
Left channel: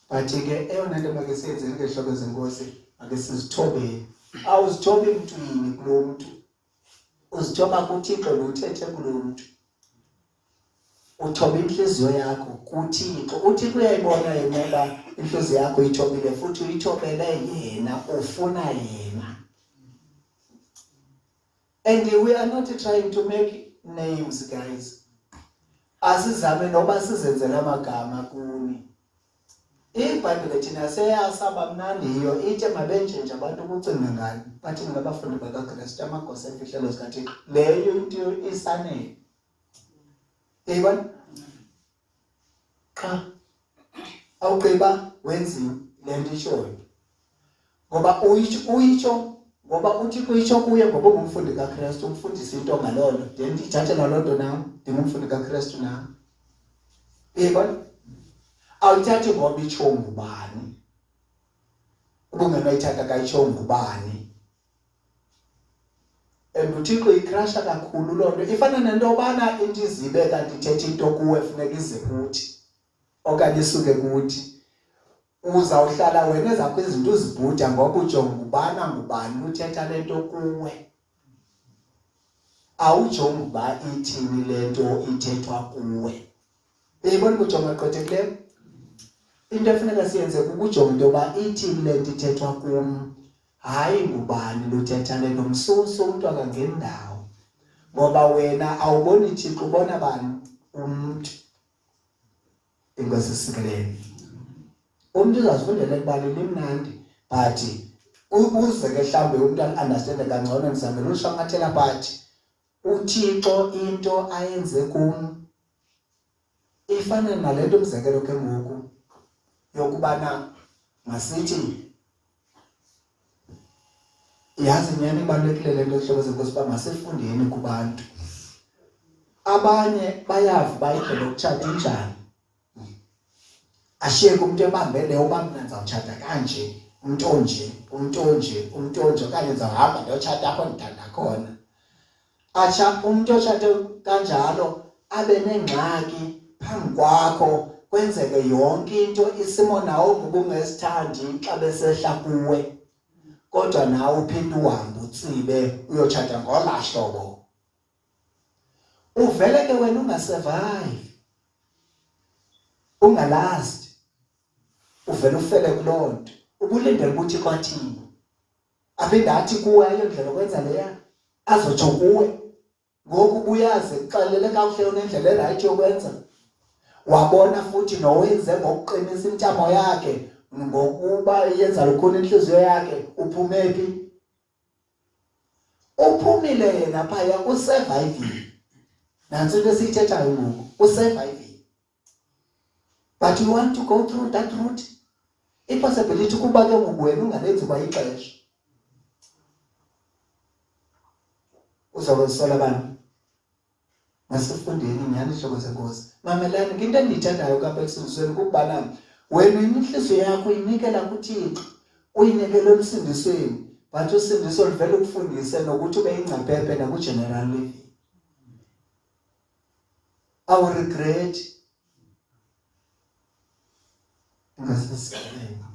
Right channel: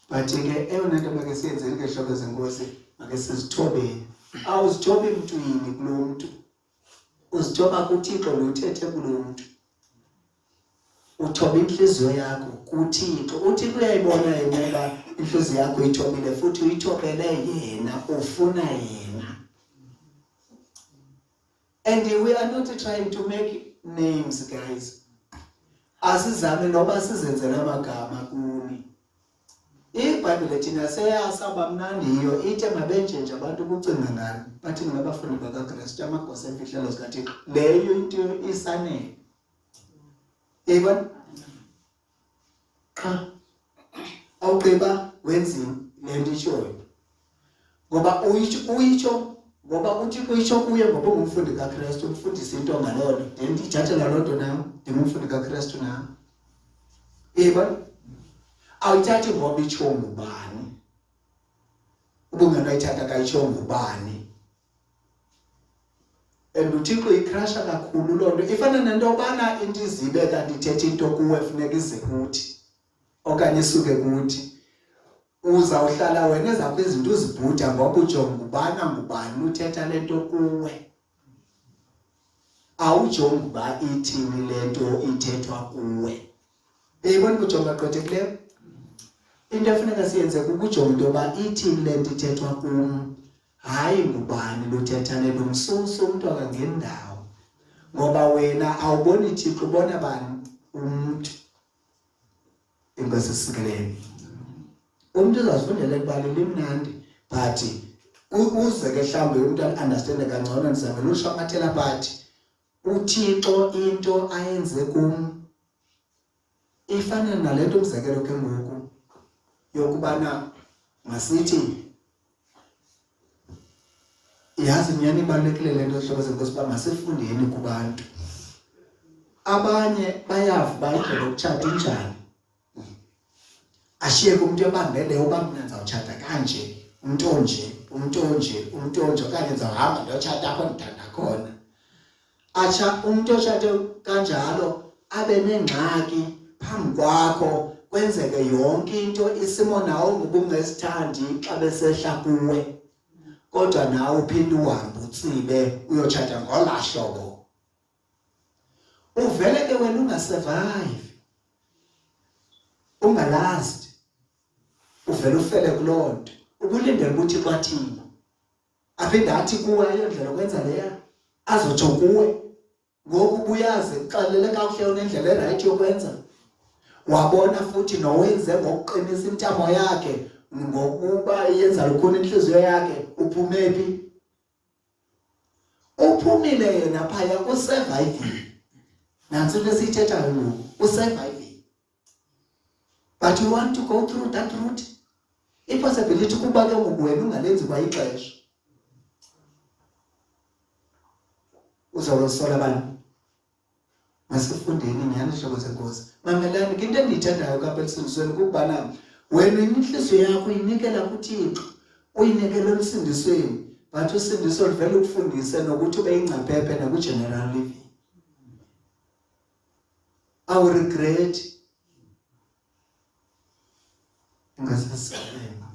but ke eyona nto make siyenze ngehlobo zenkosi make sizithobeni awuzithobi emntwini kulo mntu uzithoba kuThixo lothethe kulo mntu uthoba inhliziyo yakho kuThixo uThixo uyayibona yena inhliziyo yakho ithobile futhi uyithobele yena ufuna yena and we are not trying to make names guys asizame noba sizenzele amagama kuni iBhayibhile thina seyasaba mnandiyo ithi mabenje nje abantu kucinga ngani bathi ngabafundi bakaKristu amagosa emfihlelo zikaThixo leyo into isanele yebo cha awugqiba wenzini lento ishoyo ngoba uyitsho ngoba uthi kuyitsho kuye ngoba ungumfundi kaKristu umfundisi into ngalolo then ndithathe nalonto nami ndingumfundi kaKristu nami yebo awuthathi ngoba itsho ngubani ubungenoyithatha kayitsho ngubani uThixo ikrasha kakhulu loo nto ifana nento yobana into izibe kanti ithetha into kuwe funeka ize kuthi okanye isuke kuthi uzawuhlala wena ezakho izinto uzibhuda ngoba ujonga ubana ngubani uthetha lento kuwe awujonga uba ithini lento ithethwa kuwe eyibona ujonga gqthekileyo into efuneka siyenze kukujonga into yoba ithini lento ithethwa kum hayi ngubani luthetha lento msusu umuntu akangendawo ngoba wena awuboni Thixo ubona bani umuntu inkosi sikelele umuntu uzazifundela ekubaleni imnandi but uze ke mhlawumbe umuntu understand kangcono ndizamela ushwangathela but uThixo into ayenze kum ifana nalento umzekelo ke ngoku yokubana masithi yazi nyani ibalulekile lento hlobo zenkosi ba masifundeni kubantu abanye bayava bayindlela ukutshata njani ashiye umuntu ebambele uba mina ndizawutshata kanje umuntu onje okanye ndizawuhamba ndiyotshata apho ndithanda khona atsha umuntu otshate kanjalo abe nengxaki phambi kwakho kwenzeke yonke into isimo nawo ngobungesithandi xa besehla kuwe kodwa nawe uphinde uhambe utsibe uyotshata ngolahlobo uvele ke wena ungasurvive ungalast uvele ufele kuloo nto ubulindele ukuthi kwathini aphinde athi kuwe ayondlela okwenza leya azotsho kuwe ngoku ubuyazi kuxelele kakuhle unendlela erayithi yokwenza wabona futhi nowenze ngokuqinisa intamo yakhe ngokuba yenza lukhona inhliziyo yakhe uphume phi uphumile yena phaya usurvive nansi into esiyithethayo ngoku usurvive but you want to go through that route ipossibility kuba ke wena ungalenzi kwa ixesha uzawusola bani masifundeni nyani hlobo zenkosi mamelani into endiyithandayo kapha ekusindisweni kubana wena inhliziyo yakho inikela kuThixo uyinikela emsindisweni but usindiso livele ukufundise nokuthi ube ingcaphephe nakugeneral living awu regret ngasisikeleni